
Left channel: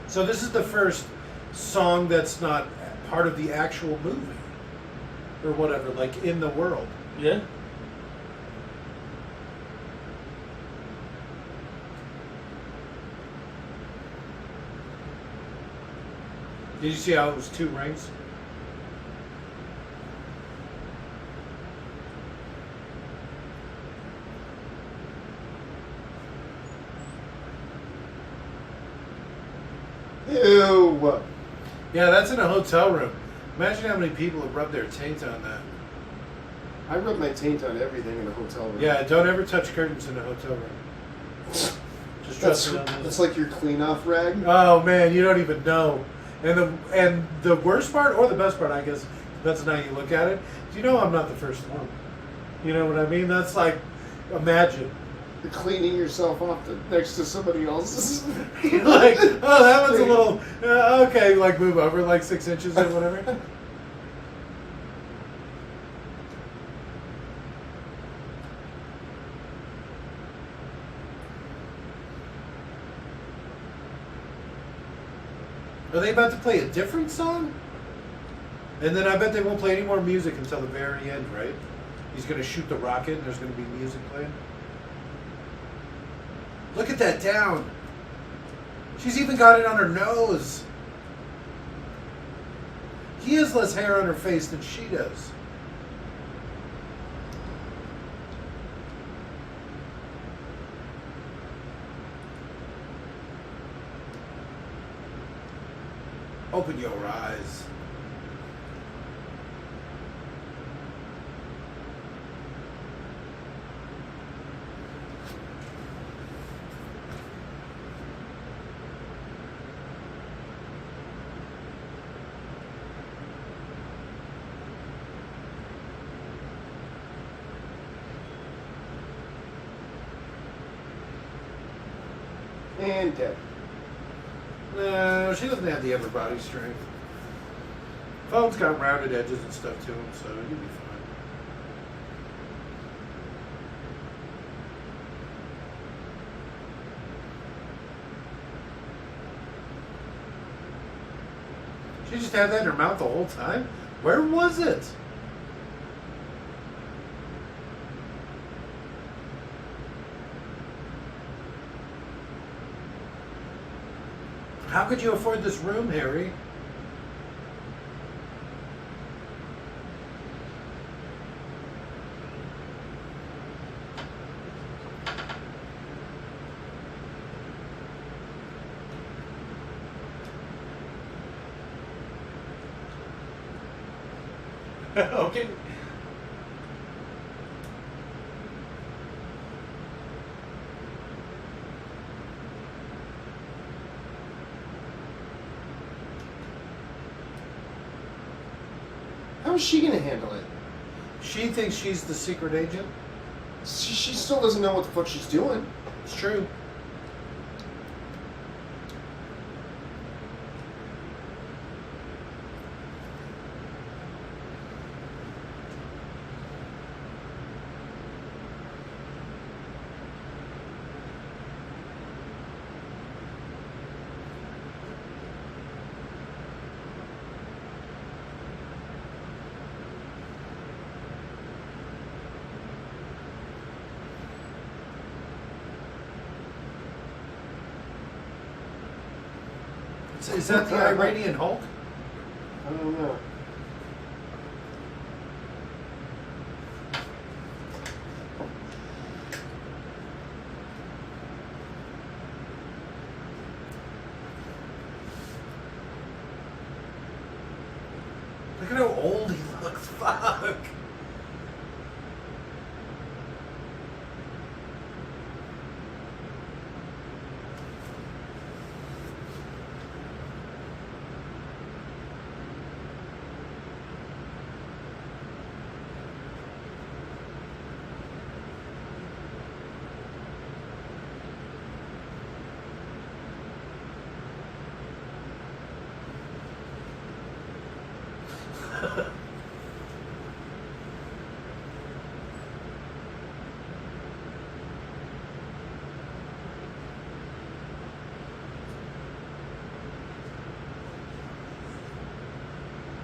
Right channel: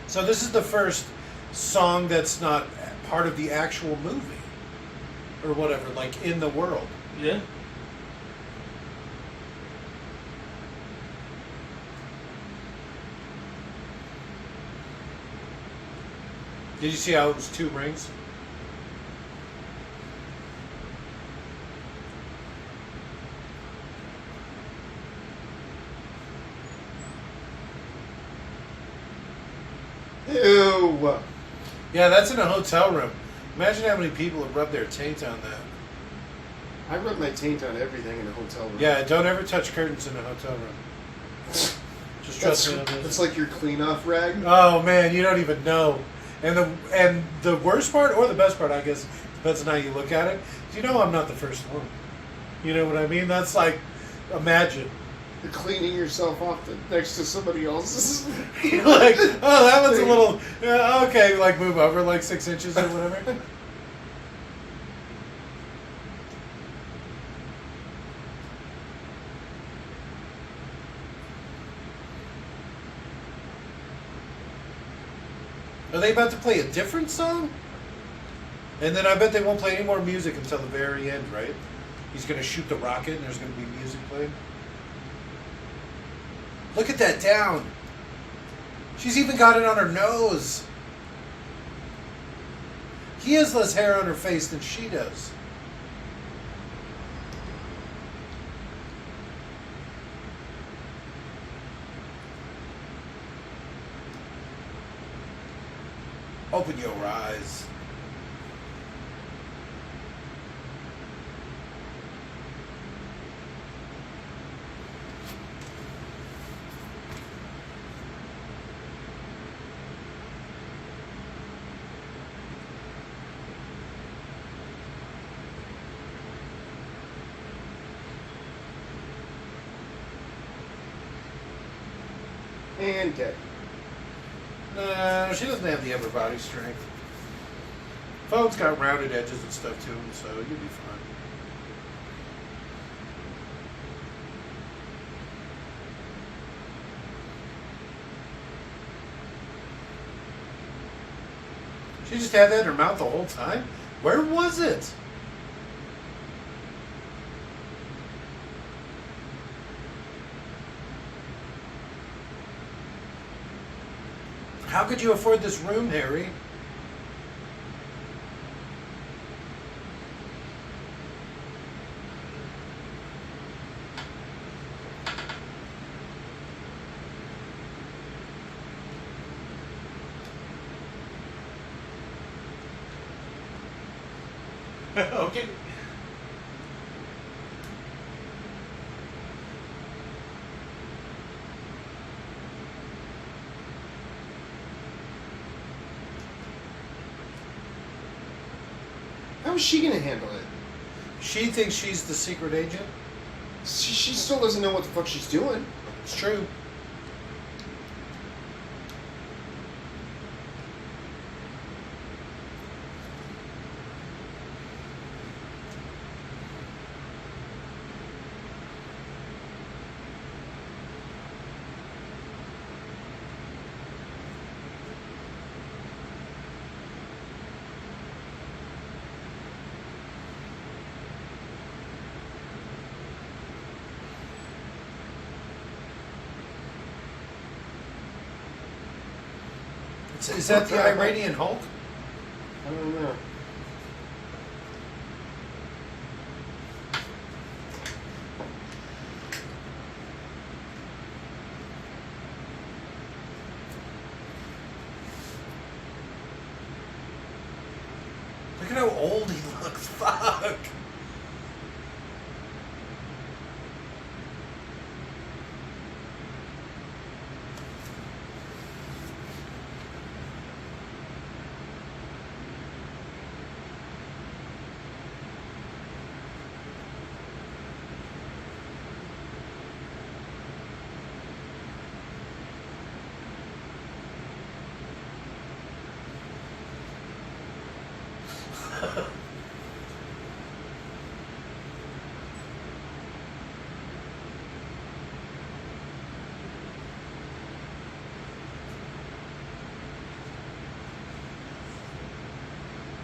So this is the first song that's not part of the actual movie. Or whatever, like in the world. Yeah. Did you see how it was 2 rings? Ew. Yeah, that's in a hotel room. Imagine how many people have rubbed their taint on that. I rub my taint on everything in a hotel room. Yeah, don't ever touch curtains in a hotel room. Just trust me on this. That's like your clean off rag. Oh man, you don't even know. And the worst part, or the best part, I guess, depends on how you look at it. You know, I'm not the first one. You know what I mean? That's like, imagine. cleaning yourself off next to somebody else's. Like, oh, that one's a little okay. Like move over like 6 inches or whatever. Are they about to play a different song? And then I bet they won't play any more music until the very end, right? He's going to shoot the rocket and there's going to be music playing. Look at that down. She's even got it on her nose. He has less hair on her face than she does. Open your eyes. And dead. No, she doesn't have the upper body strength. Phone's got rounded edges and stuff to him, so you'll be fine. She just had that in her mouth the whole time? Where was it? How could you afford this room, Harry? Okay. How is she going to handle it? She thinks she's the secret agent. She still doesn't know what the fuck she's doing. It's true. Is that the Iranian Hulk? I don't know. Look at how old he looks. Fuck.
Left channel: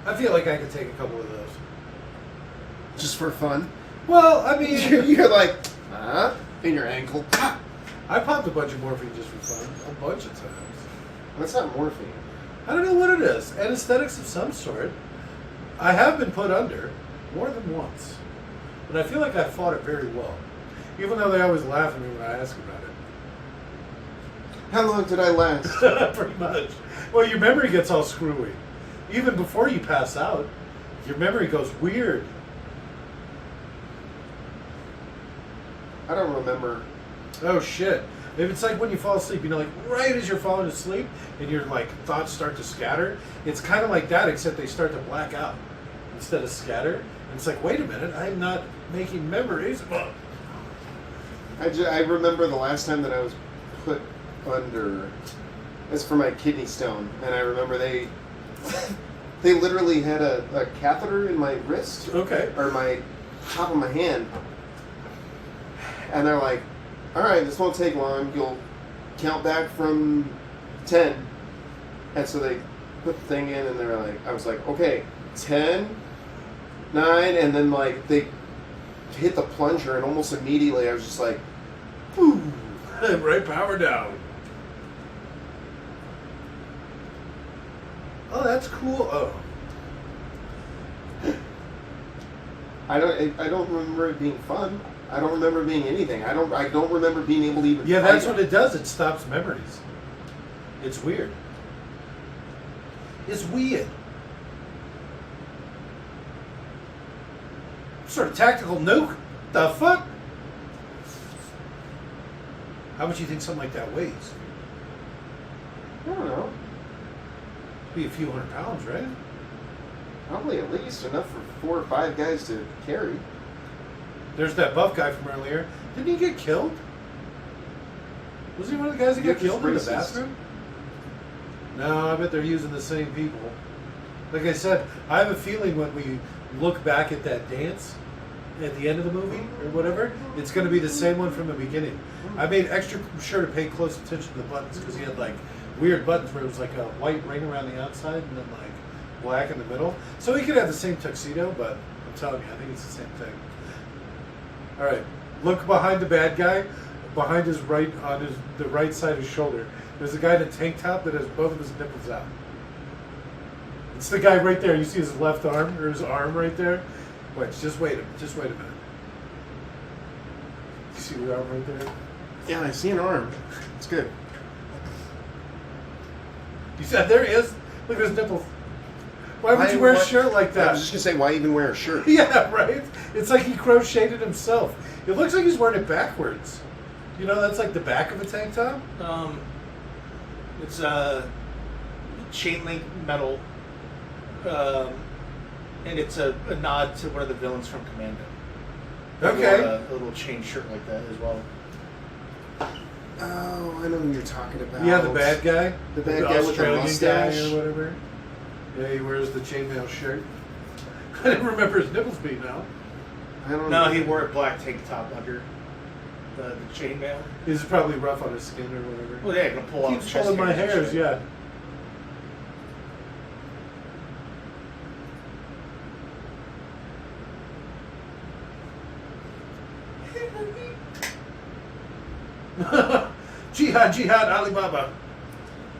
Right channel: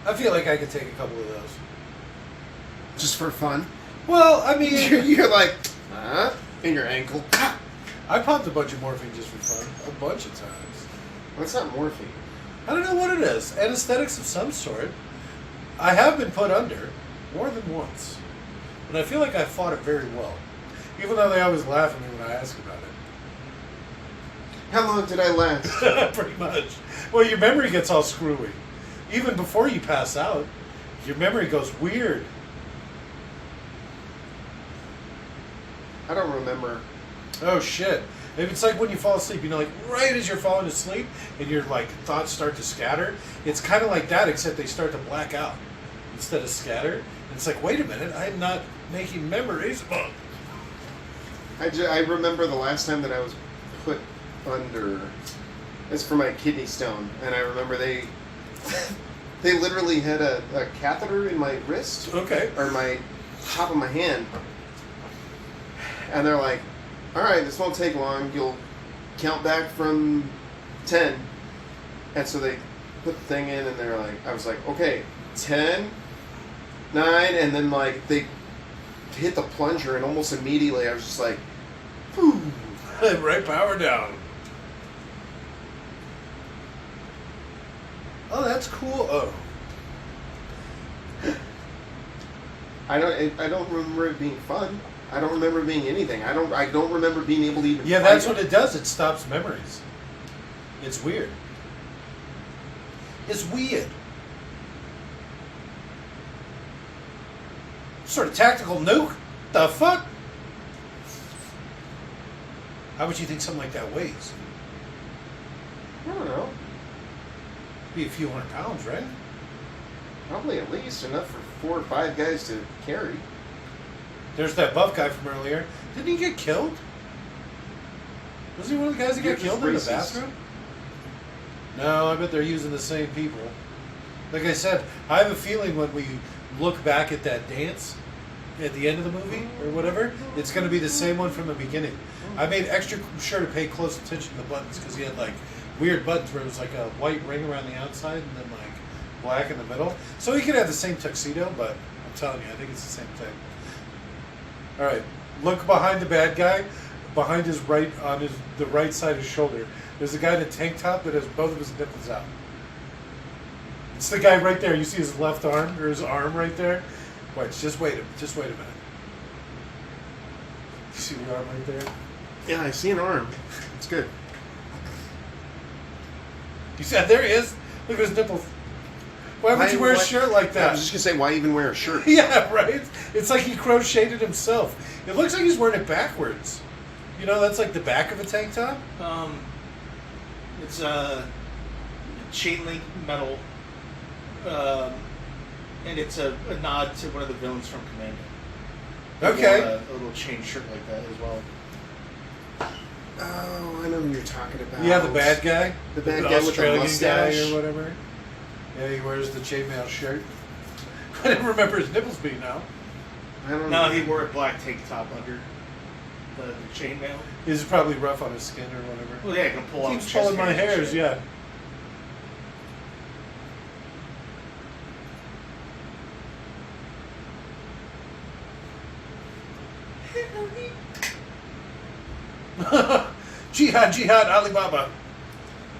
I feel like I could take a couple of those. Just for fun? Well, I mean, You're like, huh? In your ankle. I popped a bunch of morphine just for fun, a bunch of times. That's not morphine. I don't know what it is. Anesthetics of some sort. I have been put under more than once, and I feel like I fought it very well, even though they always laugh at me when I ask about it. How long did I last? Pretty much. Well, your memory gets all screwy. Even before you pass out, your memory goes weird. I don't remember. Oh shit. If it's like when you fall asleep, you know, like right as you're falling asleep and your like thoughts start to scatter, it's kind of like that, except they start to black out instead of scatter. And it's like, wait a minute, I'm not making memories. I remember the last time that I was put under. It's for my kidney stone, and I remember they literally had a catheter in my wrist, Okay. or my top of my hand, and they're like, "All right, this won't take long. You'll count back from 10," and so they put the thing in, and they were like, I was like, "Okay, 10, 9," and then like they hit the plunger, and almost immediately I was just like, "Whew." Right power down. Oh, that's cool. Oh. I don't remember it being fun. I don't remember it being anything. I don't remember being able to even. Yeah, fight that's what it does. It stops memories. It's weird. It's weird. Sort of tactical nuke? The fuck? How much do you think something like that weighs? I don't know. Be a few hundred pounds, right? Probably at least enough for 4 or 5 guys to carry. There's that buff guy from earlier. Didn't he get killed? Was he one of the guys that got You're killed in the racist. bathroom? No, I bet they're using the same people. Like I said, I have a feeling when we look back at that dance at the end of the movie or whatever, it's going to be the same one from the beginning. I made extra sure to pay close attention to the buttons because he had like weird buttons where it was like a white ring around the outside and then like black in the middle. So he could have the same tuxedo, but I'm telling you, I think it's the same thing. All right, look behind the bad guy, behind his right, on the right side of his shoulder. There's a guy in a tank top that has both of his nipples out. It's the guy right there. You see his left arm or his arm right there. Wait, just wait a minute. You see the arm right there? Yeah, I see an arm. It's good. You see, there he is. Look at his nipples. Why would you wear a shirt like that? I was just gonna say, why even wear a shirt? Yeah, right? It's like he crocheted himself. It looks like he's wearing it backwards. You know, that's like the back of a tank top? It's a chain link metal, and it's a nod to one of the villains from Commando. Okay. A little chain shirt like that as well. Oh, I know who you're talking about. Yeah, the bad guy. The bad guy with the Australian mustache. guy or whatever. Yeah, he wears the chainmail shirt. I didn't remember his nipples being out. I don't No, know. he wore a black tank top under the chainmail. He's probably rough on his skin or whatever. Well, yeah, you can pull off Keeps chest pulling my hairs and hairs, shit. yeah. Jihad, Jihad, Alibaba.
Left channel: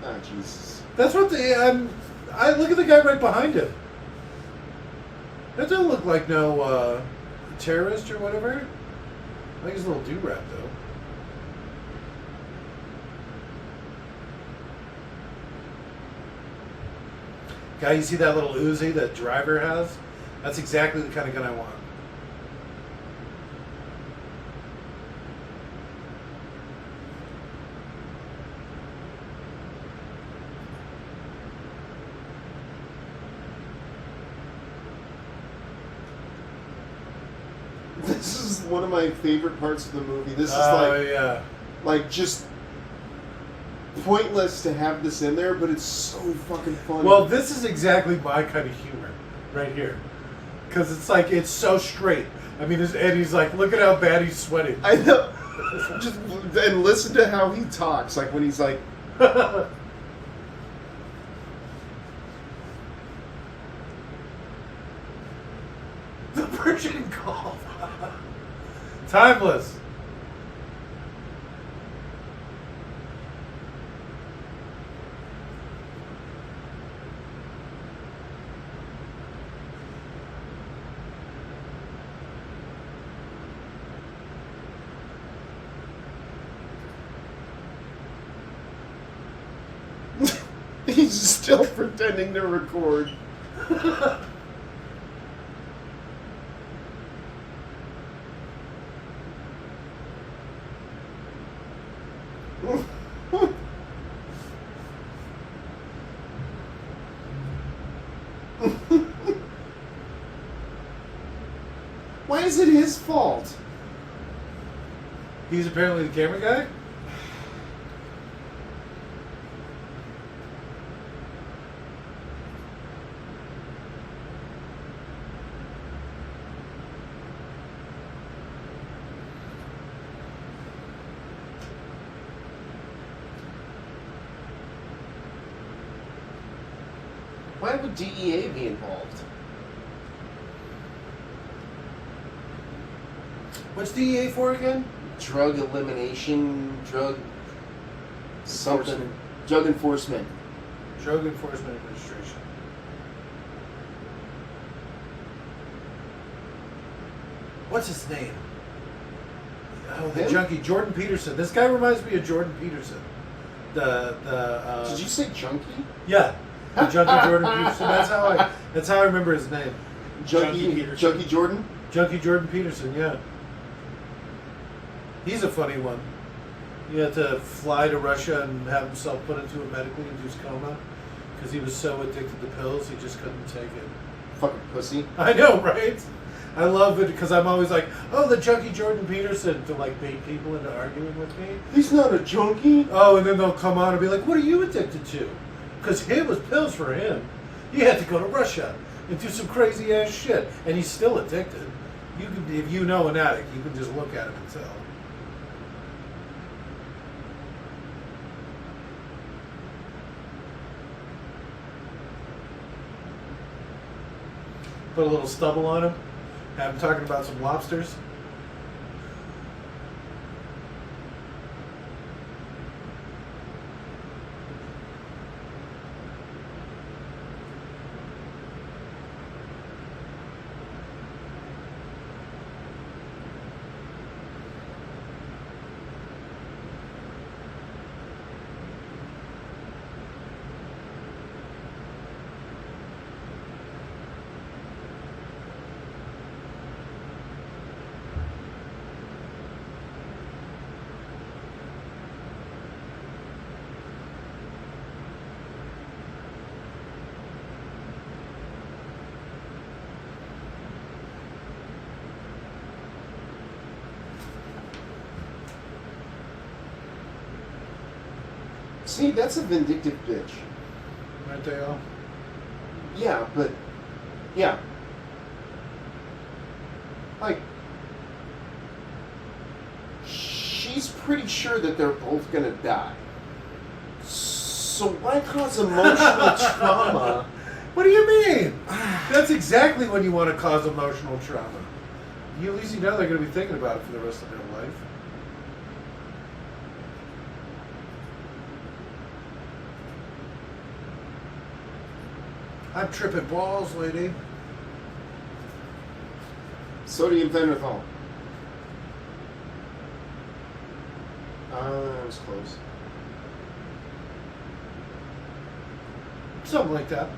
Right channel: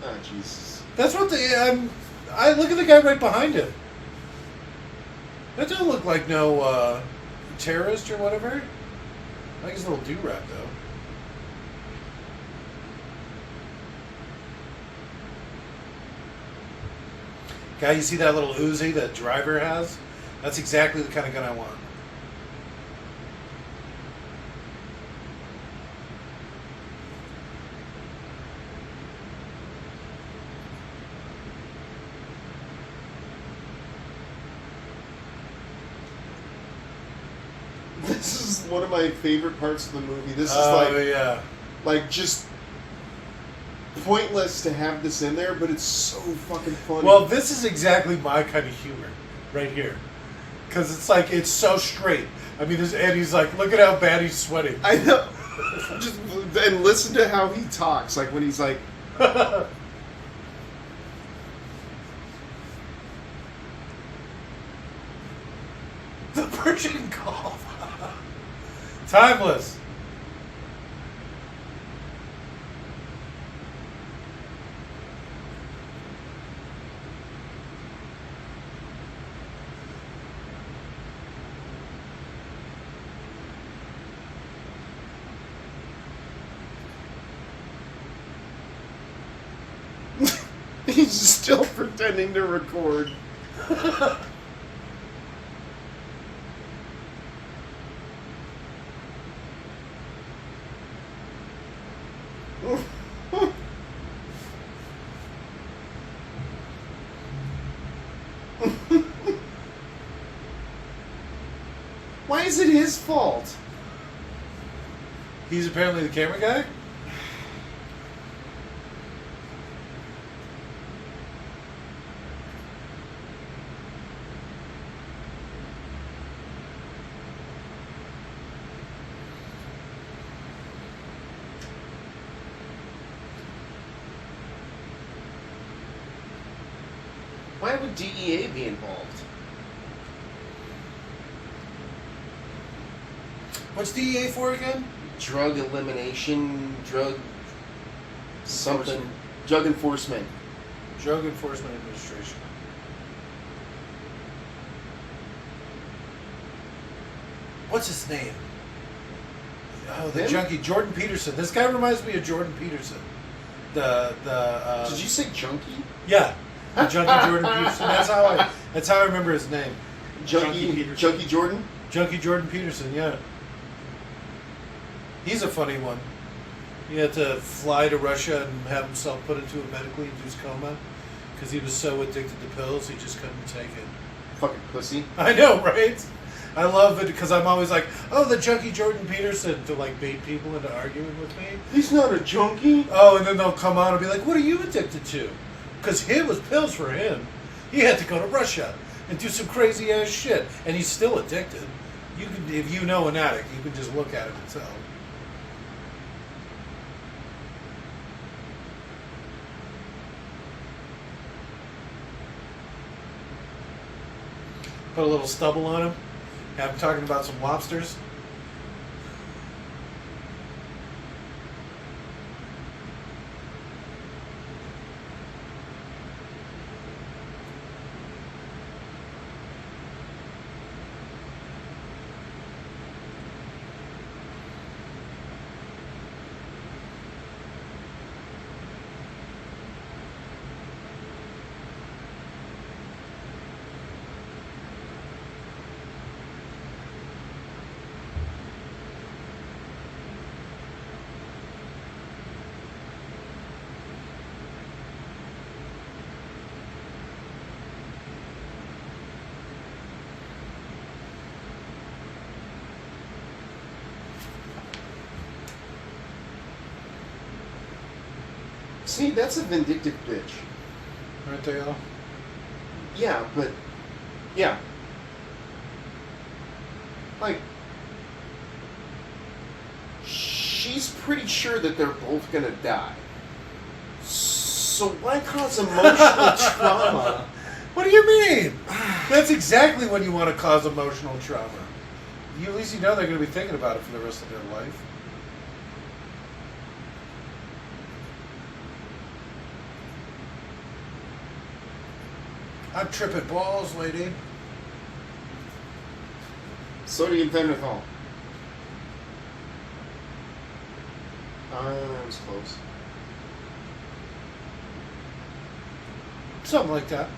Oh, Jesus. That's what the I look at the guy right behind him. That doesn't look like no terrorist or whatever. I like his little do-rag though. Guy, you see that little Uzi that driver has? That's exactly the kind of gun I want. This is one of my favorite parts of the movie. This is Yeah. like just pointless to have this in there, but it's so fucking funny. Well, this is exactly my kind of humor right here. Because it's like, it's so straight. I mean, this Eddie's like, look at how bad he's sweating. I know. Just and listen to how he talks. Like when he's like, The Persian Gulf. Timeless. he's still pretending to record. Why is it his fault? He's apparently the camera guy? Why would DEA be involved? What's DEA for again? Drug elimination, drug something, Enforcement. drug enforcement. Drug Enforcement Administration. What's his name? Oh, the Him? junkie, Jordan Peterson. This guy reminds me of Jordan Peterson. The Did you say junkie? Yeah, the junkie Jordan Peterson. That's how I remember his name. Junkie Jordan? Junkie Jordan Peterson. Yeah, he's a funny one. He had to fly to Russia and have himself put into a medically induced coma because he was so addicted to pills he just couldn't take it. Fucking pussy. I know, right? I love it because I'm always like, oh, the junkie Jordan Peterson, to like bait people into arguing with me. He's not a junkie. Oh, and then they'll come on and be like, what are you addicted to? Because it was pills for him. He had to go to Russia and do some crazy ass shit, and he's still addicted. You can, if you know an addict, you can just look at him and tell. Put a little stubble on him. Have him talking about some lobsters. See, that's a vindictive bitch. Aren't they all? Yeah, but yeah. Like she's pretty sure that they're both gonna die. So why cause emotional trauma? What do you mean? That's exactly when you want to cause emotional trauma. You, at least you know they're going to be thinking about it for the rest of their life. I'm tripping balls, lady. Sodium phenethol. That was close. Something like that.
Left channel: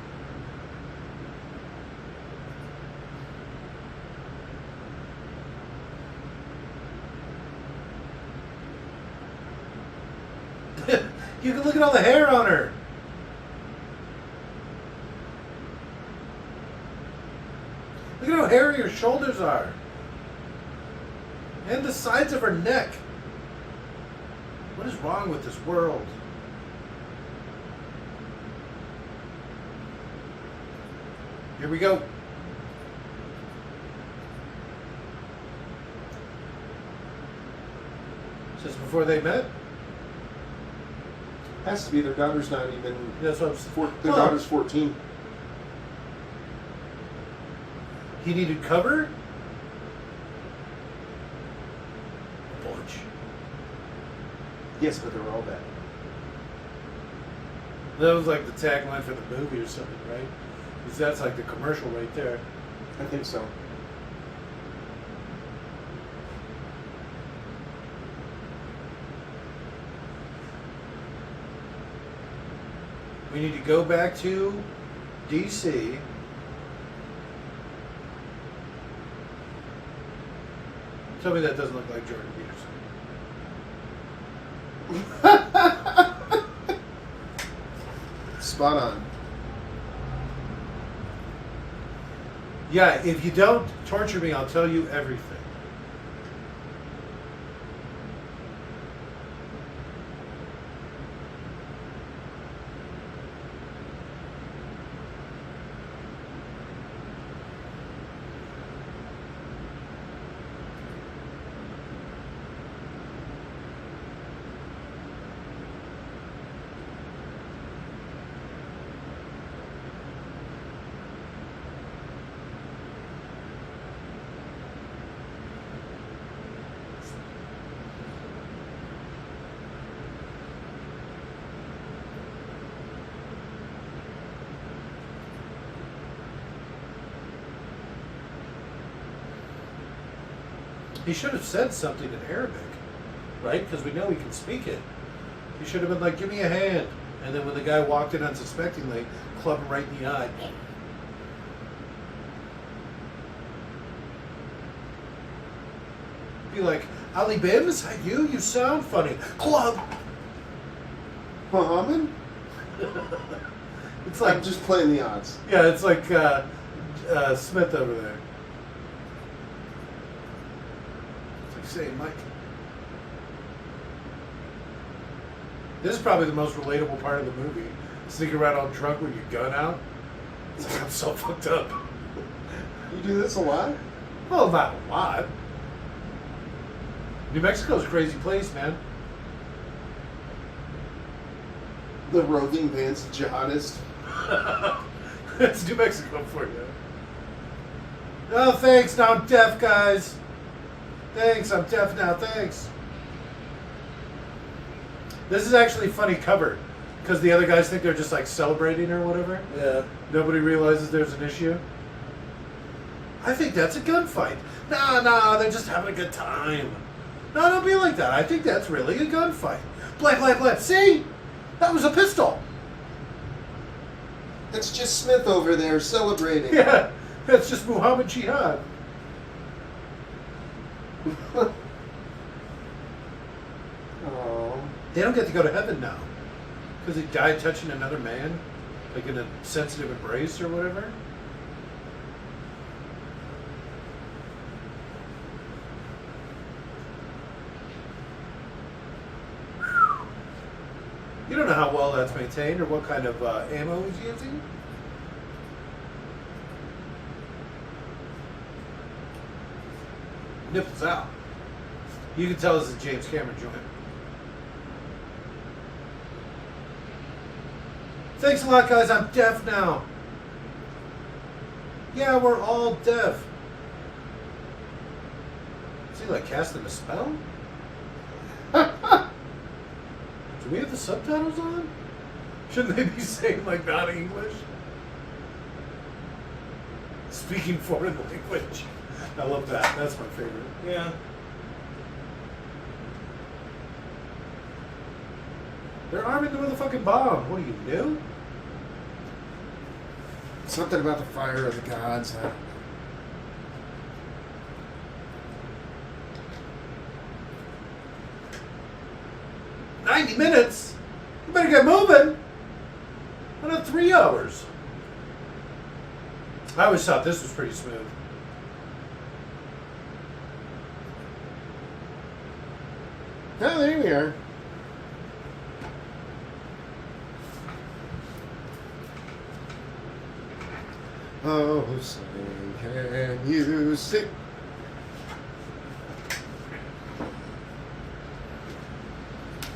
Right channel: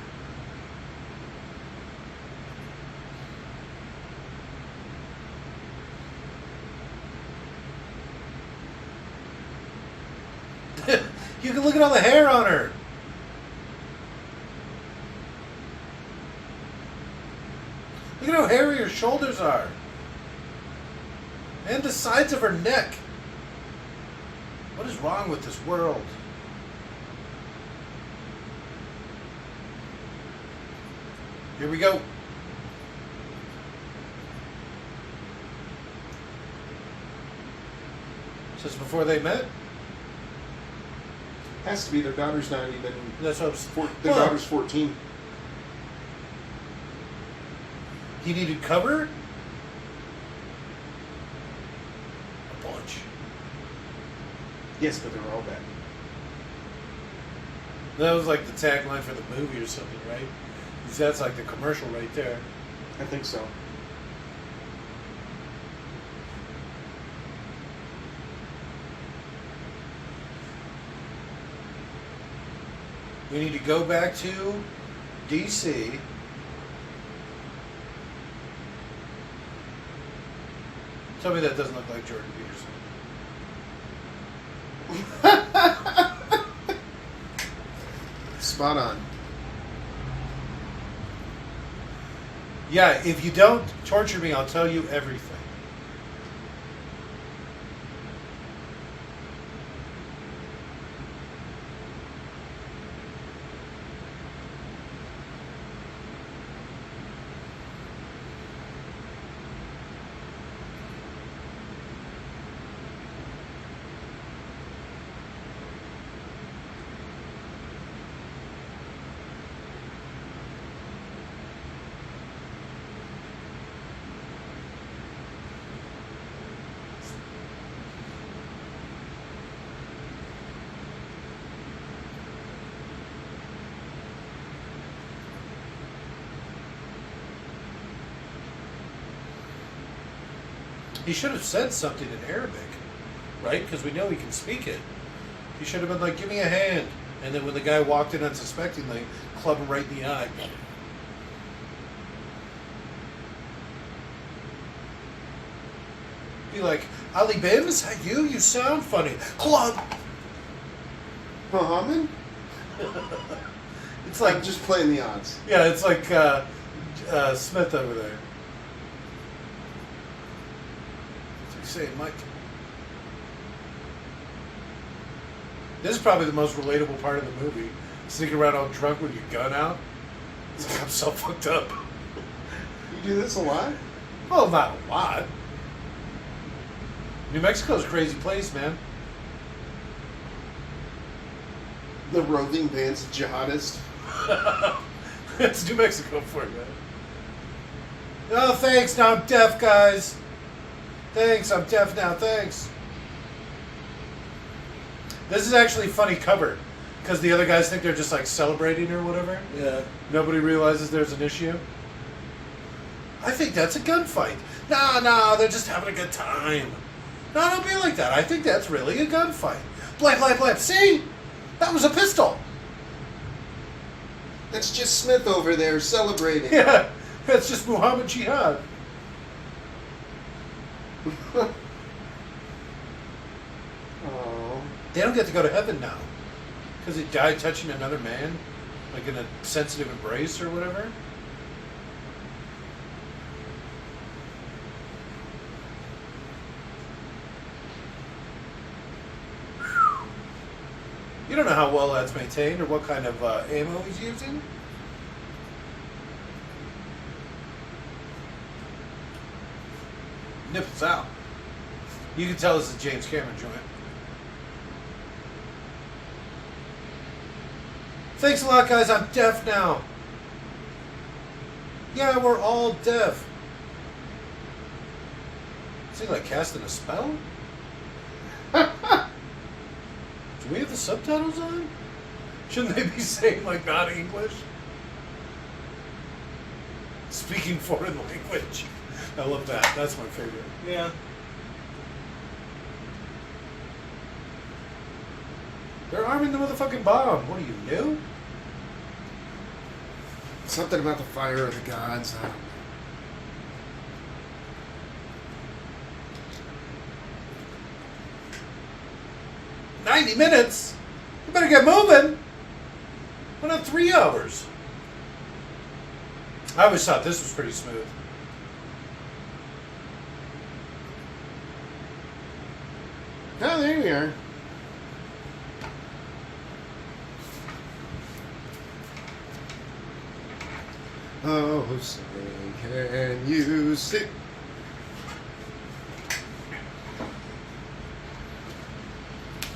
You can look at all the hair on her. Look at how hairy her shoulders are. And the sides of her neck. What is wrong with this world? Here we go. Is this before they met? Has to be. Their daughter's not even. That's what Their daughter's 14. He needed cover? A bunch. Yes, but they're all bad. That was like the tagline for the movie or something, right? Because that's like the commercial right there. I think so. We need to go back to DC. Tell me that doesn't look like Jordan Peterson. Spot on. Yeah, if you don't torture me, I'll tell you everything. He should have said something in Arabic, right? Because we know he can speak it. He should have been like, "Give me a hand," and then when the guy walked in unsuspectingly, club him right in the eye. Be like, "Ali Bim, is that you? You sound funny." Club. Muhammad? It's like I'm just playing the odds. yeah, it's like Smith over there. It's like saying, Mike. This is probably the most relatable part of the movie. Sneaking around all drunk with your gun out. It's like, I'm so fucked up. You do this a lot? Well, not a lot. New Mexico's a crazy place, man. The roving band's jihadist. It's New Mexico for you. No, thanks. Now I'm deaf, guys. Thanks. I'm deaf now. Thanks. This is actually a funny cover because the other guys think they're just like celebrating or whatever. Yeah. Nobody realizes there's an issue. I think that's a gunfight. No, they're just having a good time. No, don't be like that. I think that's really a gunfight. Blank. See? That was a pistol. That's just Smith over there celebrating. Yeah, that's just Muhammad Jihad. Oh. They don't get to go to heaven now because he died touching another man, like in a sensitive embrace or whatever. You don't know how well that's maintained or what kind of ammo he's using. Nipples out. You can tell this is a James Cameron joint. Thanks a lot, guys. I'm deaf now. Yeah, we're all deaf. Is he like casting a spell? Do we have the subtitles on? Shouldn't they be saying like non-English? Speaking foreign language. I love that. That's my favorite. Yeah. They're arming the motherfucking bomb. What are you, new? Something about the fire of the gods. I don't know. 90 minutes? You better get moving. Another 3 hours. I always thought this was pretty smooth. Oh, there we are. Oh, say, can you see?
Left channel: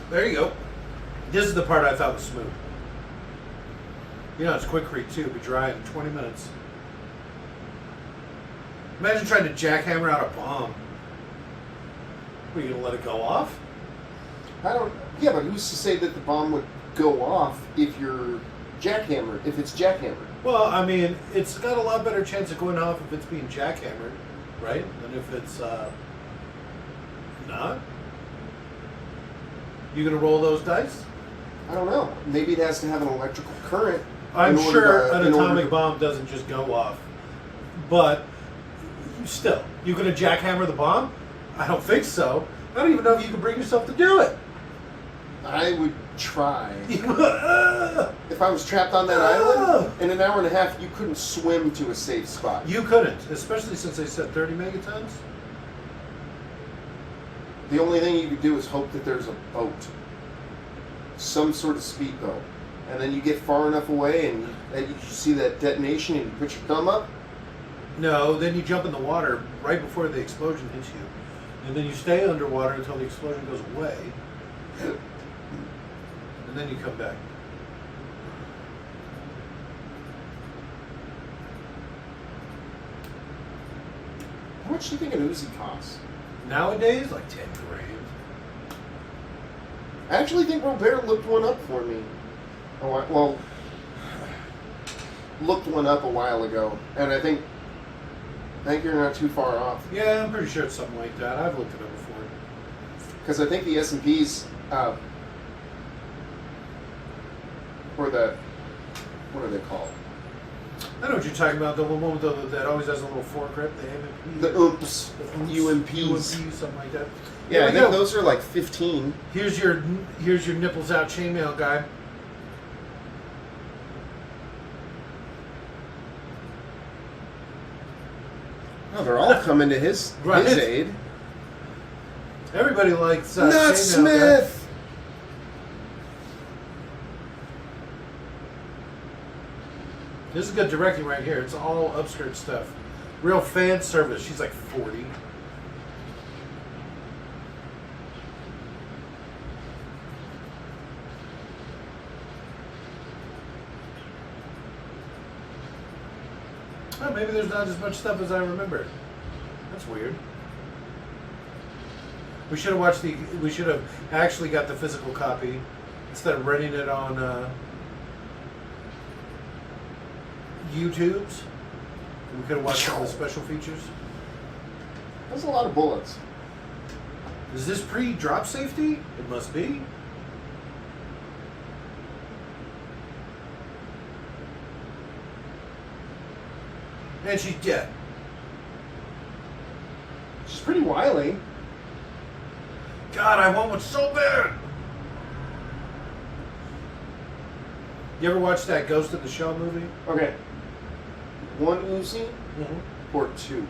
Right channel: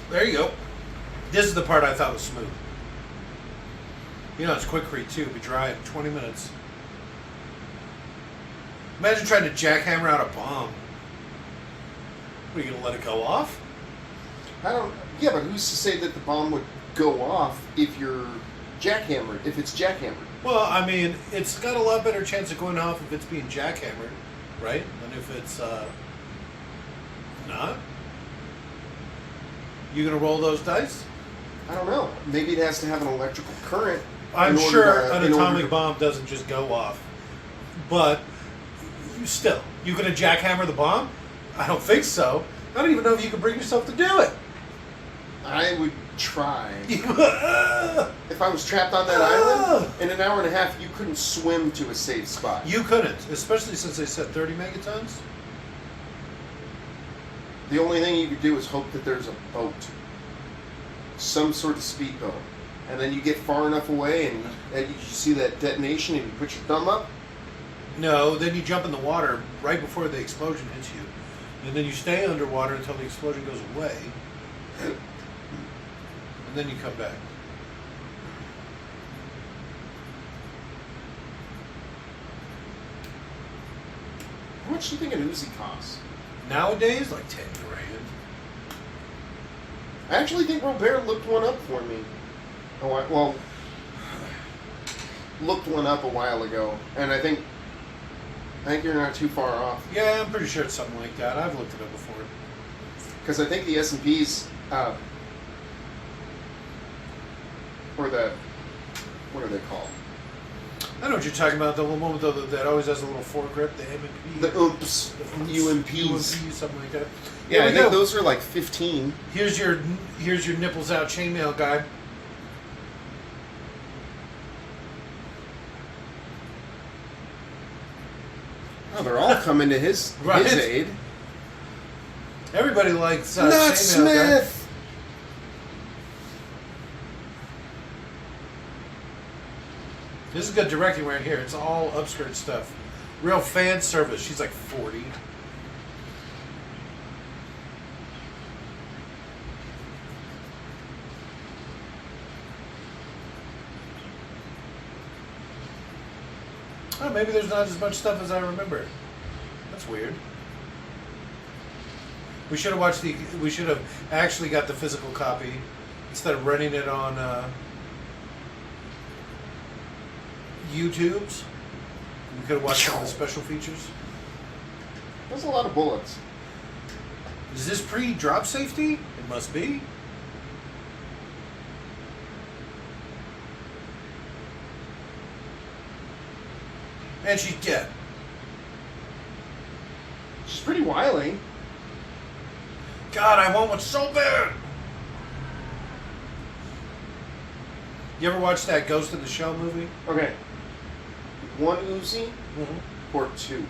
There you go. This is the part I thought was smooth. You know, it's quick-read too. Be dry in 20 minutes. Imagine trying to jackhammer out a bomb. Are you going to let it go off? I don't. Yeah, but who's to say that the bomb would go off if you're jackhammered? If it's jackhammered? Well, I mean, it's got a lot better chance of going off if it's being jackhammered, right? Than if it's not. You going to roll those dice? I don't know. Maybe it has to have an electrical current. I'm in order sure to- an in order atomic to- bomb doesn't just go off. But still, you going to jackhammer the bomb? I don't think so. I don't even know if you can bring yourself to do it. I would try. If I was trapped on that island, in an hour and a half, you couldn't swim to a safe spot. You couldn't, especially since they said 30 megatons. The only thing you could do is hope that there's a boat. Some sort of speedboat. And then you get far enough away and you see that detonation and you put your thumb up. No, then you jump in the water right before the explosion hits you. And then you stay underwater until the explosion goes away. And then you come back. How much do you think an Uzi costs? Nowadays, like 10 grand. I actually think Robert looked one up for me. Looked one up a while ago. And I think I think you're not too far off. Yeah, I'm pretty sure it's something like that. I've looked it up before. Because I think the S&Ps, or the, what are they called? I know what you're talking about. The one with that always has a little foregrip, the M&P. The OOPS, UMPs. UMP, something like that. Yeah, I we think go. those are like 15. Here's your nipples out chainmail guy. Oh, they're all coming to his Right. his aid. Everybody likes Not chainmail Smith. guy. This is good directing right here. It's all upskirt stuff. Real fan service. She's like 40. Oh, maybe there's not as much stuff as I remember. That's weird. We should have watched the. We should have actually got the physical copy instead of renting it on YouTube's. We could have watched all the special features. That's a lot of bullets. Is this pre-drop safety? It must be. And she's dead. She's pretty wily. God, I want one so bad. You ever watch that Ghost in the Shell movie? Okay. One Uzi Mm-hmm. or two?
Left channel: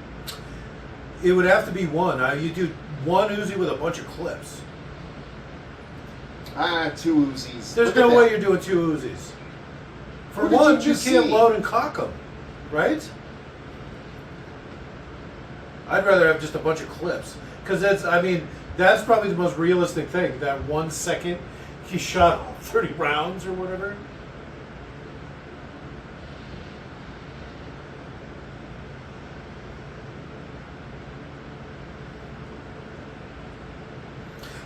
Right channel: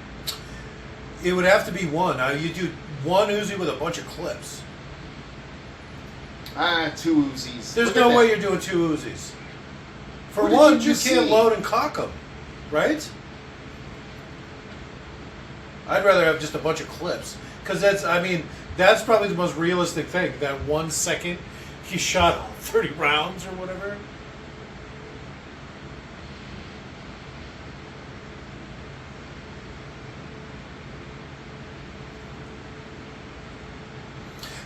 It would have to be one. Now you do one Uzi with a bunch of clips. Two Uzis. There's Look no at way that. you're doing two Uzis. For What did one, you you just can't see? load and cock them, right? I'd rather have just a bunch of clips. Because that's probably the most realistic thing. That 1 second he shot 30 rounds or whatever.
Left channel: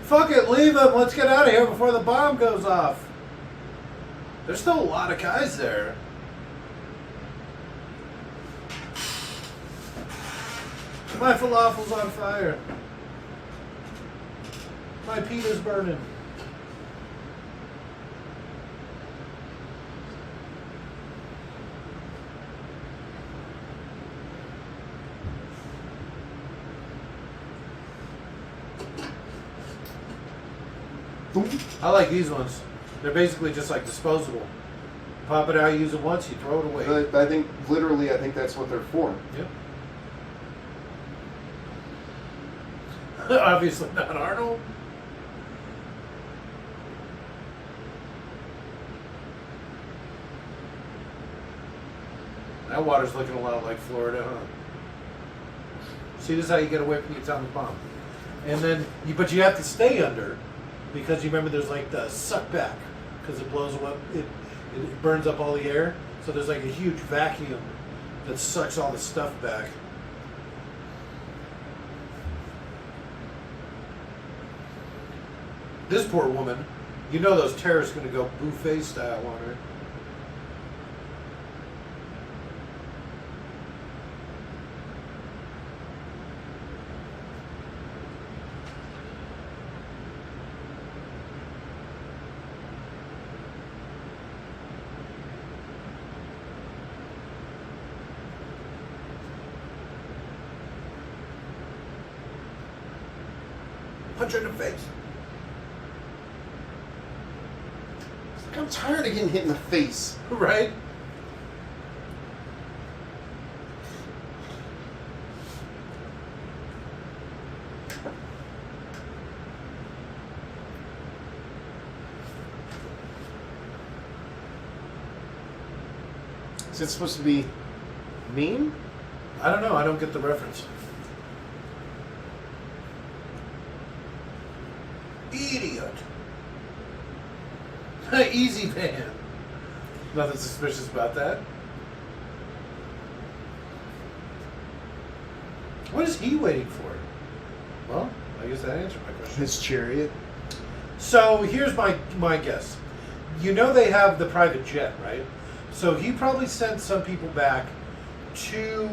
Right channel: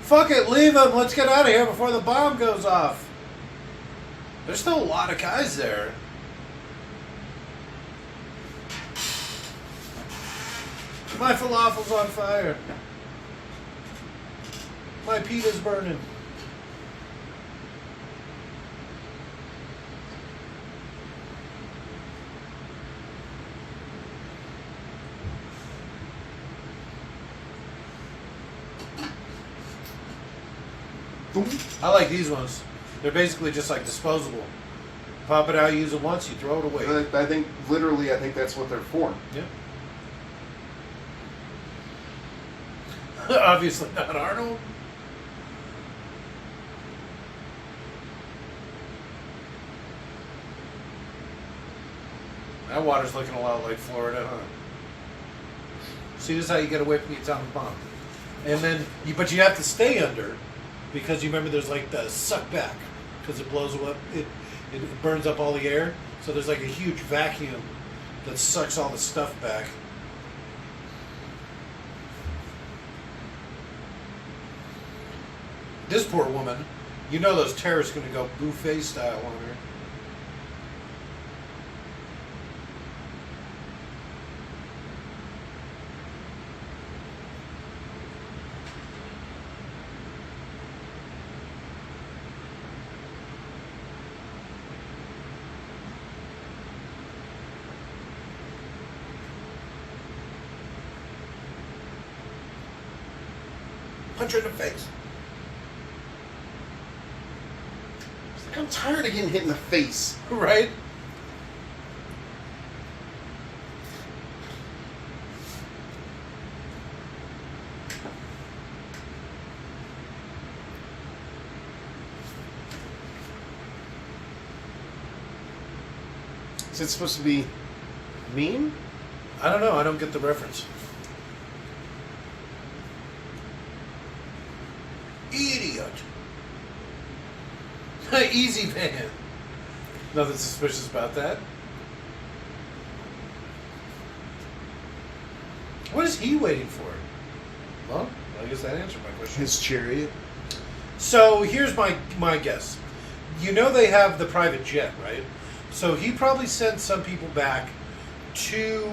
Fuck it, leave him. Let's get out of here before the bomb goes off. There's still a lot of guys there. My falafel's on fire. My pita's burning. I like these ones. They're basically just like disposable. Pop it out, use it once, you throw it away. I think that's what they're for. Yeah. Obviously not Arnold. That water's looking a lot like Florida, huh? See, this is how you get away from the atomic bomb. And then, but you have to stay under, because you remember there's like the suck back, because it blows up, it burns up all the air. So there's like a huge vacuum that sucks all the stuff back. This poor woman, you know those terrorists going to go buffet style on her. Punch her in the face. I'm tired of getting hit in the face. Right? Is it supposed to be mean? I don't know. I don't get the reference. Idiot. Easy man. Nothing suspicious about that. What is he waiting for? Well, I guess that answered my question. His chariot. So here's my guess. You know they have the private jet, right? So he probably sent some people back to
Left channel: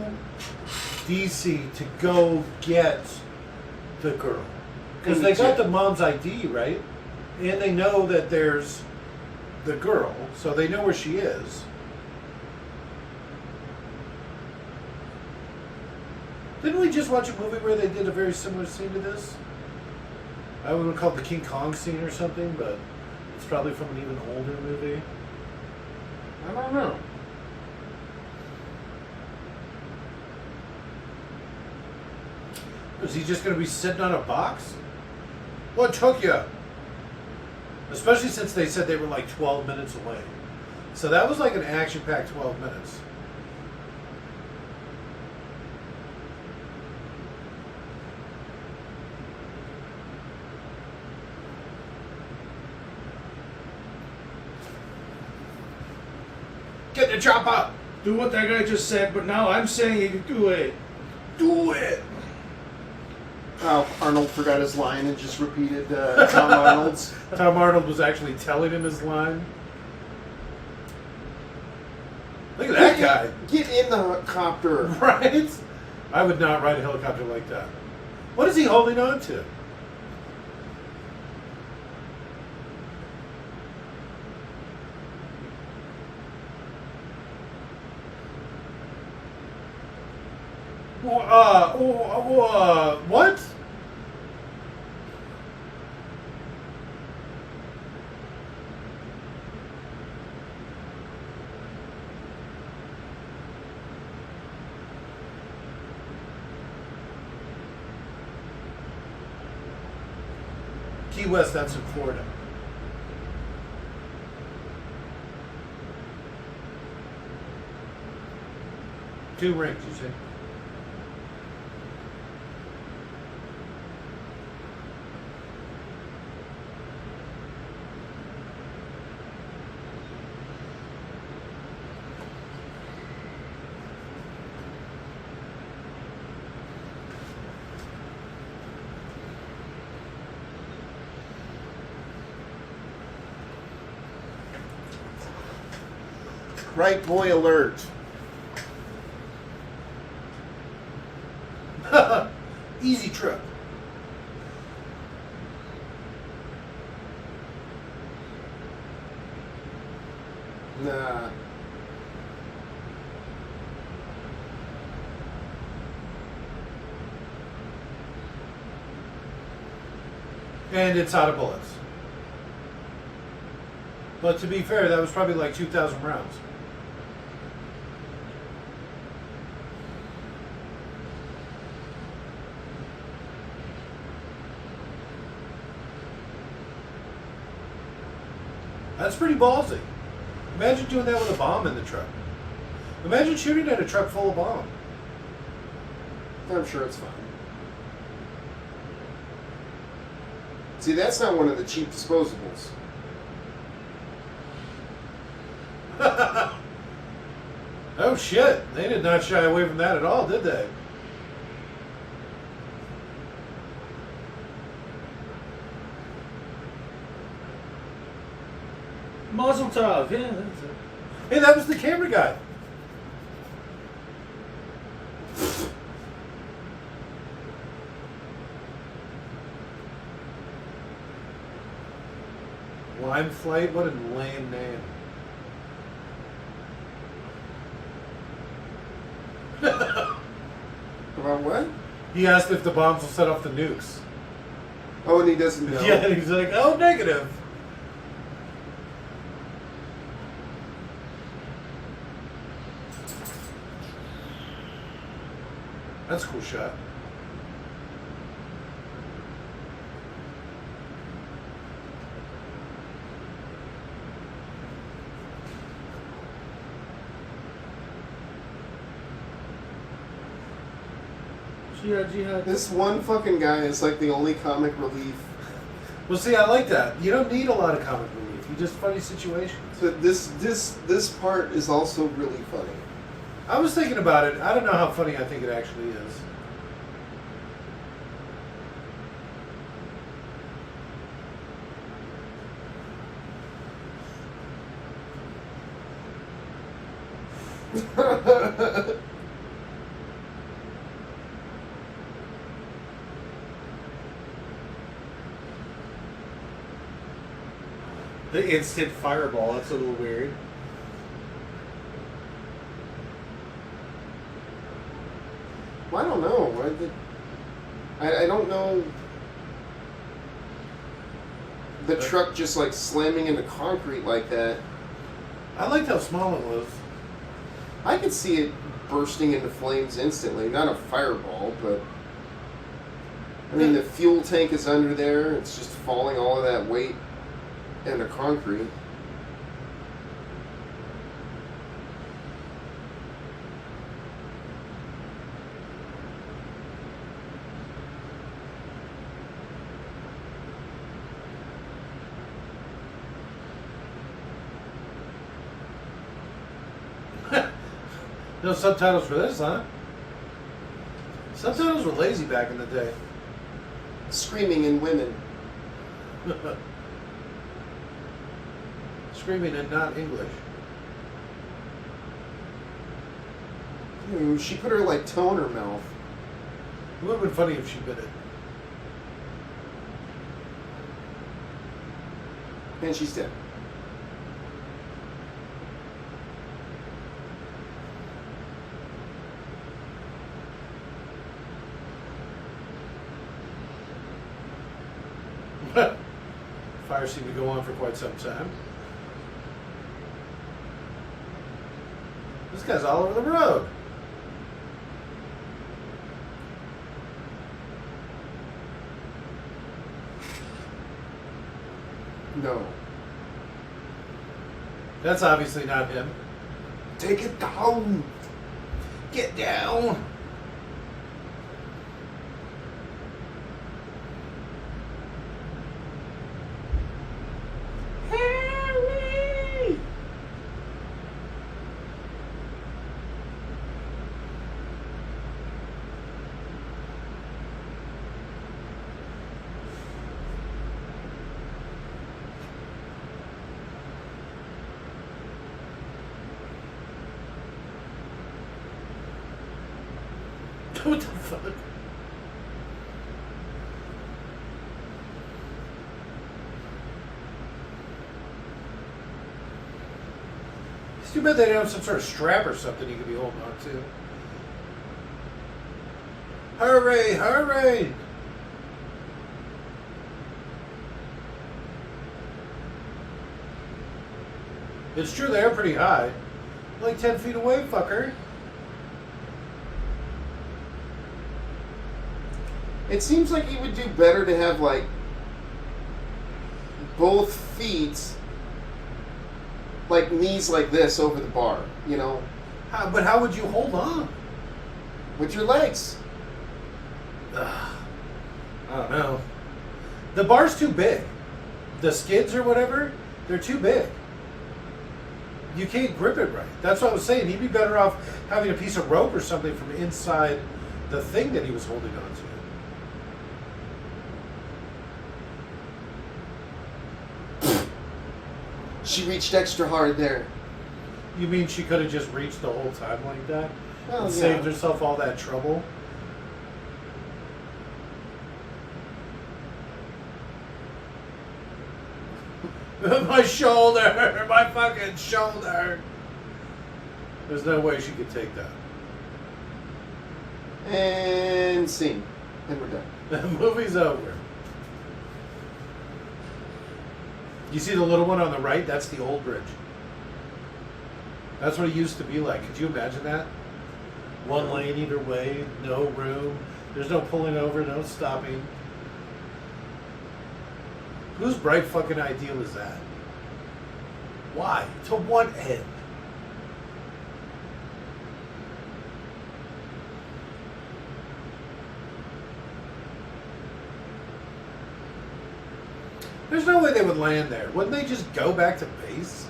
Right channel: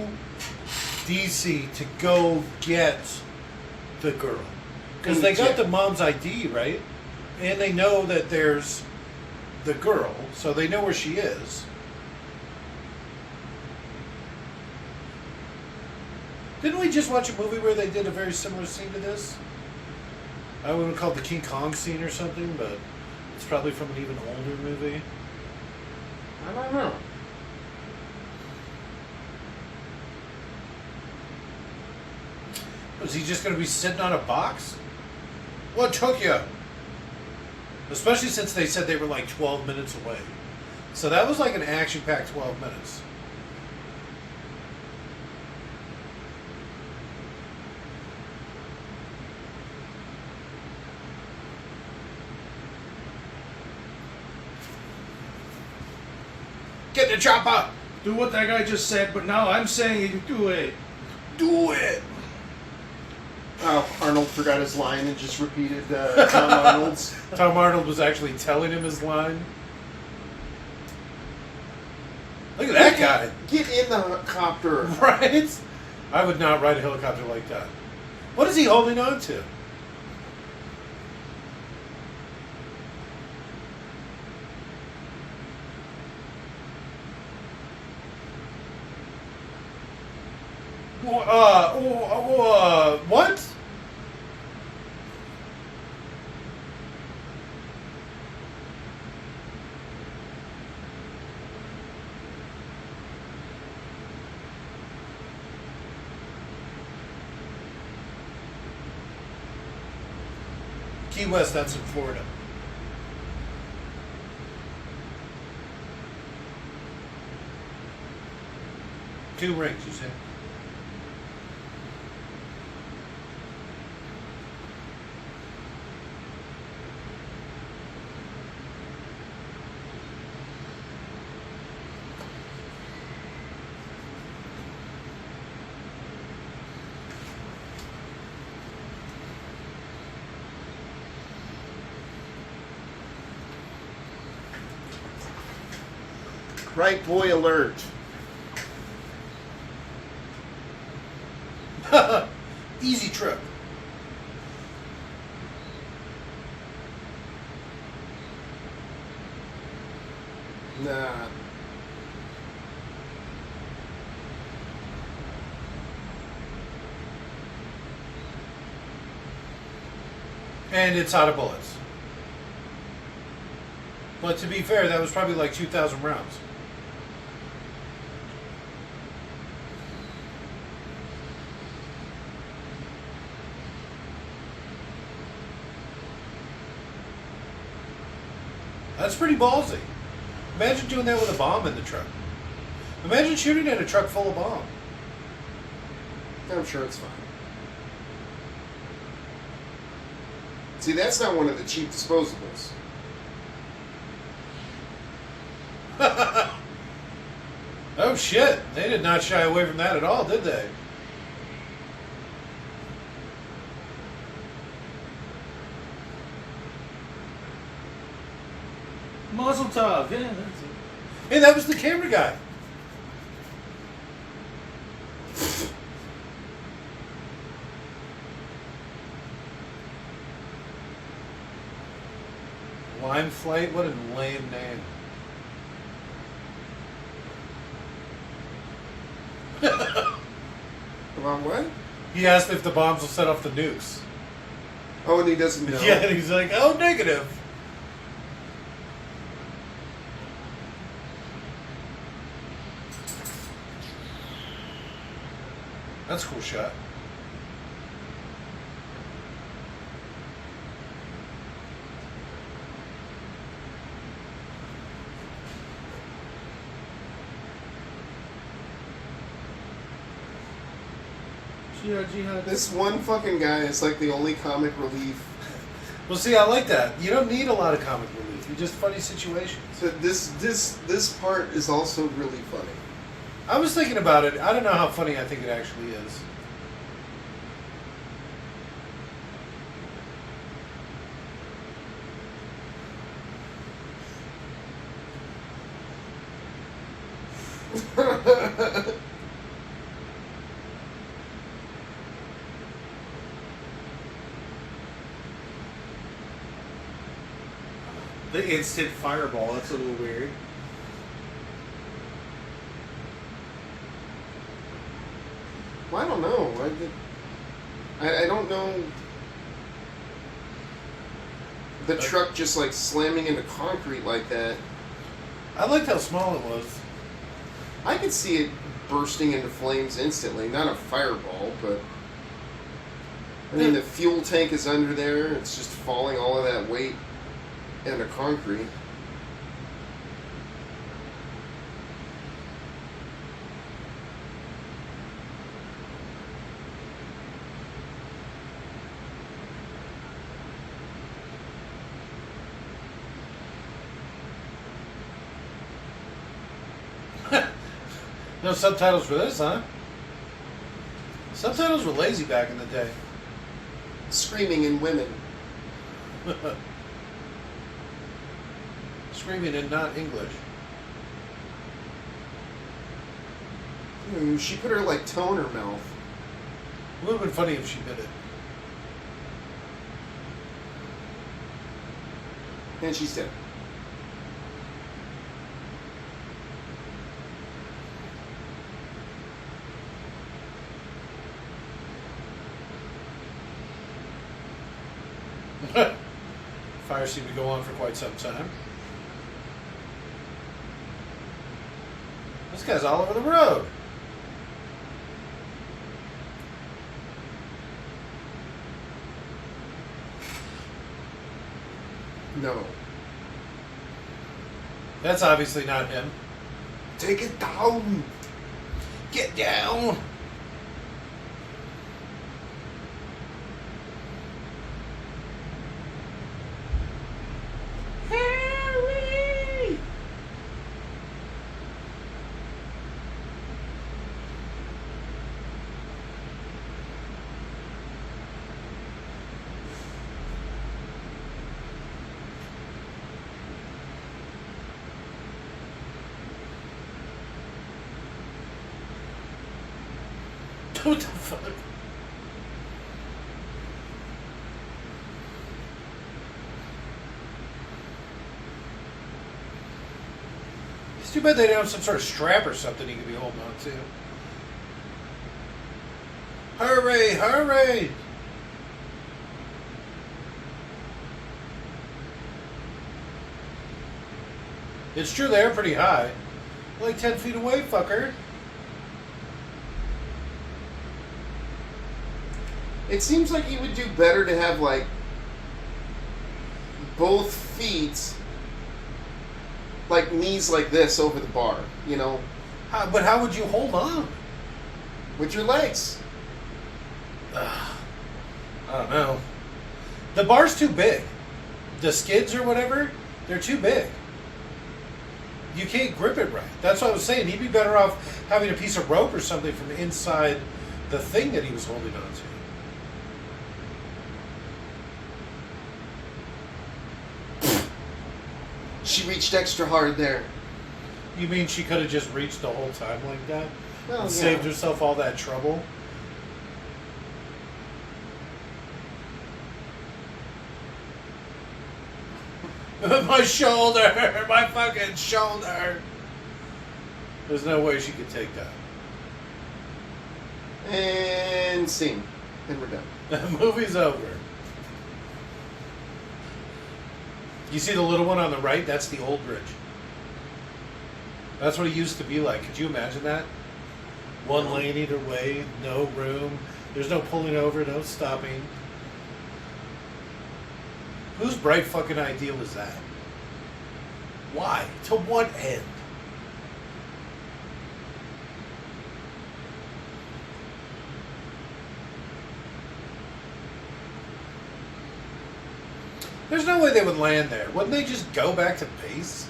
DC to go get the girl. Because they got the mom's ID, right? And they know that there's the girl, so they know where she is. Didn't we just watch a movie where they did a very similar scene to this? I wouldn't call it the King Kong scene or something, but it's probably from an even older movie. I don't know. Is he just going to be sitting on a box? What took you? Especially since they said they were like 12 minutes away. So that was like an action-packed 12 minutes. Get the chopper! Do what that guy just said, but now I'm saying you can do it. Do it! Oh, Arnold forgot his line and just repeated Tom Arnold's. Tom Arnold was actually telling him his line. Look at that guy. Get in the helicopter. Right? I would not ride a helicopter like that. What is he holding on to? What? Key West, that's in Florida. Two rings, you see? Right boy alert. Easy trip. Nah. And it's out of bullets. But to be fair, that was probably like 2,000 rounds. That's pretty ballsy. Imagine doing that with a bomb in the truck. Imagine shooting at a truck full of bomb. I'm sure it's fine. See, that's not one of the cheap disposables. Oh shit, they did not shy away from that at all, did they? Muzzle tov. Yeah, that's it. Hey, that was the camera guy. Lime Flight? What a lame name. About what? He asked if the bombs will set off the nukes. Oh, and he doesn't know. Yeah, he's like, oh, negative. That's a cool shot. This one fucking guy is like the only comic relief. Well, see, I like that. You don't need a lot of comic relief. You just funny situations. So this part is also really funny. I was thinking about it. I don't know how funny I think it actually is. The instant fireball. That's a little weird. Well, I don't know. I don't know. The truck just like slamming into concrete like that. I liked how small it was. I could see it bursting into flames instantly. Not a fireball, but I mean the fuel tank is under there. It's just falling all of that weight into concrete. No subtitles for this, huh? Subtitles were lazy back in the day. Screaming in women. Screaming and not English. Ooh, she put her like toe in her mouth. It would have been funny if she did it. And she's dead. Fire seemed to go on for quite some time. This guy's all over the road. No. That's obviously not him. Take it down. Get down. Harry! What the fuck? It's too bad they don't have some sort of strap or something you could be holding on to. Hurry, hurry! It's true, they are pretty high. Like 10 feet away, fucker. It seems like he would do better to have like both feet, like knees like this over the bar, you know, But how would you hold on? with your legs. I don't know. The bar's too big. The skids or whatever, they're too big. You can't grip it right. That's what I was saying. He'd be better off having a piece of rope or something from inside the thing that he was holding on to. She reached extra hard there. You mean she could have just reached the whole time like that? Well, And yeah. saved herself all that trouble? My shoulder! My fucking shoulder! There's no way she could take that. And scene. And we're done. The movie's over. You see the little one on the right? That's the old bridge. That's what it used to be like. Could you imagine that? One lane either way, no room. There's no pulling over, no stopping. Whose bright fucking ideal is that? Why? To what end? There's no way they would land there. Wouldn't they just go back to base?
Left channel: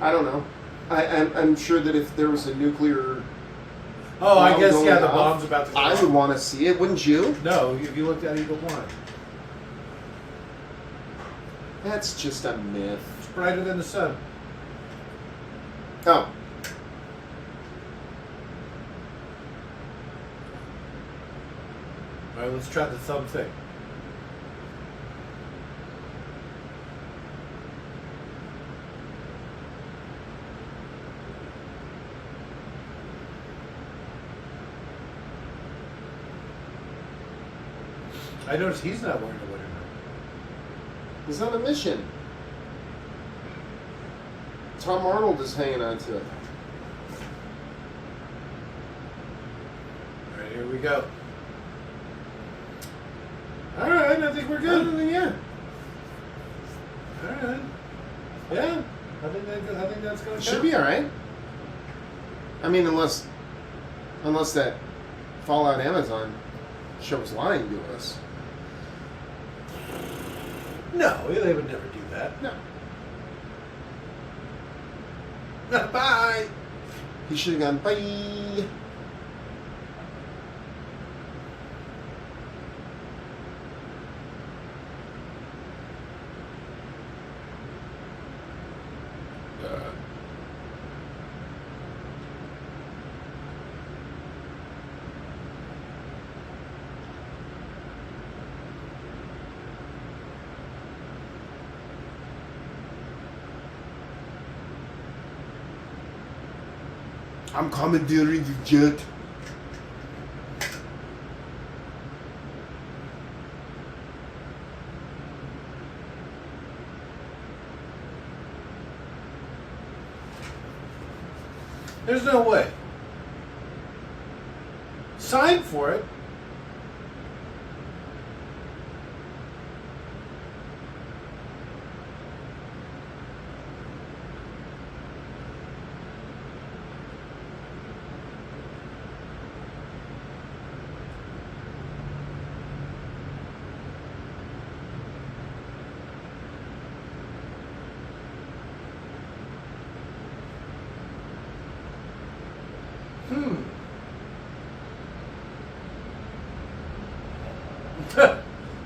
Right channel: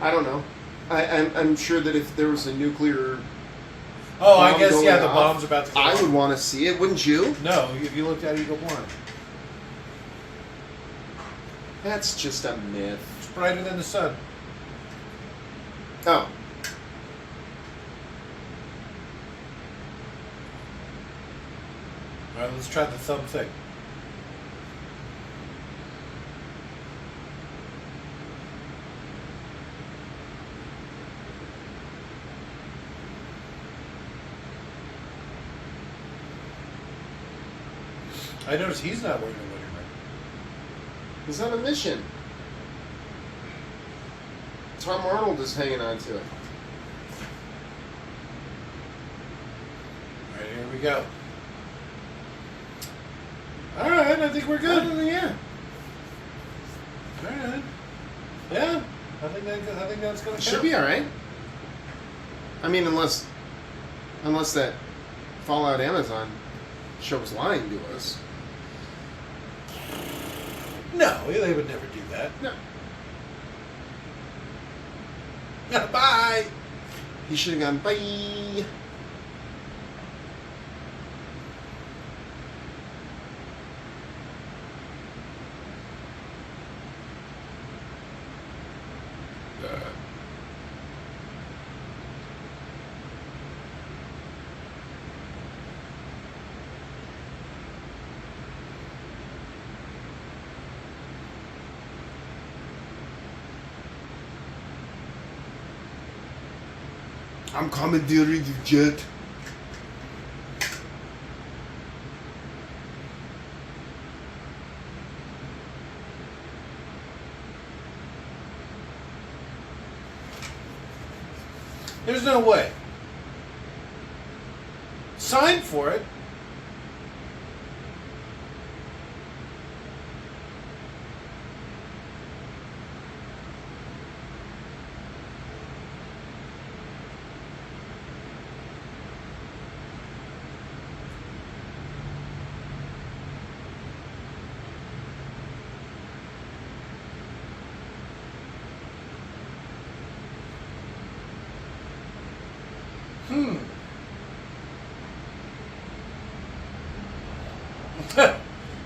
I don't know. I'm sure that if there was a nuclear Oh, I bomb guess, going yeah, the off, bomb's about to go I off. would want to see it, wouldn't you? No, if you looked at Eagle 1. That's just a myth. It's brighter than the sun. Oh. Alright, let's try the thumb thing. I noticed he's not wearing a wedding ring. He's on a mission. Tom Arnold is hanging on to it. All right, here we go. All right, I think we're good. Yeah. All right. Yeah, I think that's gonna Should be all right. I mean, unless that Fallout Amazon show was lying to us. No, they would never do that. No. Bye. He should have gone, bye. I'm commandeering the jet. There's no way. Sign for it.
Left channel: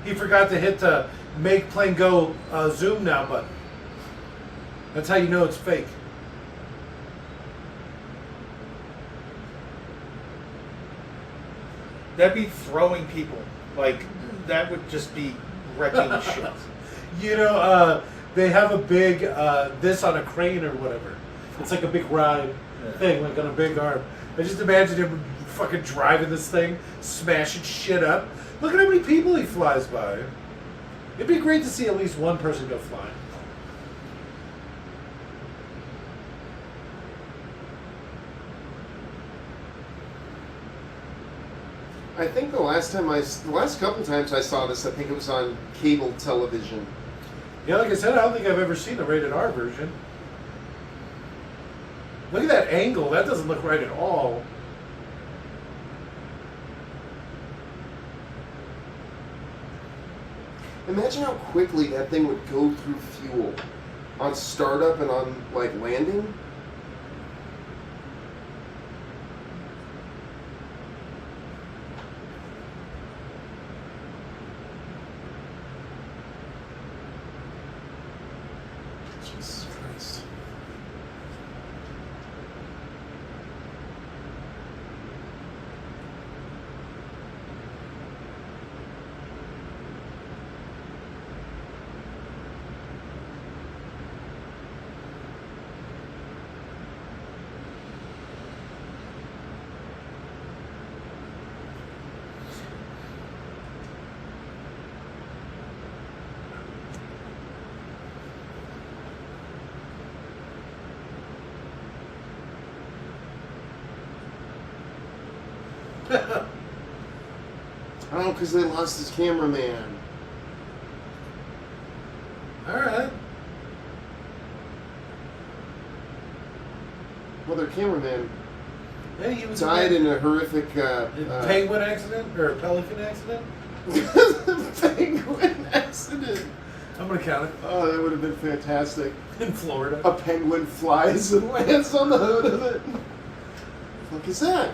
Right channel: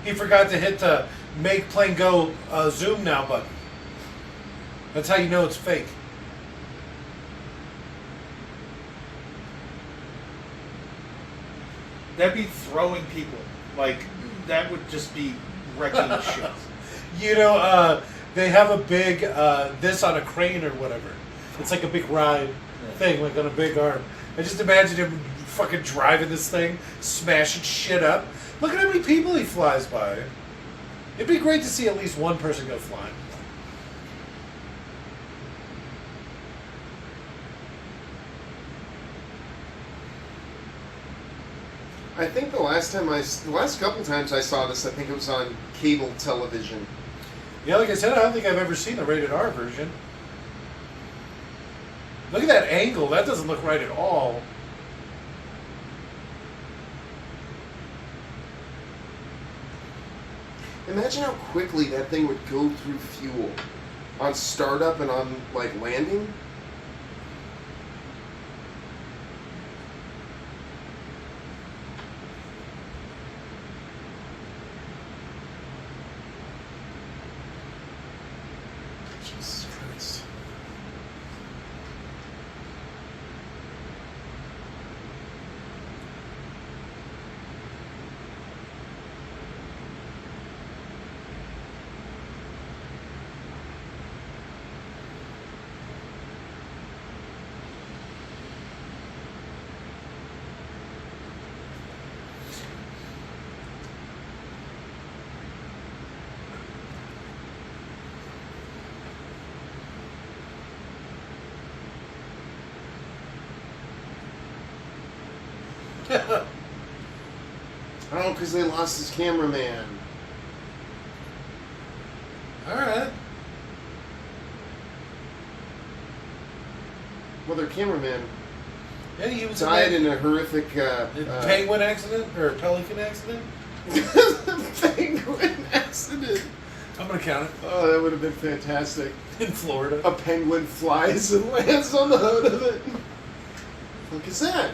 He forgot to hit the make plane go zoom now button. That's how you know it's fake. That'd be throwing people. Like, that would just be wrecking shit. You know, they have a big, this on a crane or whatever. It's like a big ride thing, like on a big arm. I just imagine him fucking driving this thing, smashing shit up. Look at how many people he flies by. It'd be great to see at least one person go flying. I think the last couple times I saw this, I think it was on cable television. Yeah, like I said, I don't think I've ever seen a rated R version. Look at that angle. That doesn't look right at all. Imagine how quickly that thing would go through fuel on startup and on like landing. Jesus Christ. Oh, because they lost his cameraman. Alright. Well, their cameraman Yeah, he was died in a horrific penguin accident or a pelican accident. penguin accident. I'm gonna count it. Oh, that would have been fantastic. In Florida. A penguin flies and lands on the hood of it. What the fuck is that?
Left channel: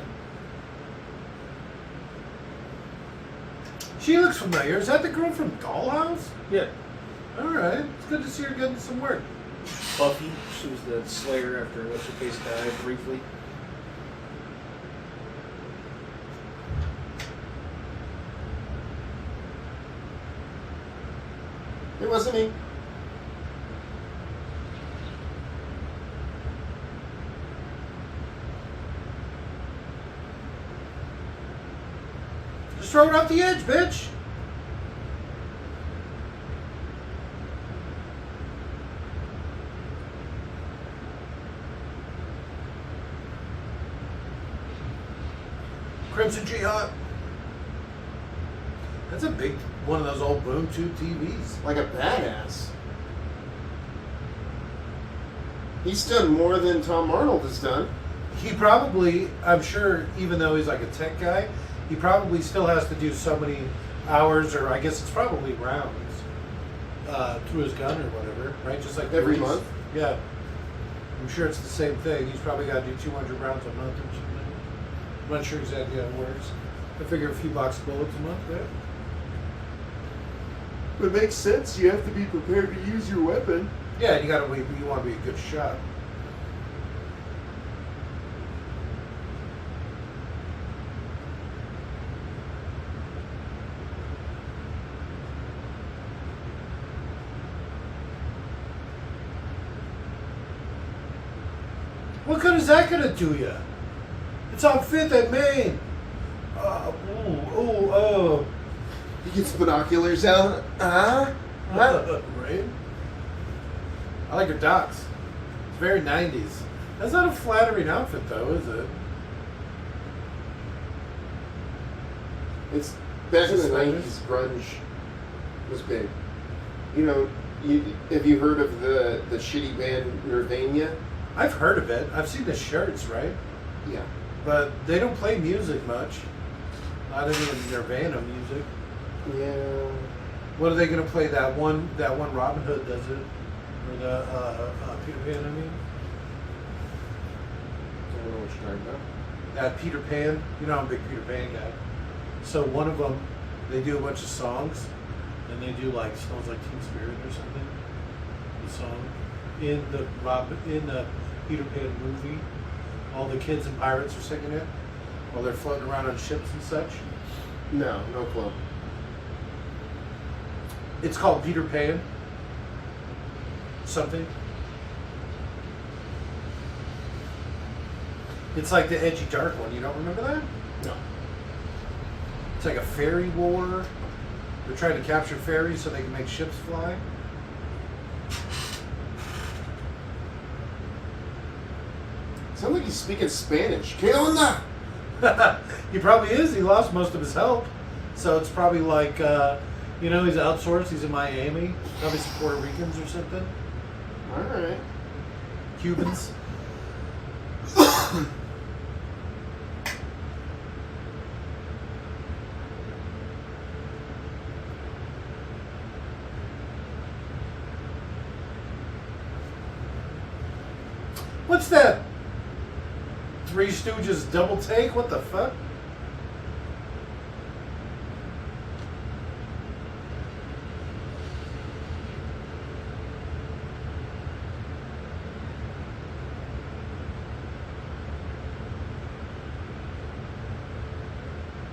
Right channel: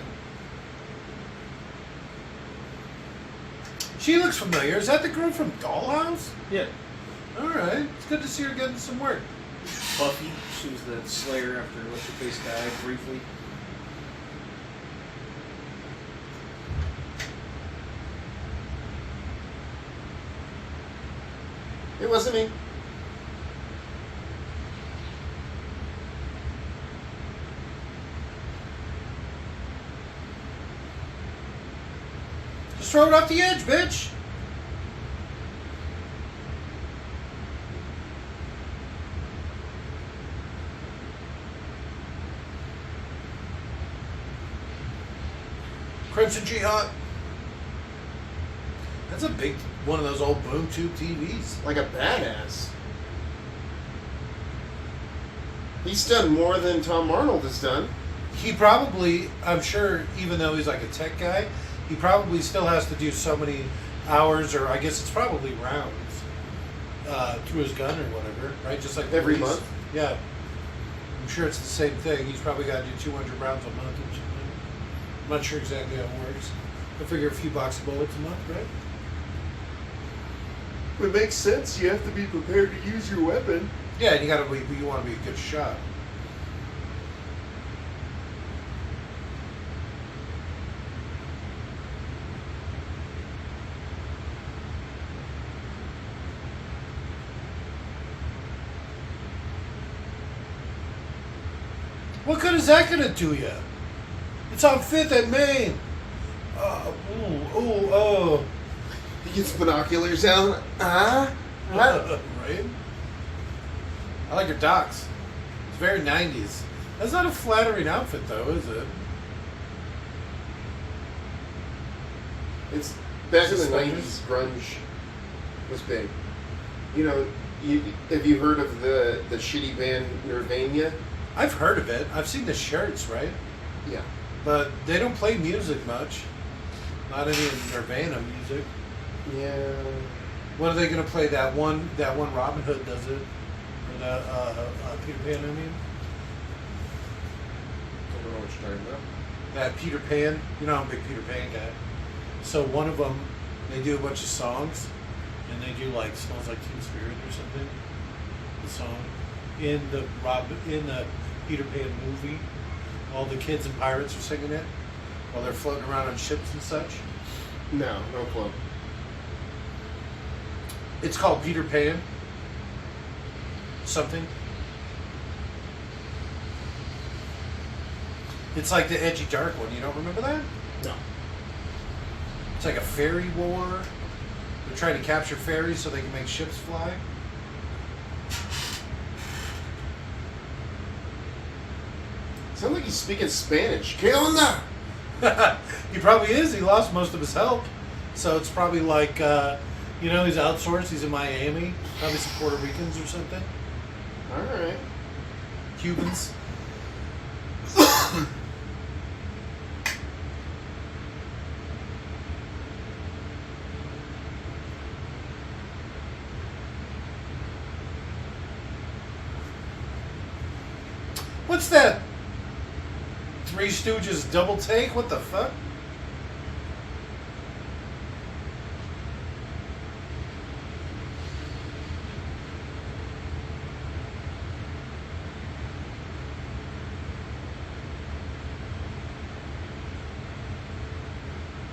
She looks familiar. Is that the girl from Dollhouse? Yeah. Alright. It's good to see her getting some work. Buffy, she was the Slayer after what's-her-face died briefly. It wasn't me. Just throw it off the edge, bitch. Crimson Jihad. That's a big one of those old boom tube TVs. Like a badass. He's done more than Tom Arnold has done. He probably, I'm sure, even though he's like a tech guy, he probably still has to do so many hours, or I guess it's probably rounds, through his gun or whatever, right? Just like Every police. month? Yeah. I'm sure it's the same thing. He's probably got to do 200 rounds a month or something. I'm not sure exactly how it works. I figure a few box of bullets a month, right? It makes sense. You have to be prepared to use your weapon. Yeah, and you want to be a good shot. What good is that going to do you? It's on 5th and Main. Oh. He gets binoculars out. Right? I like your docs. It's very 90s. That's not a flattering outfit, though, is it? It's back in the Suspenders? 90s, grunge was big. You know, have you heard of the shitty band Nirvana? I've heard of it. I've seen the shirts, right? Yeah. But they don't play music much. Not any Nirvana music. Yeah. What are they going to play? That one Robin Hood does it. Or the Peter Pan, I mean. I don't know what you're talking about. That Peter Pan. You know I'm a big Peter Pan guy. So one of them, they do a bunch of songs. And they do like Smells Like Teen Spirit or something. The song. In the Peter Pan movie. All the kids and pirates are singing it. While they're floating around on ships and such. No clue. It's called Peter Pan. Something. It's like the edgy dark one. You don't remember that? No. It's like a fairy war. They're trying to capture fairies so they can make ships fly. Sounds like he's speaking Spanish. ¿Qué onda? He probably is. He lost most of his help. So it's probably like, he's outsourced. He's in Miami. Probably some Puerto Ricans or something. All right. Cubans. What's that? Three Stooges double take? What the fuck?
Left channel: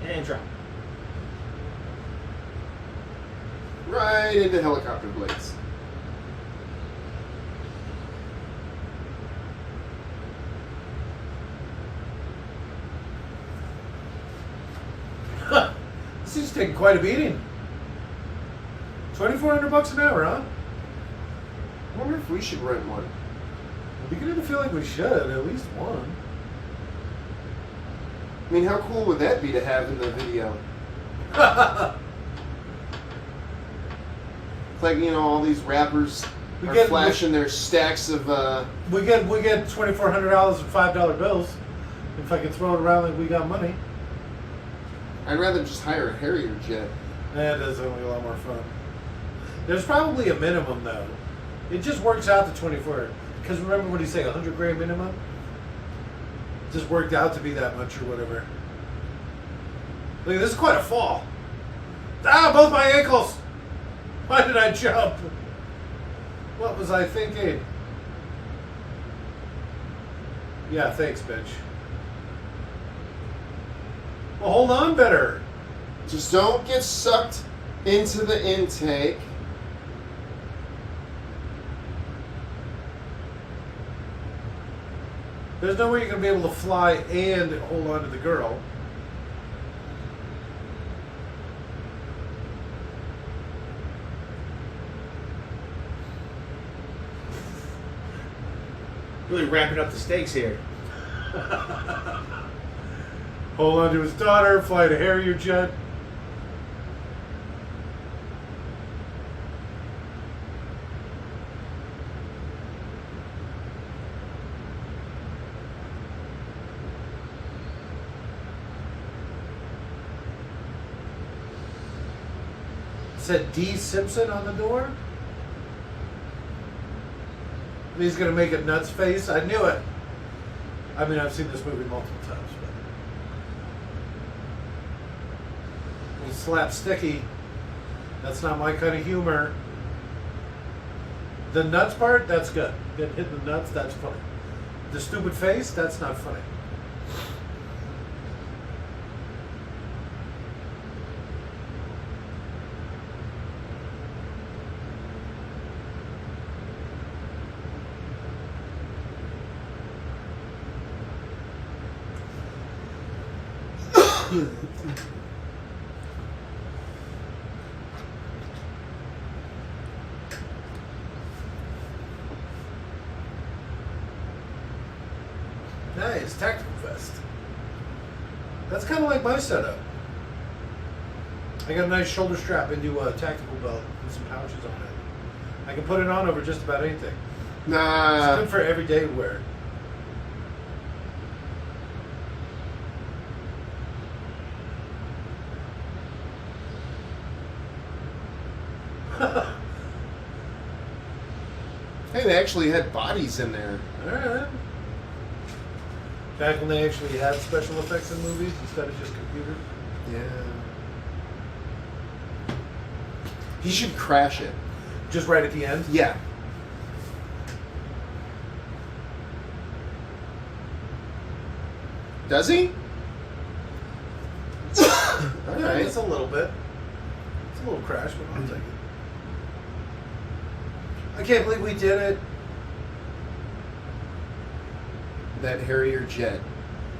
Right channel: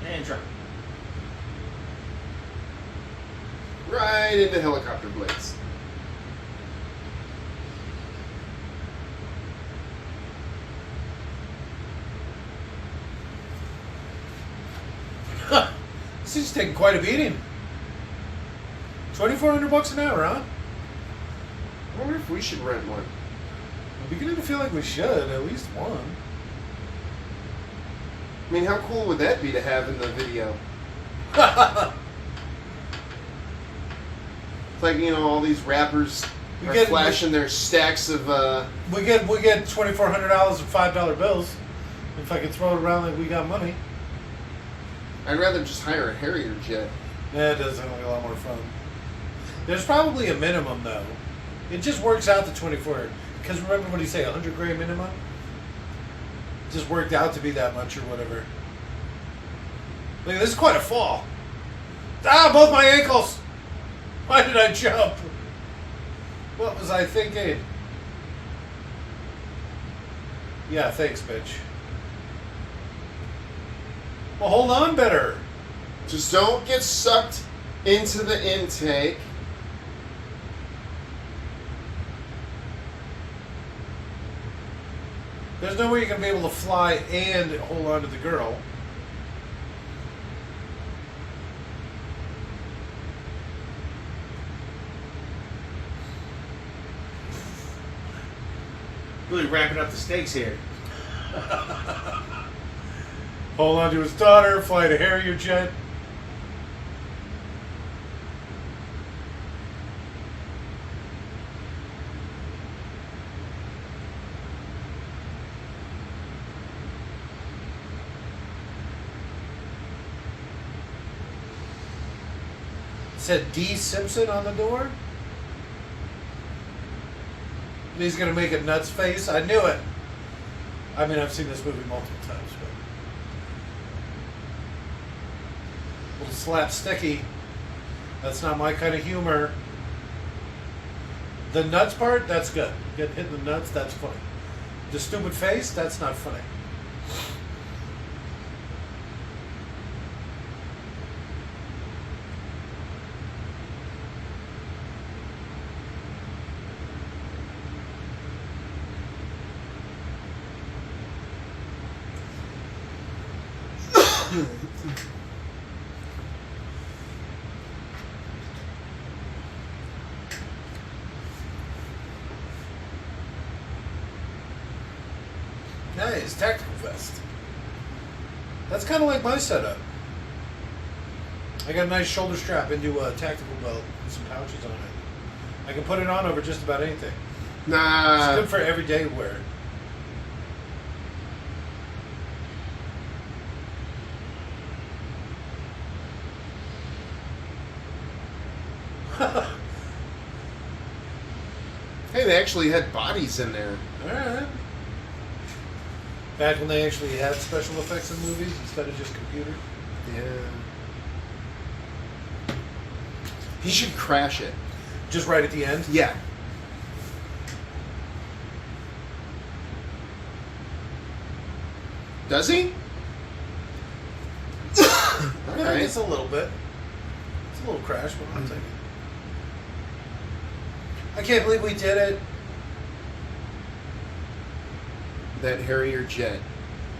And drop. Right into helicopter blades. This thing's taking quite a beating. $2,400 an hour, huh? I wonder if we should rent one. I'm beginning to feel like we should, at least one. I mean, how cool would that be to have in the video? Like, all these rappers are flashing their stacks of, We get $2,400 in $5 bills. If I can throw it around like we got money. I'd rather just hire a Harrier jet. That does sound like a lot more fun. There's probably a minimum though. It just works out to 24. Because remember what he say, $100,000 minimum? It just worked out to be that much or whatever. Look, this is quite a fall. Ah, both my ankles! Why did I jump? What was I thinking? Yeah, thanks, bitch. Well, hold on better. Just don't get sucked into the intake. There's no way you're going to be able to fly and hold on to the girl. Really ramping up the stakes here. hold on to his daughter, fly the Harrier jet. It said D. Simpson on the door. And he's gonna make a nuts face. I knew it. I mean, I've seen this movie multiple times, but slapsticky. That's not my kind of humor. The nuts part, that's good. Get hit in the nuts, that's funny. The stupid face, that's not funny. Nice, tactical vest. That's kind of like my setup. I got a nice shoulder strap into a tactical belt with some pouches on it. I can put it on over just about anything. Nah. It's good for everyday wear. Hey, they actually had bodies in there. Alright. Back when they actually had special effects in movies instead of just computer. Yeah. He should crash it. Just right at the end? Yeah. Does he? Yeah, Alright. it's a little bit. It's a little crash, but I'll take it. I can't believe we did it. That Harrier jet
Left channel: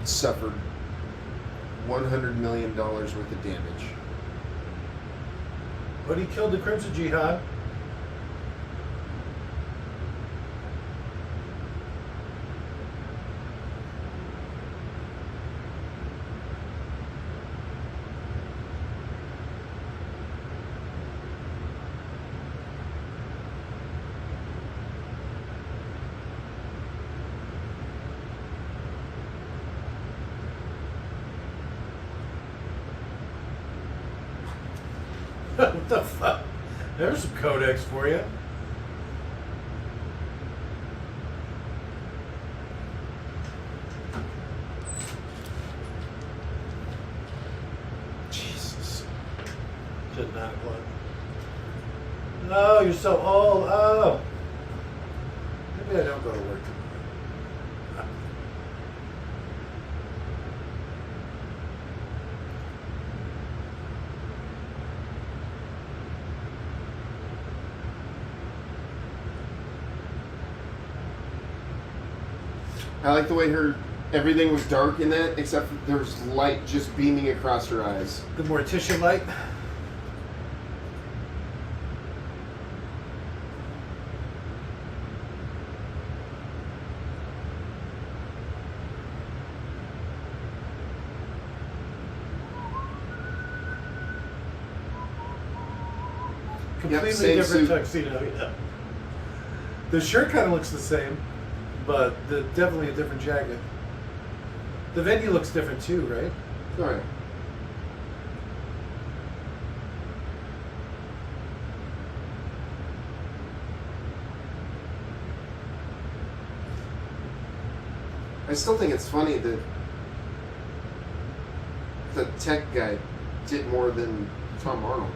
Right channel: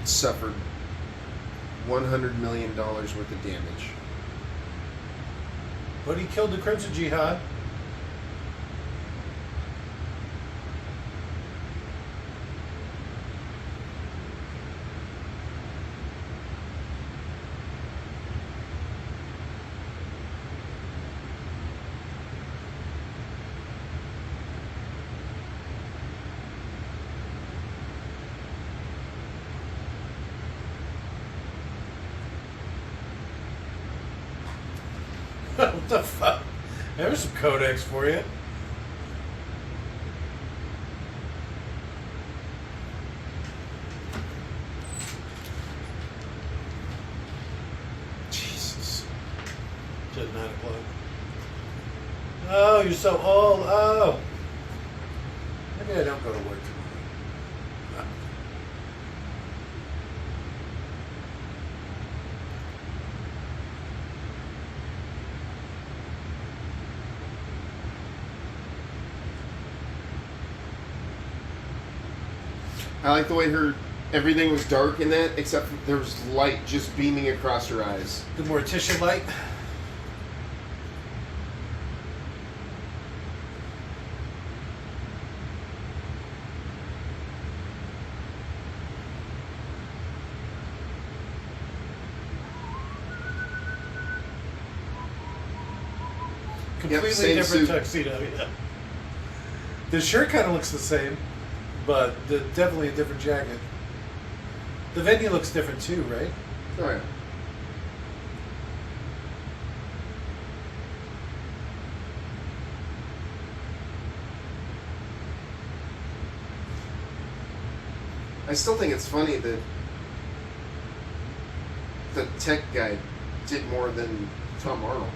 suffered $100 million worth of damage. But he killed the Crimson Jihad. What the fuck? There's some codex for you. Jesus. It's at 9 o'clock. Oh, you're so old. Oh. Maybe I don't go to work tomorrow. I like the way everything was dark in that, except for there was light just beaming across her eyes. The mortician light. Completely same different suit. tuxedo, yeah. The shirt kind of looks the same, but definitely a different jacket. The venue looks different too, right? Oh yeah. I still think it's funny that the tech guy did more than Tom Arnold.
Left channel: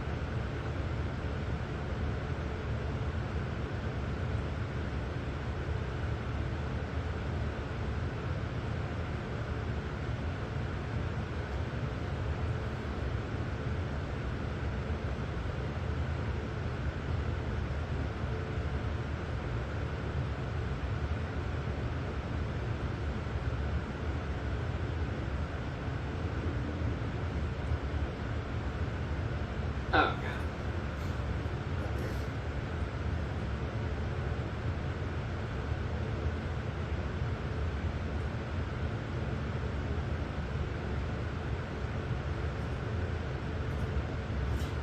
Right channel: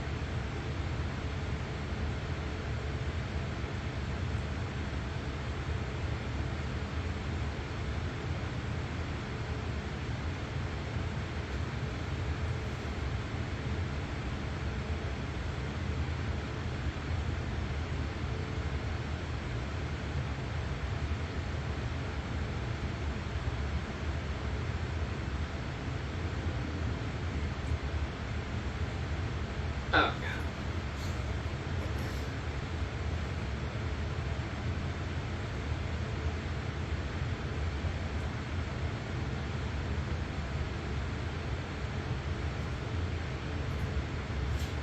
Oh, God.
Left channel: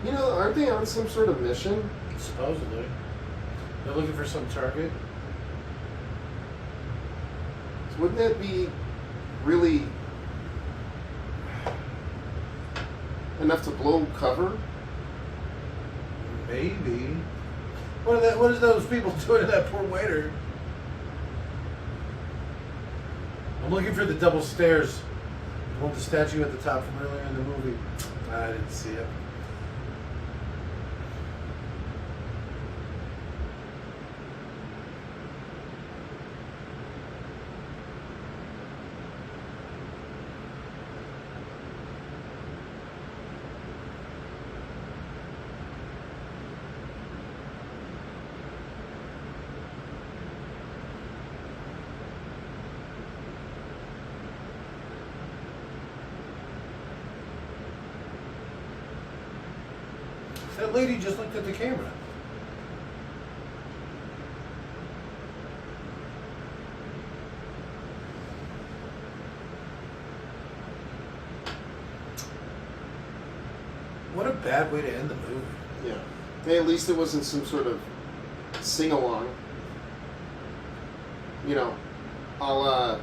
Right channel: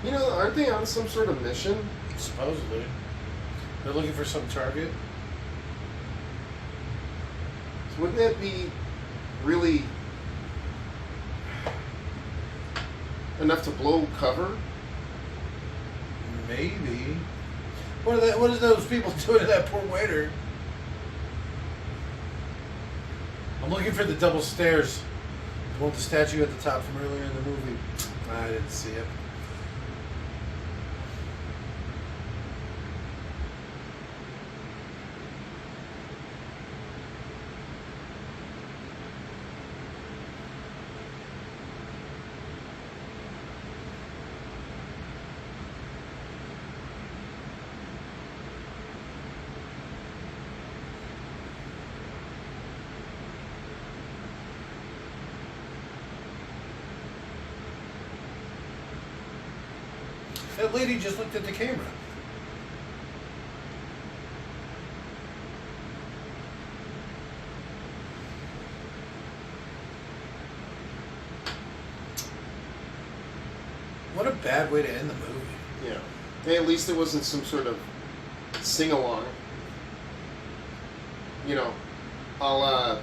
You know, aren't they on some sort of mission? Supposedly. They're looking for some target. So wouldn't that be really enough to blow cover? Maybe. What is those people doing to that poor waiter? I'm looking for the double stairs. I want the statue at the top from earlier in the movie. I didn't see it. That lady just looked at the camera. What a bad way to end the movie. Yeah. Hey, at least it wasn't some sort of sing-along. You know, a la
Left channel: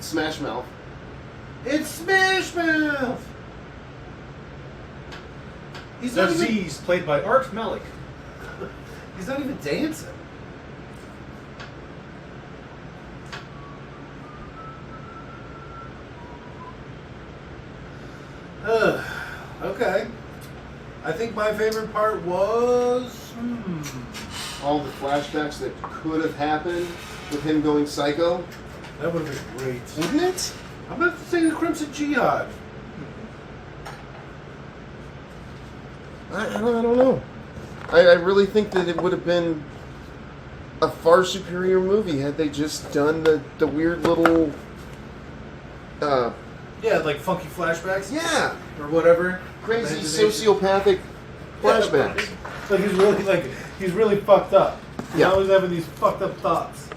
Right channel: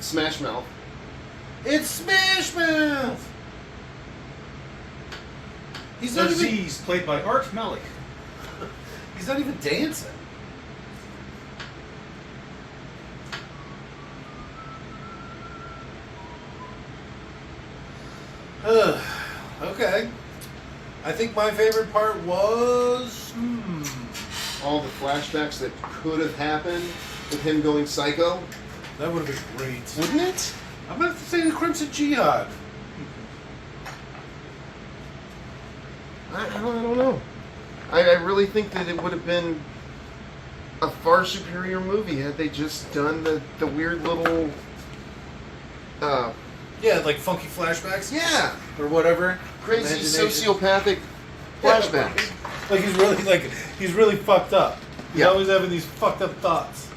Smash Mouth. It's Smash Mouth! He's not even, Aziz, played by Art Malik. he's not even dancing. Okay. I think my favorite part was... All the flashbacks that could have happened with him going psycho. That would have been great. Wouldn't it? I'm going to have to say the Crimson Jihad. I don't know. I really think that it would have been a far superior movie had they just done the weird little... Yeah, like funky flashbacks. Yeah. Or whatever. Crazy Imagination. sociopathic flashbacks. Like he's really fucked up. He's Yeah. always having these fucked up thoughts.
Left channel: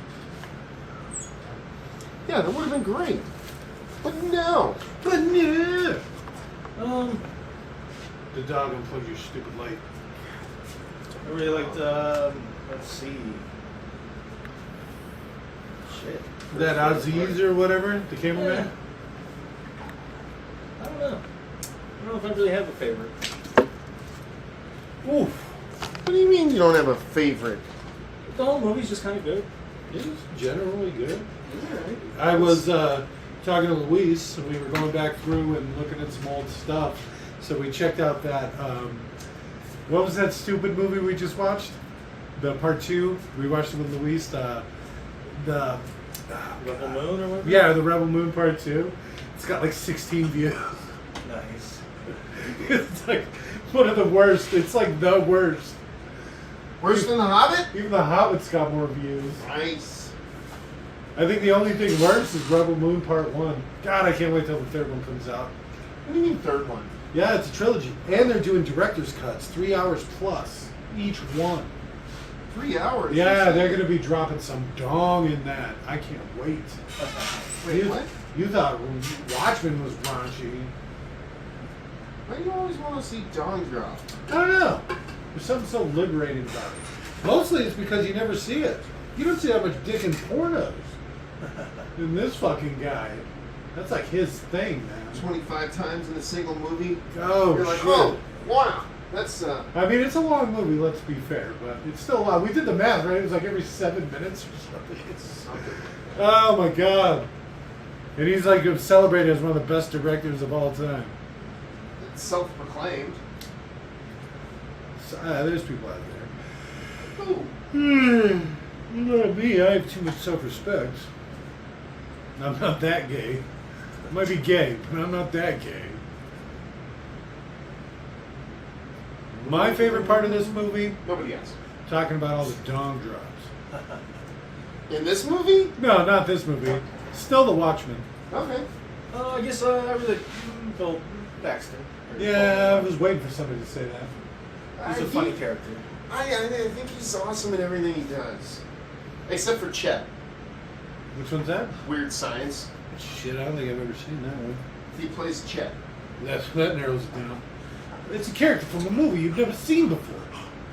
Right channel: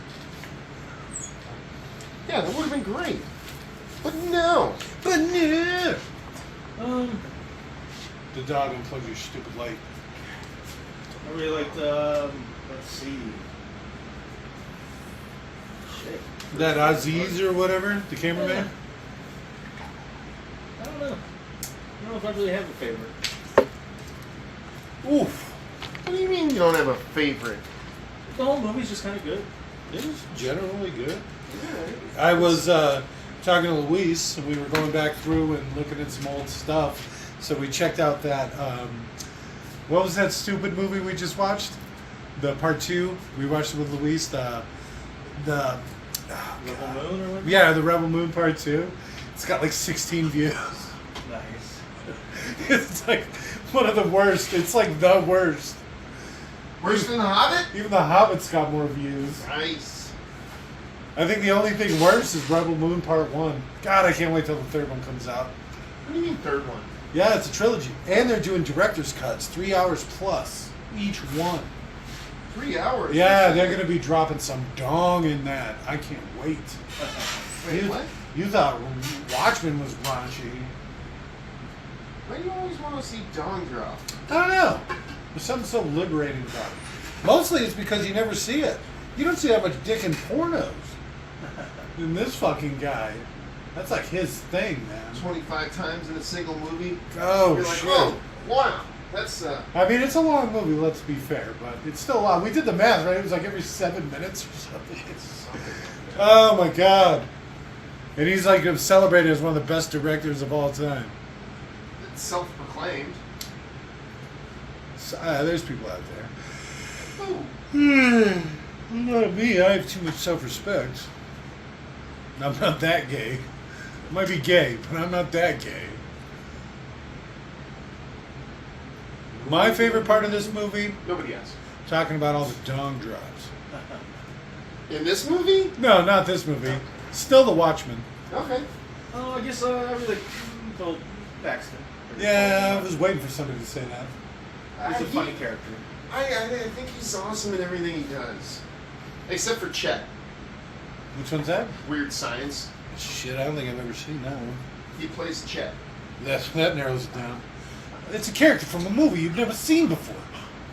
Yeah, that would have been great. But no. But no. The dog unplugged your stupid light. I really liked, let's see. Shit. That Aziz or whatever, the cameraman. I don't know. I don't know if I really have a favorite. Oof. What do you mean you don't have a favorite? The whole movie's just kind of good. It was generally good. Alright. I was talking to Luis, and we were going back through and looking at some old stuff. So we checked out that, what was that stupid movie we just watched? The part 2. We watched it with Luis, the Rebel Moon or what? yeah, the Rebel Moon part 2. It's got like 16 views. Nice. It's like one of the worst. It's like the worst. Worse than The Hobbit? Even The Hobbit's got more views. Nice. I think the only thing worse is Rebel Moon Part 1. God, I can't wait till the third one comes out. What do you mean third one? Yeah, it's a trilogy. And they're doing director's cuts, 3 hours plus each one. 3 hours? Yeah, they're going to be dropping some dong in that. I can't wait. Wait, you, what? You thought Watchmen was raunchy. Why do you always want to see Dawn drop? I don't know. There's something so liberating about it. Mostly it's because you never see it. You don't see that much dick in pornos. Than this fucking guy. That's like his thing, man. 25 times in a single movie? Oh, You're like, shit. oh, wow. That's, I mean, it's a long movie, let's be fair, but it's still long. We did the math, right? It was like every 7 minutes or something. Oh, my God. And he's like celebrated as one of the best directors of all time. it's self-proclaimed. So, there's people out there. Ooh. Not me. I have too much self-respect. I'm not that gay. I might be gay, but I'm not that gay. My favorite part of this movie, Nobody else. talking about all the dong drops. In this movie? No, not this movie. Still The Watchmen. Okay. I guess I really Bill Paxton. Yeah, I was waiting for somebody to say that. He's a funny character. I think he's awesome in everything he does. Except for Chet. Which one's that? Weird Science. Shit, I don't think I've ever seen that one. He plays Chet. Yes, that narrows it down. It's a character from a movie you've never seen before.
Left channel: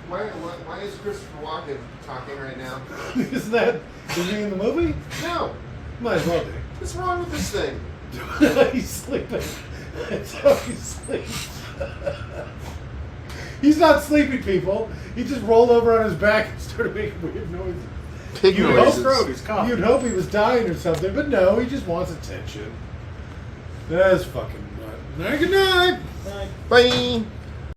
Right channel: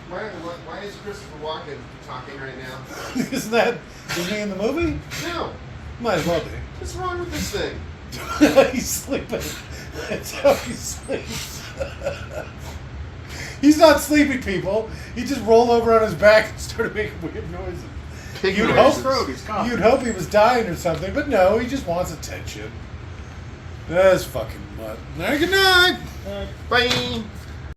Why is Christopher Walken talking right now? Is he in the movie? No. Might as well be. What's wrong with this thing? He's sleeping. That's how he sleeps. He's not sleeping, people. He just rolled over on his back and started making weird noises. Pig You'd noises. You'd hope he was dying or something, but no, he just wants attention. That's fucking nut. All right, good night. Bye.